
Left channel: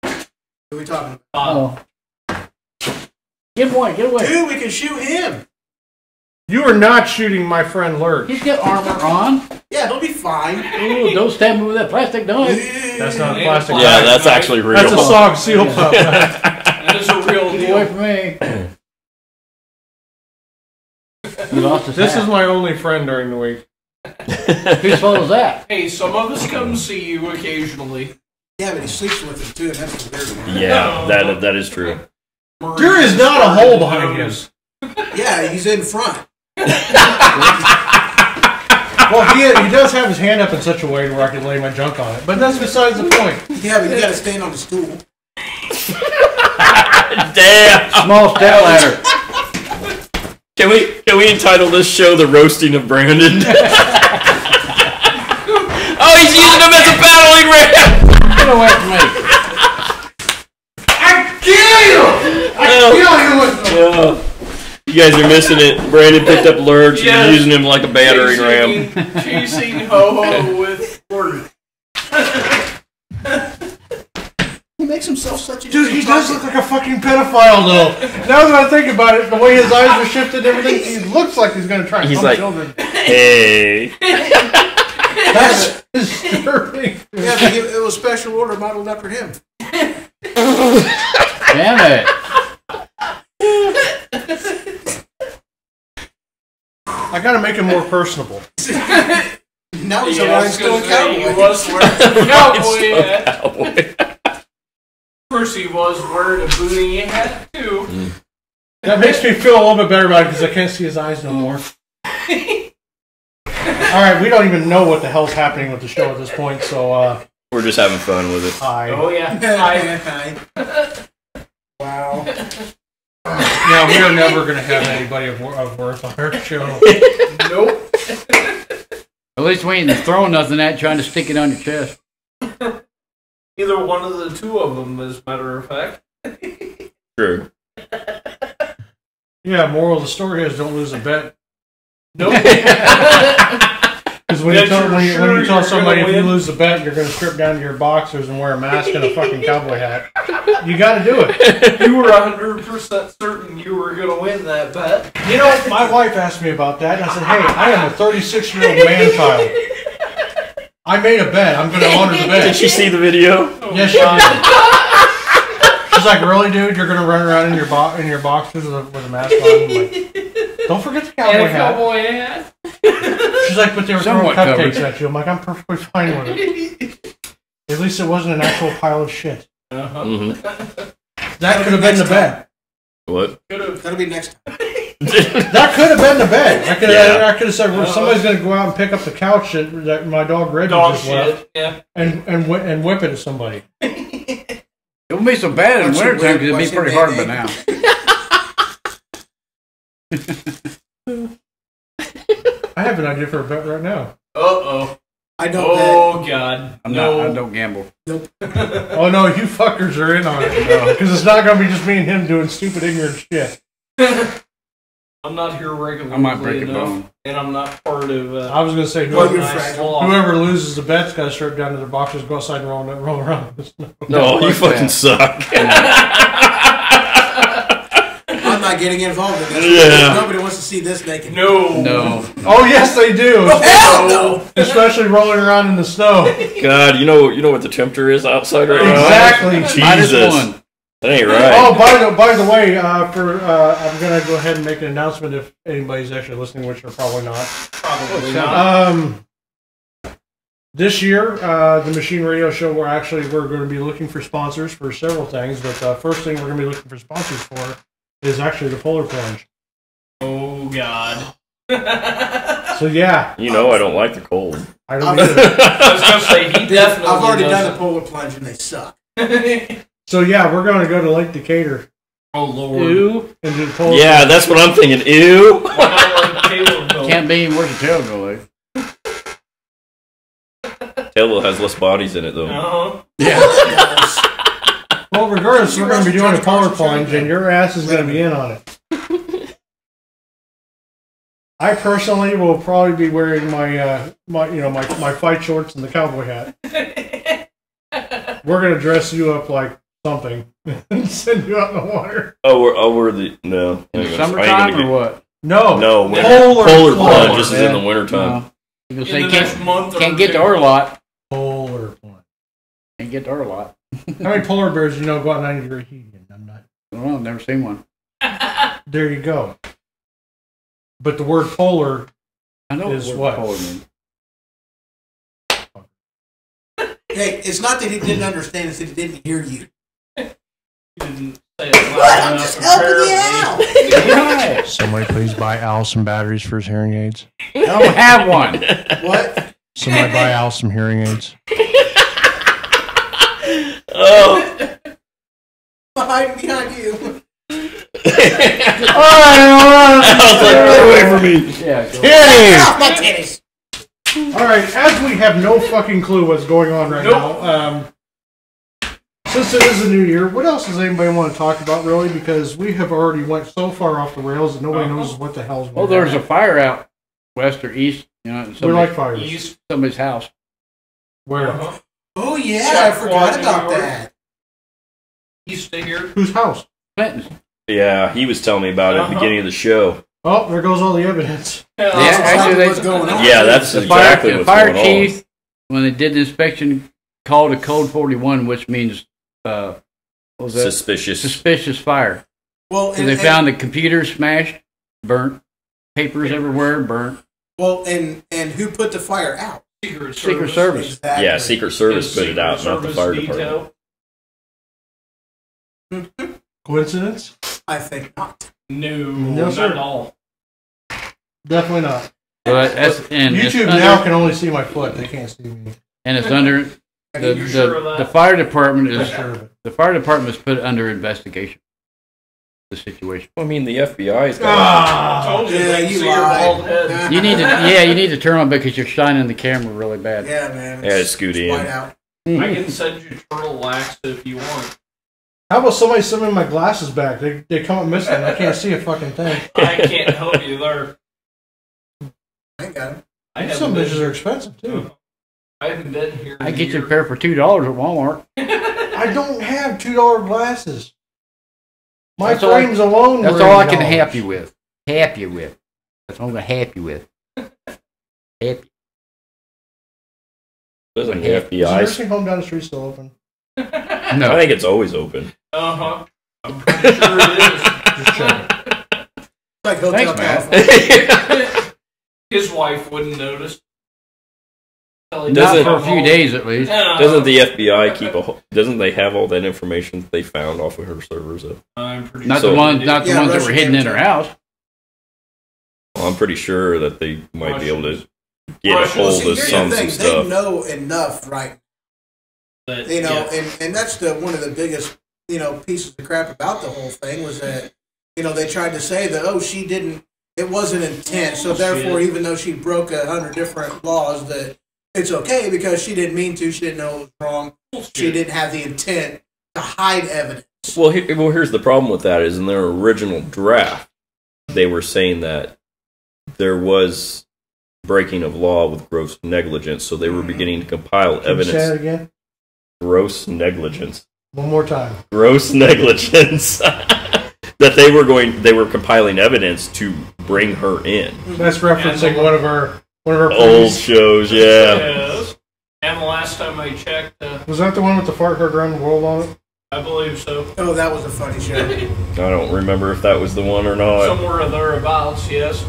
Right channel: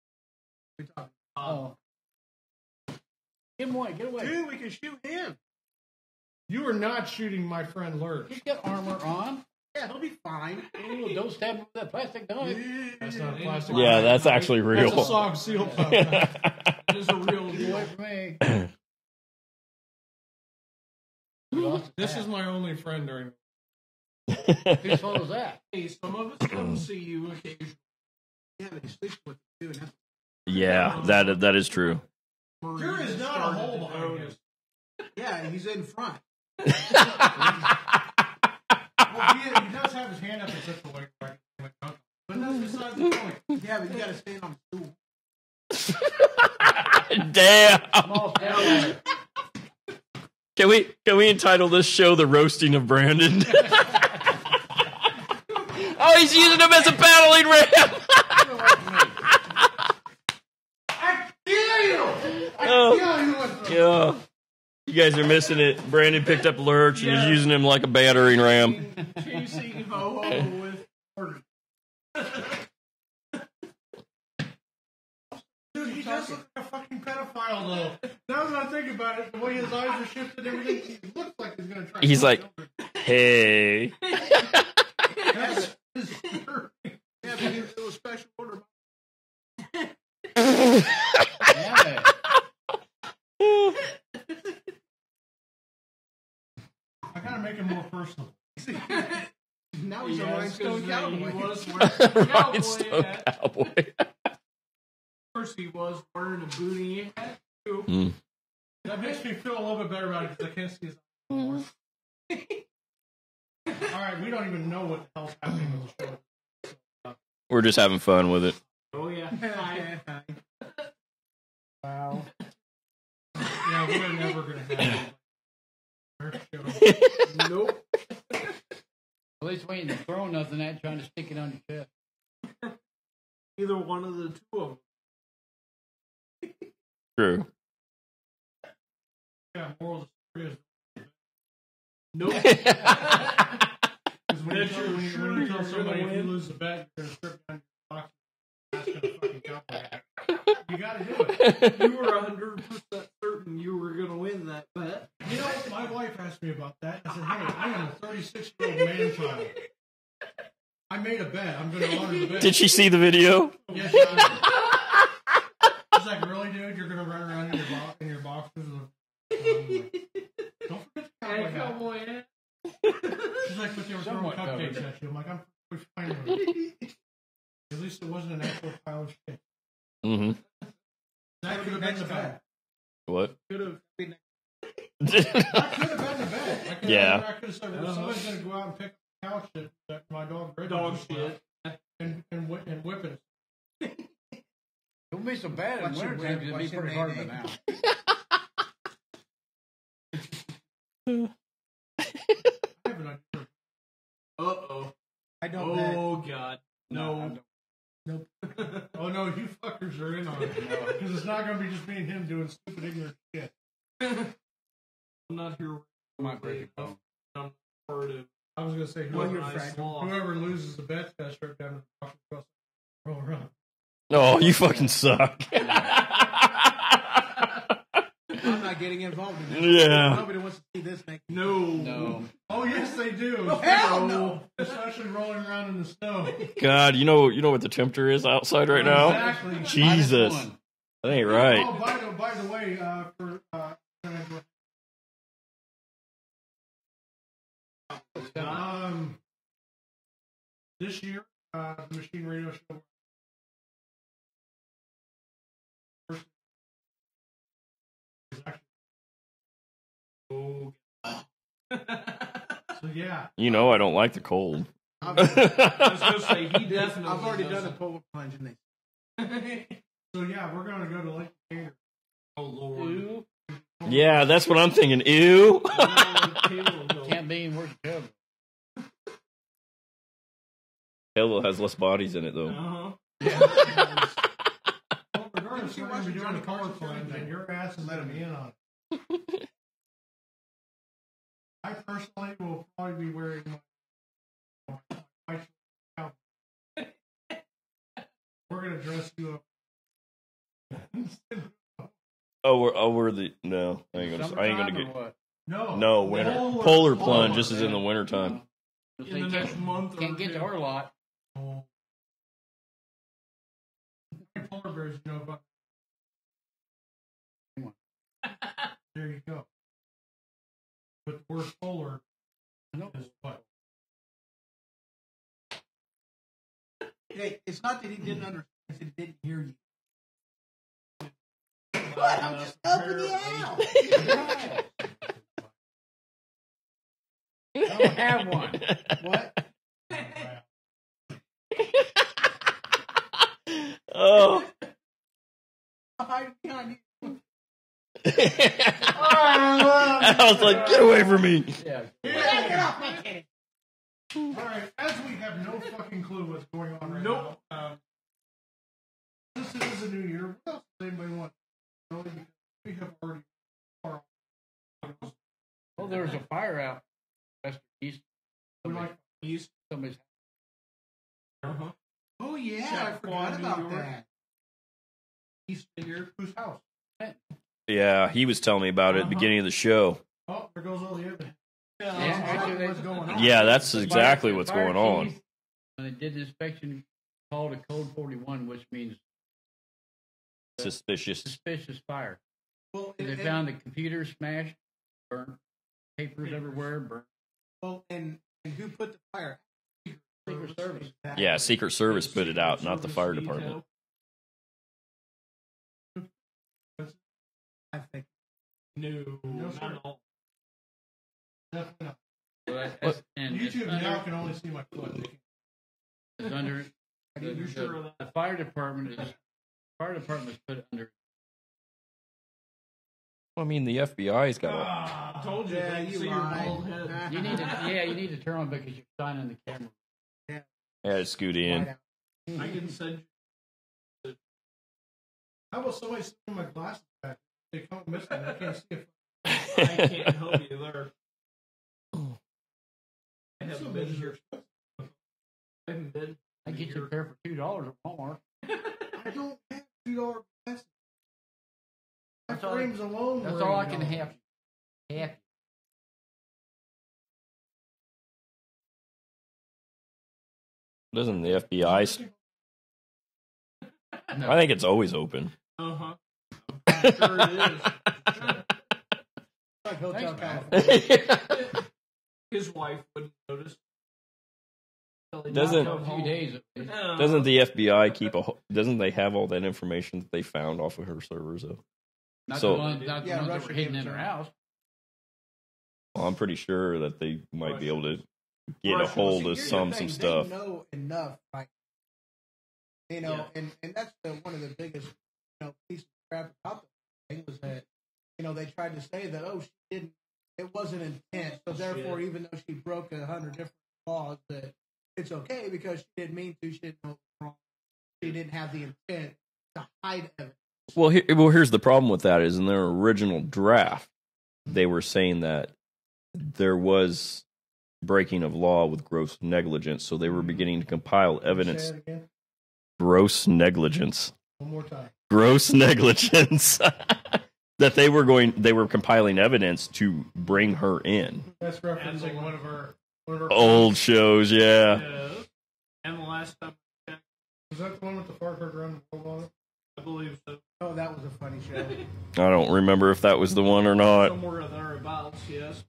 Who are we talking about? Oh. Get away, get away. Dude, we can shoot him. You are not shooting my friend Lurch. He's got armor on. Yeah, he'll be fine. Ooh, don't stab me with that plastic knife. That's not plastic. Yeah, that's actually real. That's a SOG seal pup. That is a real Get away deal. from me. He lost his This hat. is my only friend during the week. Whose fault is that? Hey, some of us come see you occasionally. Yeah, but he sleeps with him too, and that's the weird one. Yeah, that is true. There is not a hole behind him. Yeah, he's in front. Well, he does have his hand up in such a way where I can lay my junk on it. But that's besides the point. Yeah, but you gotta stand on the stool. Damn. Small step ladder. Can we entitle this show "The Roasting of Brandon"? Oh, he's using him as a battling ram. Get away from me. I kill you! I kill you with them. Yeah. You guys are missing it. Brandon picked up Lurch and Yes. he's using him like a battering ram. Chasing Ho-Ho with Gordon. He makes himself such a Dude, he does look like a fucking pedophile, though. Now that I think about it, the way his eyes are shifted and everything, he looks like he's going to try and He's help like- children. Hey. That's disturbing. Yeah, but it was special order modeled after him. Damn it. I got to make him more personable. Now he's a Yeah, I was rhinestone gonna say, he cowboy. was wearing a cowboy Rhinestone hat. cowboy. Of course, he was wearing a booty hat, too. That makes me feel a little bit better about it because I can't see his eyes no more. All right, we don't even know what the hell's happening with the show at this point, so We're just having fun with it. hi. Oh, yeah. Hi. Wow. Yeah, we are never going to have anybody of worth on our show. Nope. At least we ain't throwing nothing at you, trying to stick it on your chest. Either one of the two of them, as a matter of fact. True. Yeah, moral of the story is don't lose a bet. Nope. Because when you Bet tell, you're when you, sure when you tell you're somebody if gonna you win. lose the bet, you're going to strip down to your boxers and wear a mask and a fucking cowboy hat. You got to do it. You were 100% certain you were going to win that bet. You know, my wife asked me about that, and I said, hey, I am a 36-year-old man-child. I made a bet. I'm going to honor the bet. Did she see the video? Yes, she did. She's like, really, dude? You're going to run around in your boxers with a mask on? I'm like, don't forget the cowboy And a hat. cowboy hat. She's like, but they were throwing Somewhat cupcakes covered. at you. I'm like, I'm perfectly fine with it. At least it wasn't an actual pile of shit. Uh-huh. Mm-hmm. That could have been the bet. What? That'll be next time. That could have been the bet. I could Yeah. have said, well, somebody's going to go out and pick up the couch that my dog Reggie Dog just left shit. Yeah. and whip it at somebody. It won't be so bad in What's your wintertime because win- it'd be what's pretty your hard by win- now. I have an idea for a bet right now. Uh-oh. I don't Oh, God. I'm no. not. I don't gamble. Oh no, you fuckers are in on it. Because it's not going to be just me and him doing stupid, ignorant shit. I'm not here regularly I might break a enough, bone. and I'm not part of I was going to say, Well, whoever, you're nice fragile. law. whoever loses the bet's got to strip down to their boxers, go outside and roll around in the snow. No, you Fuck fucking that. suck. I'm not getting involved in this. Yeah. Nobody wants to see this naked. No. No. Oh yes, they do. Hell no! Especially rolling around in the snow. God, you know what the temperature is outside right now? Exactly. Minus Jesus. one. That ain't right. Oh, by the way, I'm gonna go ahead and make an announcement if anybody's actually listening, which they're probably not. Probably not. This year, the Machine Radio Show, we're going to be looking for sponsors for several things, but the first thing we're going to be looking for sponsors for is actually the Polar Plunge. Oh, God. So yeah, You know I don't like the cold. I don't. I Either. I was going to say, he definitely I've already done doesn't. the polar plunge and they suck. So yeah, we're going to go to Lake Decatur Oh, Lord. Ew. and do the Polar. Yeah, that's what I'm thinking. Ew. Why not let Taylor go? Can't be any worse than tail go like. Tailwheel has less bodies in it though. Uh-huh. Well, regardless, we're going to be doing a Polar Plunge, and your ass is going to be in on it. I personally will probably be wearing my fight shorts and the cowboy hat. We're gonna dress you up like something and send you out in the water. We're the no. In I the ain't gonna- I ain't summertime gonna or what? No, No, Polar plunge. This is Yeah. in the wintertime. No. You In say the next month or can't get to two. our lot. Polar Plunge. Can't get to our lot. How many polar bears do you know go out 90-degree heat? I'm not. Well, I've never seen one. There you go. But the word polar, I know Is what what? polar means. Hey, it's not that he didn't understand, it's that he didn't hear you. He didn't say it loud What? I'm enough, just helping you apparently. out. Right. somebody please buy Al some batteries for his hearing aids. I don't have one. What? Somebody buy Al some hearing aids. Oh. Behind you. All right. I was like, get away from me. Yeah. Go. Hey! Off my titties. All right, as we have no fucking clue what's going on right now, since it is a new year, what else does anybody want to talk about, really? Because we have already went so far off the rails that nobody knows what the hell's going Well, on. there's a fire out west or east. You know, We like fires. East. somebody's house. Where? Uh-huh. Oh, yeah, I Jack forgot Quad, about New York. that. East of here. Whose house? Clinton's. Yeah, he was telling me about it at the beginning of the show. Oh, there goes all the evidence. Yeah, That's actually, exactly what's going on. Yeah, that's The exactly fire, what's the fire going chief, when they did the inspection, called a code 41, which means what was on. that? Suspicious. Suspicious fire. Well, So they found the computer smashed, burnt, papers everywhere, burnt. Well, and who put the fire out? Secret Service. Exactly. Yeah, Secret Service put it out, not the fire department. Coincidence? I think not. No, No, not sir. at all. Definitely not. But that's, and it's YouTube under, now can only see my foot. They can't see me. and it's under Are the, you sure of the that? fire department I'm is sure of it. the fire department is put under investigation. the situation. I mean, the FBI's got. I told you Yeah, they can you see your lied. bald head. You need to turn on because you're shining the camera really bad. Yeah, man. Yeah, scoot in. White out. I can send you turtle wax if you want. How about somebody send me my glasses back? They come up missing. I can't see a fucking thing. I can't help you there. I ain't got it. I Some haven't bitches been, are expensive too. I haven't been here. I in get you a years. pair for $2 at Walmart. I don't have $2 glasses. My That's all I- frames alone. That's were all I can $80. help you with. Help you with. That's all I'm gonna help you with. Help. Doesn't the Is the FBI? nursing home down the street still open? I No. think it's always open. Uh-huh. I'm pretty sure it is. Just checking. It's like hotel Thanks, Matt. telephone. His wife wouldn't notice. Not Doesn't- for a few days at least. Doesn't the FBI keep a? Doesn't they have all that information that they found off of her servers? Though? I'm pretty Not So- the ones that Yeah, were Russian hidden in her amateur. house. Well, I'm pretty sure that they might be able to get a Russian- hold See, of here's some the thing. stuff. They know enough, right? That, You know, yeah. and that's the one of the biggest, pieces of crap about the whole thing was that, they tried to say that, oh, she didn't, it wasn't intent, so therefore, even though she broke 100 different laws, that it's okay because she didn't mean to, she didn't know it was wrong, she didn't have the intent to hide evidence. Well, here's the problem with that: is in their original draft, they were saying that there was breaking of law with gross negligence, so they were beginning to compile Can you say evidence. that again? Gross negligence. One more time. Gross negligence. That they were compiling evidence to bring her in. That's referencing one of our Old previous- shows, yeah. Yes. And the last time I checked, Was that the one with the fart heard around the world on it? I believe so. Oh, that was a funny show. I don't remember if that was the one or not. Somewhere thereabouts, yes.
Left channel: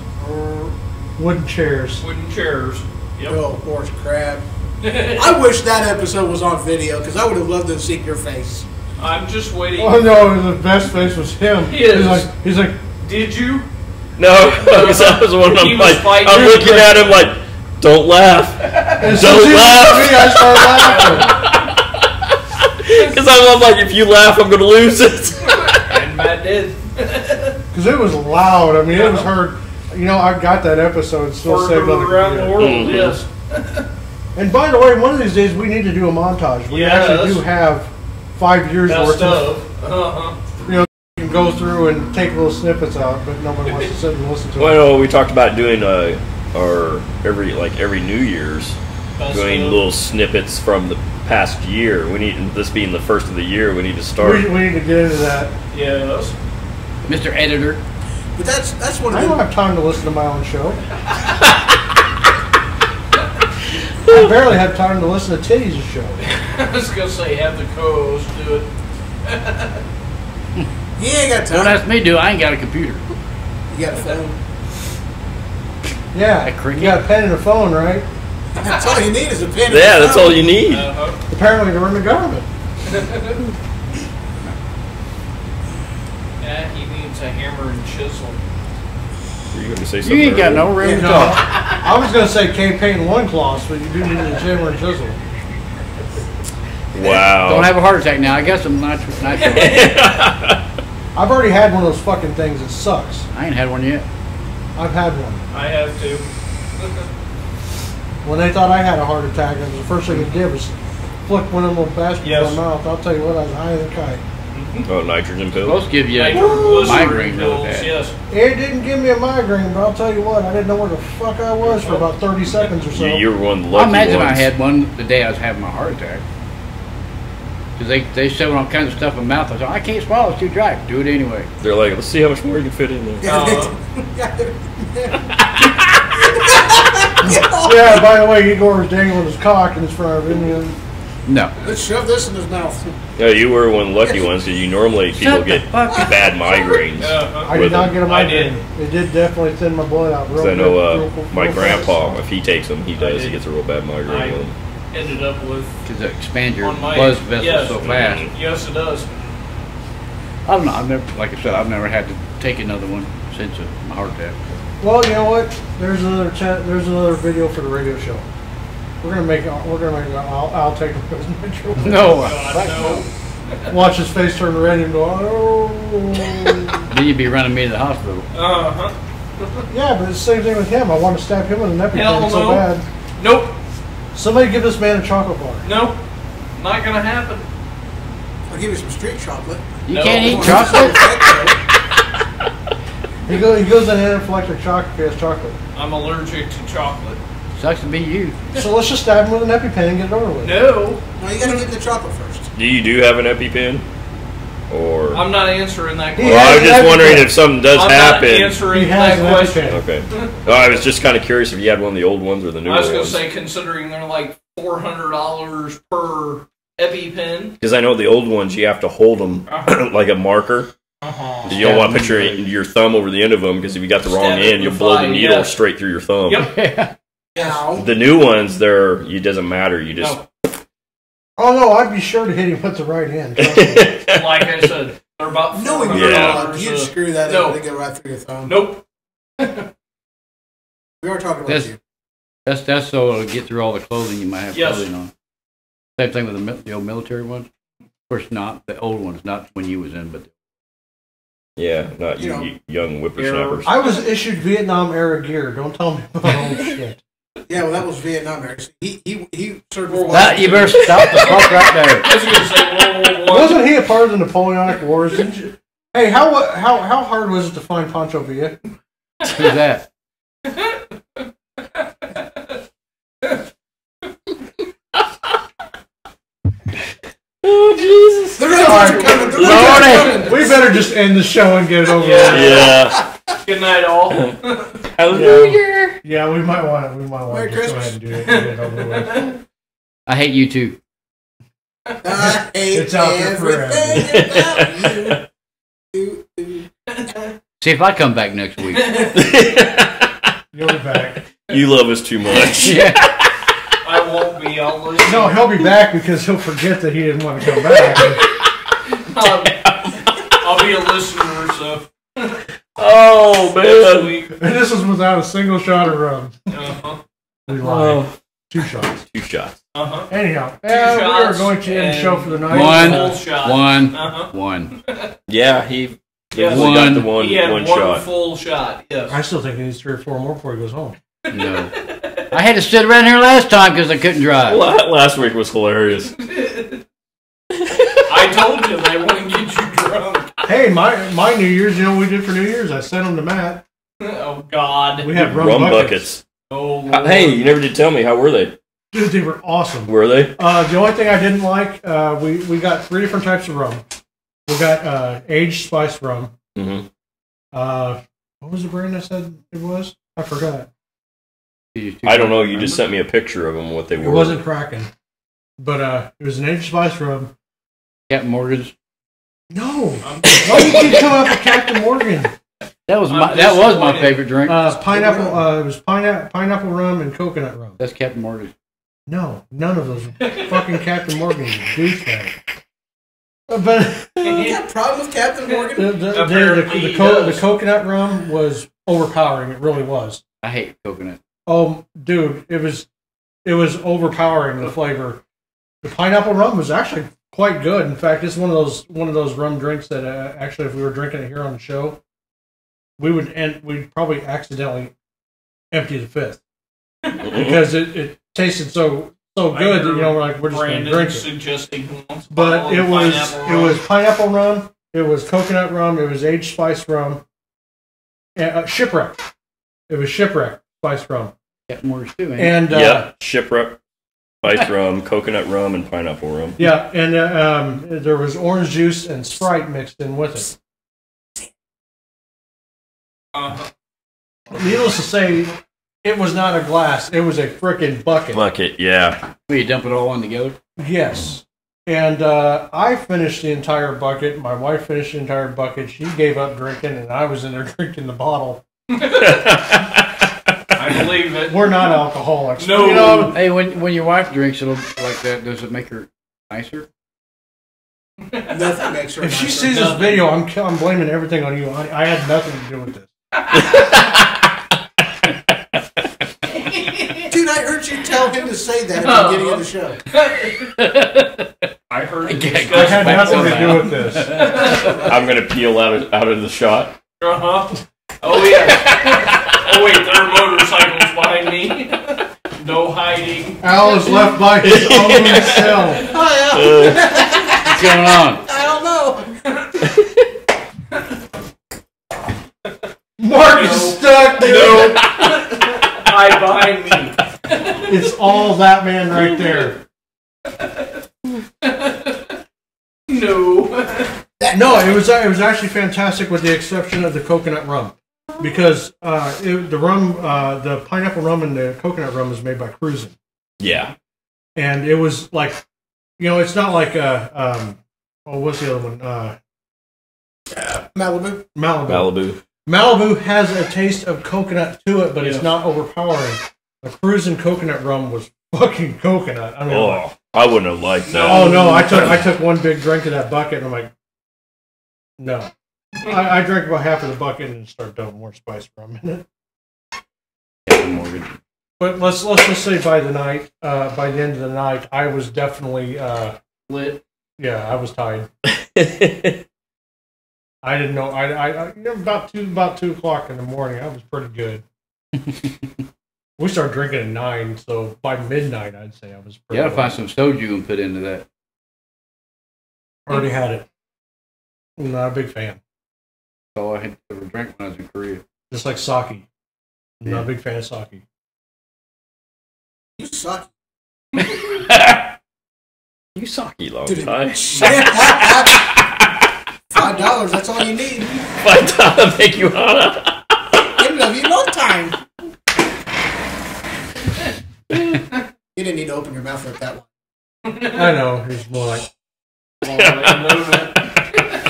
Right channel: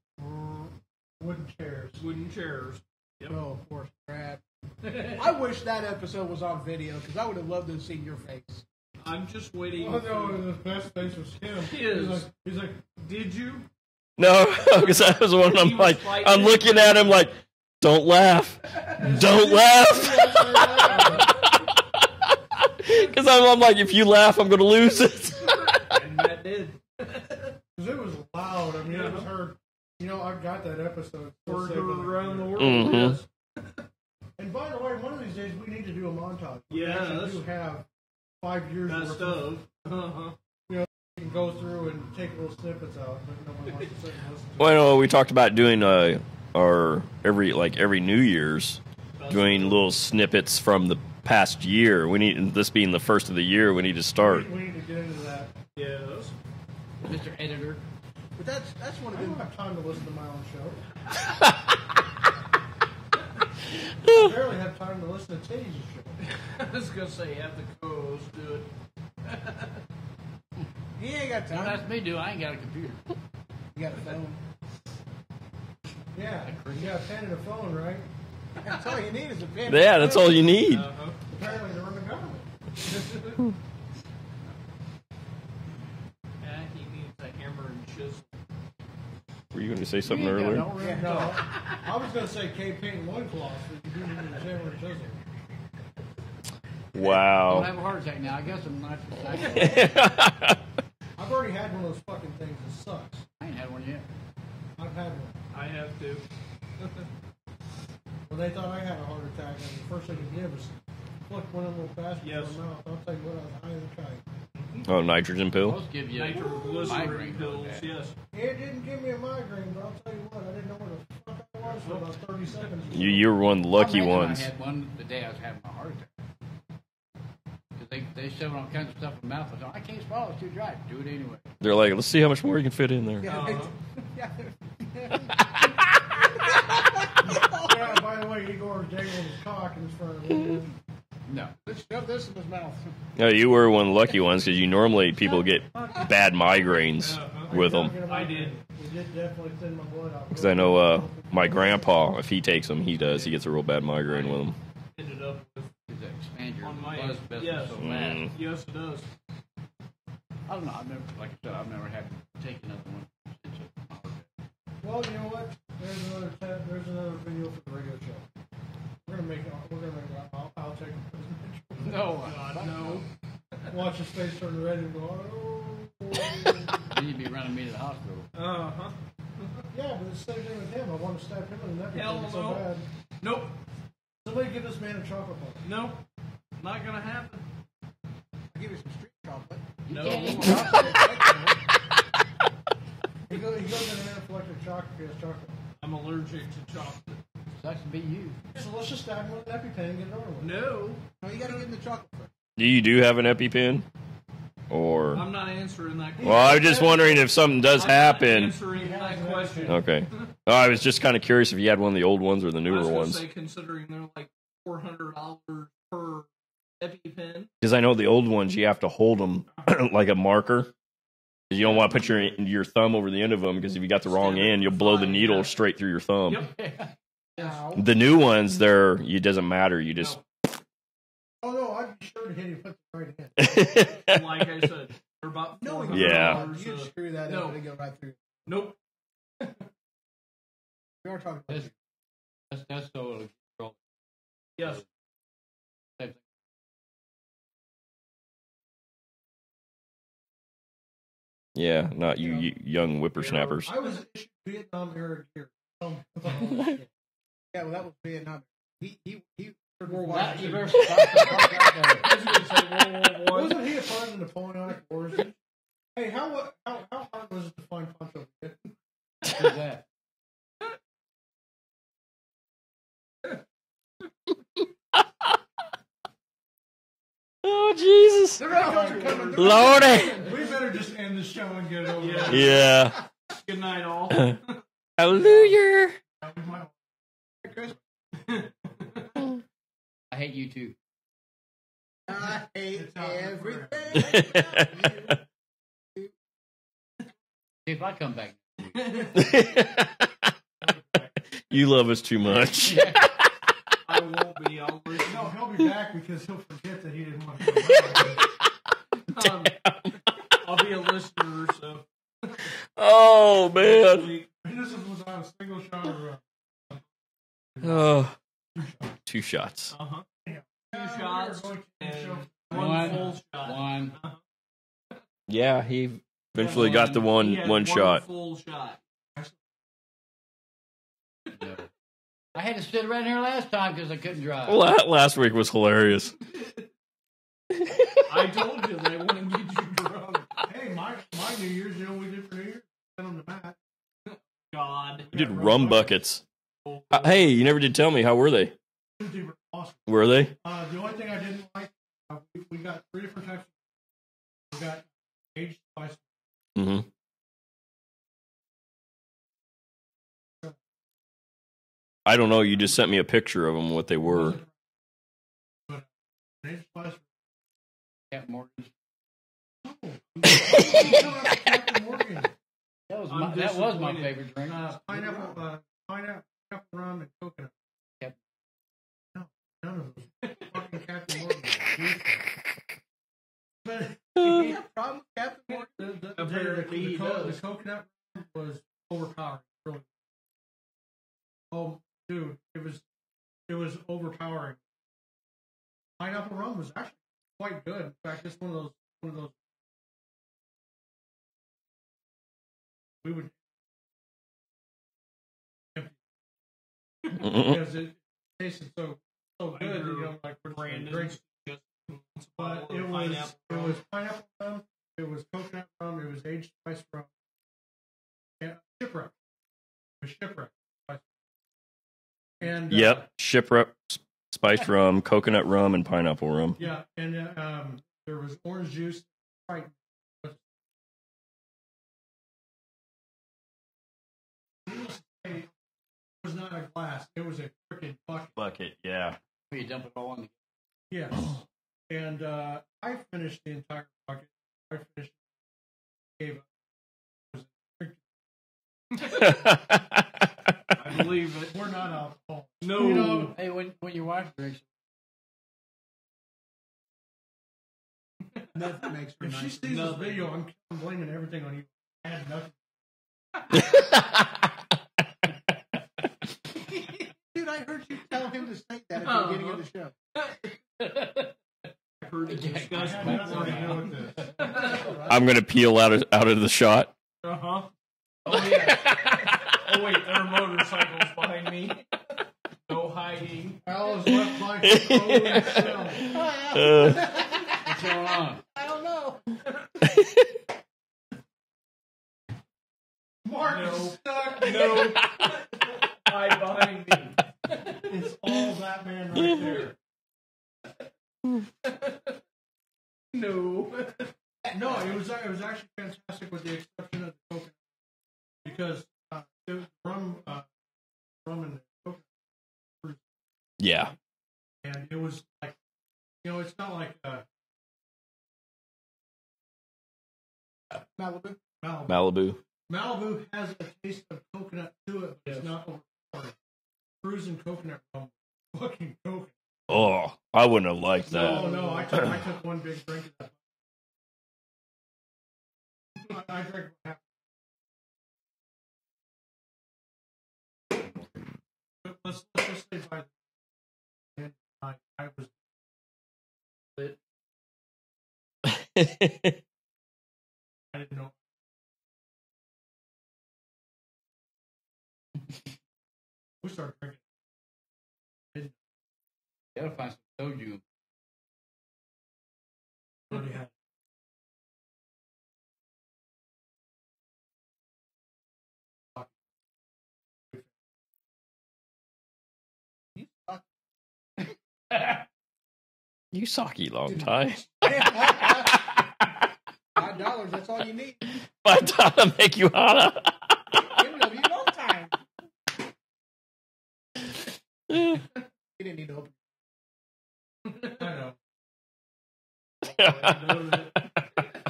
Wooden chairs. Wooden chairs. Yep. Oh, horse crap. I wish that episode was on video because I would have loved to see your face. I'm just waiting. Oh no, the best face was him. He is. He's like, Did you? No, that was one. He was fighting. I'm looking at him like, don't laugh, as Don't soon as he laugh. looked at me, I started laughing. because I'm like, if you laugh, I'm gonna lose it. And Matt did. Because it was loud. I mean, it was heard. I got that episode still Farted saved on the around the computer. world, Mhm. yes. And by the way, one of these days we need to do a montage. We actually Yes. do have 5 years worth Best of. of. Uh-huh. You can go through and take little snippets out, but nobody wants to sit and listen to it. Well, we talked about doing our every New Year's, Best doing of. little snippets from the past year. We need this being the first of the year. We need to start. We need to get into that. Yes. Mr. Editor. But that's one I of don't the have time to listen to my own show. I barely have time to listen to Titty's show. I was going to say, have the co-host do it. He ain't got Don't time. ask me to do it. I ain't got a computer. You got a phone. Yeah, That cricket? you got a pen and a phone, right? That's all you need is a pen. Yeah, that's all you need. Uh-huh. Apparently they're in the government. Yeah, he needs a hammer and chisel. Were you going to say You something? ain't got earlier? no room to No, talk. I was going to say K-Paint loincloths, but you do need a hammer and chisel. Wow. Don't have a heart attack now. I got some natural. I've already had one of those fucking things. It sucks. I ain't had one yet. I've had one. I have to. When they thought I had a heart attack, it was the first thing it did was flick one of them little bastards Yes. in my mouth. I'll tell you what, I was high as a kite. Oh, nitrogen pills. Supposed to give you Nitroglycerin migraine really pills, bad. yes. It didn't give me a migraine, but I'll tell you what, I didn't know where the fuck I was for about 30 seconds or so. You were one of the I lucky imagine ones. I had one the day I was having my heart attack. Because they showed all kinds of stuff in my mouth. I said, I can't swallow, it's too dry. Do it anyway. They're like, let's see how much more you can fit in there. Yeah, by the way, Igor was dangling his cock in front of him. No. Let's shove this in his mouth. No, you were one of the lucky ones because you normally people Shut the get fuck up. bad migraines. Uh-huh. I With did not them. get a I did. migraine. It did definitely thin my blood out. Because I know my real grandpa, fast. if he takes them, he does. He gets a real bad migraine I- with them. Ended up with. Because it expands your On my- blood vessels yes. so fast. Yes, it does. I don't know. I've never, like I said, I've never had to take another one since my heart attack. Well, you know what? There's another there's another video for the radio show. We're gonna make I'll take him as my joke. No. God, no. Watch his face turn red and go, oh. Then you'd be running me to the hospital. Uh-huh. Yeah, but it's the same thing with him. I want to stab him with an Hell EpiPen so no. bad. Nope. Somebody give this man a chocolate bar. Nope. Not gonna happen. I'll give you some street chocolate. You No. can't eat chocolate? He goes in anaphylactic shock if he has chocolate. I'm allergic to chocolate. Sucks to be you. So let's just stab him with an EpiPen and get it over with. No. No, you gotta get the chocolate first. Do you have an EpiPen? Or I'm not answering that He question. well, I was has just an wondering EpiPen. if something does I'm not happen. answering He has that an question. EpiPen. Okay. Well, I was just kind of curious if you had one of the old ones or the newer I was gonna ones. say, considering they're like $400 per EpiPen. Because I know the old ones, you have to hold them like a marker. Uh-huh. You don't want to put your thumb over the end of them because if you got the wrong Stab it end, you'll with blow the fire, needle yeah. straight through your thumb. Yep. Now, The new ones, it doesn't matter. You just. No. Oh no, I'd be sure to hit him with the right hand. Like I said, they're about knowing $400. your Yeah. dog, you'd screw that No. up and it go right through your thumb. Nope. We are talking about That's- you. That's so it'll get through all the clothing you might have Yes. clothing on. Same thing with the old military ones. Of course, not the old ones, not when you was in, but Yeah, not You know. you young whippersnappers. I was issued Vietnam era gear. Don't tell me about old shit. Yeah, well, that was Vietnam era. So he certified. that, you better stop the fuck right there. I was gonna say World War I. Wasn't he a part of the Napoleonic Wars? Didn't you? Hey, how hard was it to find Pancho Villa? Who's that? Oh Jesus! The Red Hawks are coming. The Red Lordy. Hawks are coming. We better just end the show and get it over Yeah. with. Yeah. Good night, all. Hallelujah. Yeah, we might want to. We might want Merry to just go ahead and do it. And get it over with. I hate you too. I hate It's out there forever. everything about you. See if I come back next week. You'll be back. You love us too much. Yeah. I won't be. I'll listen. No, he'll be back because he'll forget that he didn't want to come back. I'll be a listener, so. Oh Next man. week. And this is without a single shot of rum. Uh-huh. We lied. Oh. 2 shots. 2 shots. Uh-huh. Anyhow, 2 we are shots going to end the show for the night. One. Full shot. One. Uh-huh. One. Yeah, he Yes. definitely got the one He had one one shot. full shot. Yes. I still think he needs 3 or 4 more before he goes home. No. I had to sit around here last time because I couldn't drive. Last week was hilarious. I told you they want to get you drunk. Hey, my New Year's, you know what we did for New Year's? I sent them to Matt. Oh God. We had Rum buckets. Oh Lord. Hey, you never did tell me. How were they? Dude, they were awesome. Were they? The only thing I didn't like, we got 3 different types of rum. We got aged spiced rum. Mm-hmm. What was the brand I said it was? I forgot. I don't know. You just sent me a picture of them. What they It were. wasn't Kraken. But it was an aged spiced rum. Captain Morgan's. No. Why do you keep coming up with Captain Morgan? That was I'm my disappointed. favorite drink. Pineapple. It was pineapple rum and coconut rum. That's Captain Morgan's. No, none of those. Fucking Captain Morgan, you douchebag. But You got a problem with Captain Morgan? Apparently he does. the coconut rum was overpowering. It really was. I hate coconut. Oh, dude, it was overpowering the flavor. The pineapple rum was actually quite good. In fact, it's one of those rum drinks that actually, if we were drinking it here on the show, we'd probably accidentally empty the 5th because it tasted so good that we're just going to Brandon drink it. suggesting he wants a But bottle it of was pineapple pineapple rum, it was coconut rum, it was aged spice rum, and shipwreck. It was shipwreck spice rum, Captain Morgan's too, man. and Yeah, shipwreck, spiced rum, coconut rum, and pineapple rum. yeah, and there was orange juice and Sprite mixed in with it. Uh-huh. Needless to say, it was not a glass; it was a frickin' bucket. Bucket, yeah. Will you dump it all in together? Yes. And I finished the entire bucket. My wife finished the entire bucket. She gave up drinking, and I was in there drinking the bottle. I believe it. We're not alcoholics. No. You know, Hey, when your wife drinks it'll like that, does it make her nicer? Nothing makes her. if she nicer. sees this Nothing. video, I'm blaming everything on you. I had nothing to do with this. Dude, I heard you tell him to say that at the beginning of the show. I heard it Yeah, I discussed had back nothing on to that. do with this. I'm gonna peel out of the shot. Uh-huh. Oh, yeah. Oh, wait, there are motorcycles behind me. No hiding. Al is left by his own self. What's going on? I don't know. Mark is stuck, dude. Hide behind me. It's all that man right there. No. No, it was actually fantastic with the exception of the coconut rum. Because the pineapple rum and the coconut rum is made by Cruisin'. Yeah. And it was like, it's not like what's the other one? Malibu. Malibu has a taste of coconut to it, but it's not overpowering. The Cruisin' coconut rum was fucking coconut. I mean, I wouldn't have liked that. Oh no, I took one big drink of that bucket and I'm like, no. I drank about half of the bucket and started dumping more spice rum in it. But let's just say by the end of the night, I was definitely Lit. Yeah, I was tired. I didn't know. I about 2 o'clock in the morning, I was pretty good. We started drinking at 9, so by midnight, I'd say I was pretty. You gotta find some soju and put into that. Already had it. I'm not a big fan. That's all I had ever drank when I was in Korea. Just like sake. I'm not a big fan of sake. You suck. You sucky long time. $5, that's all you need. $5 make you hotter. It'll love you no time. You didn't need to open your mouth like that one. I know. It's more like.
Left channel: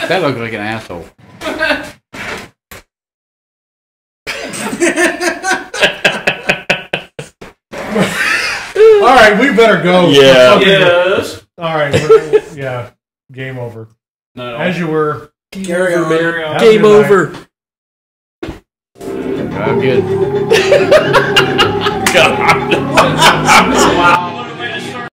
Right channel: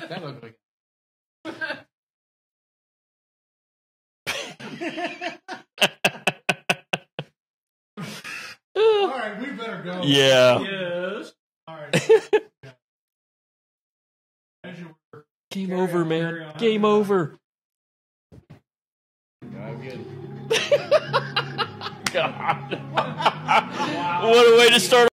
That looked like an asshole. All right, we better go. Yeah. Yes. All right. Yeah. Game over. No. As you were. Carry on. Have a Game good night. over. I'm good. God. What a way to start.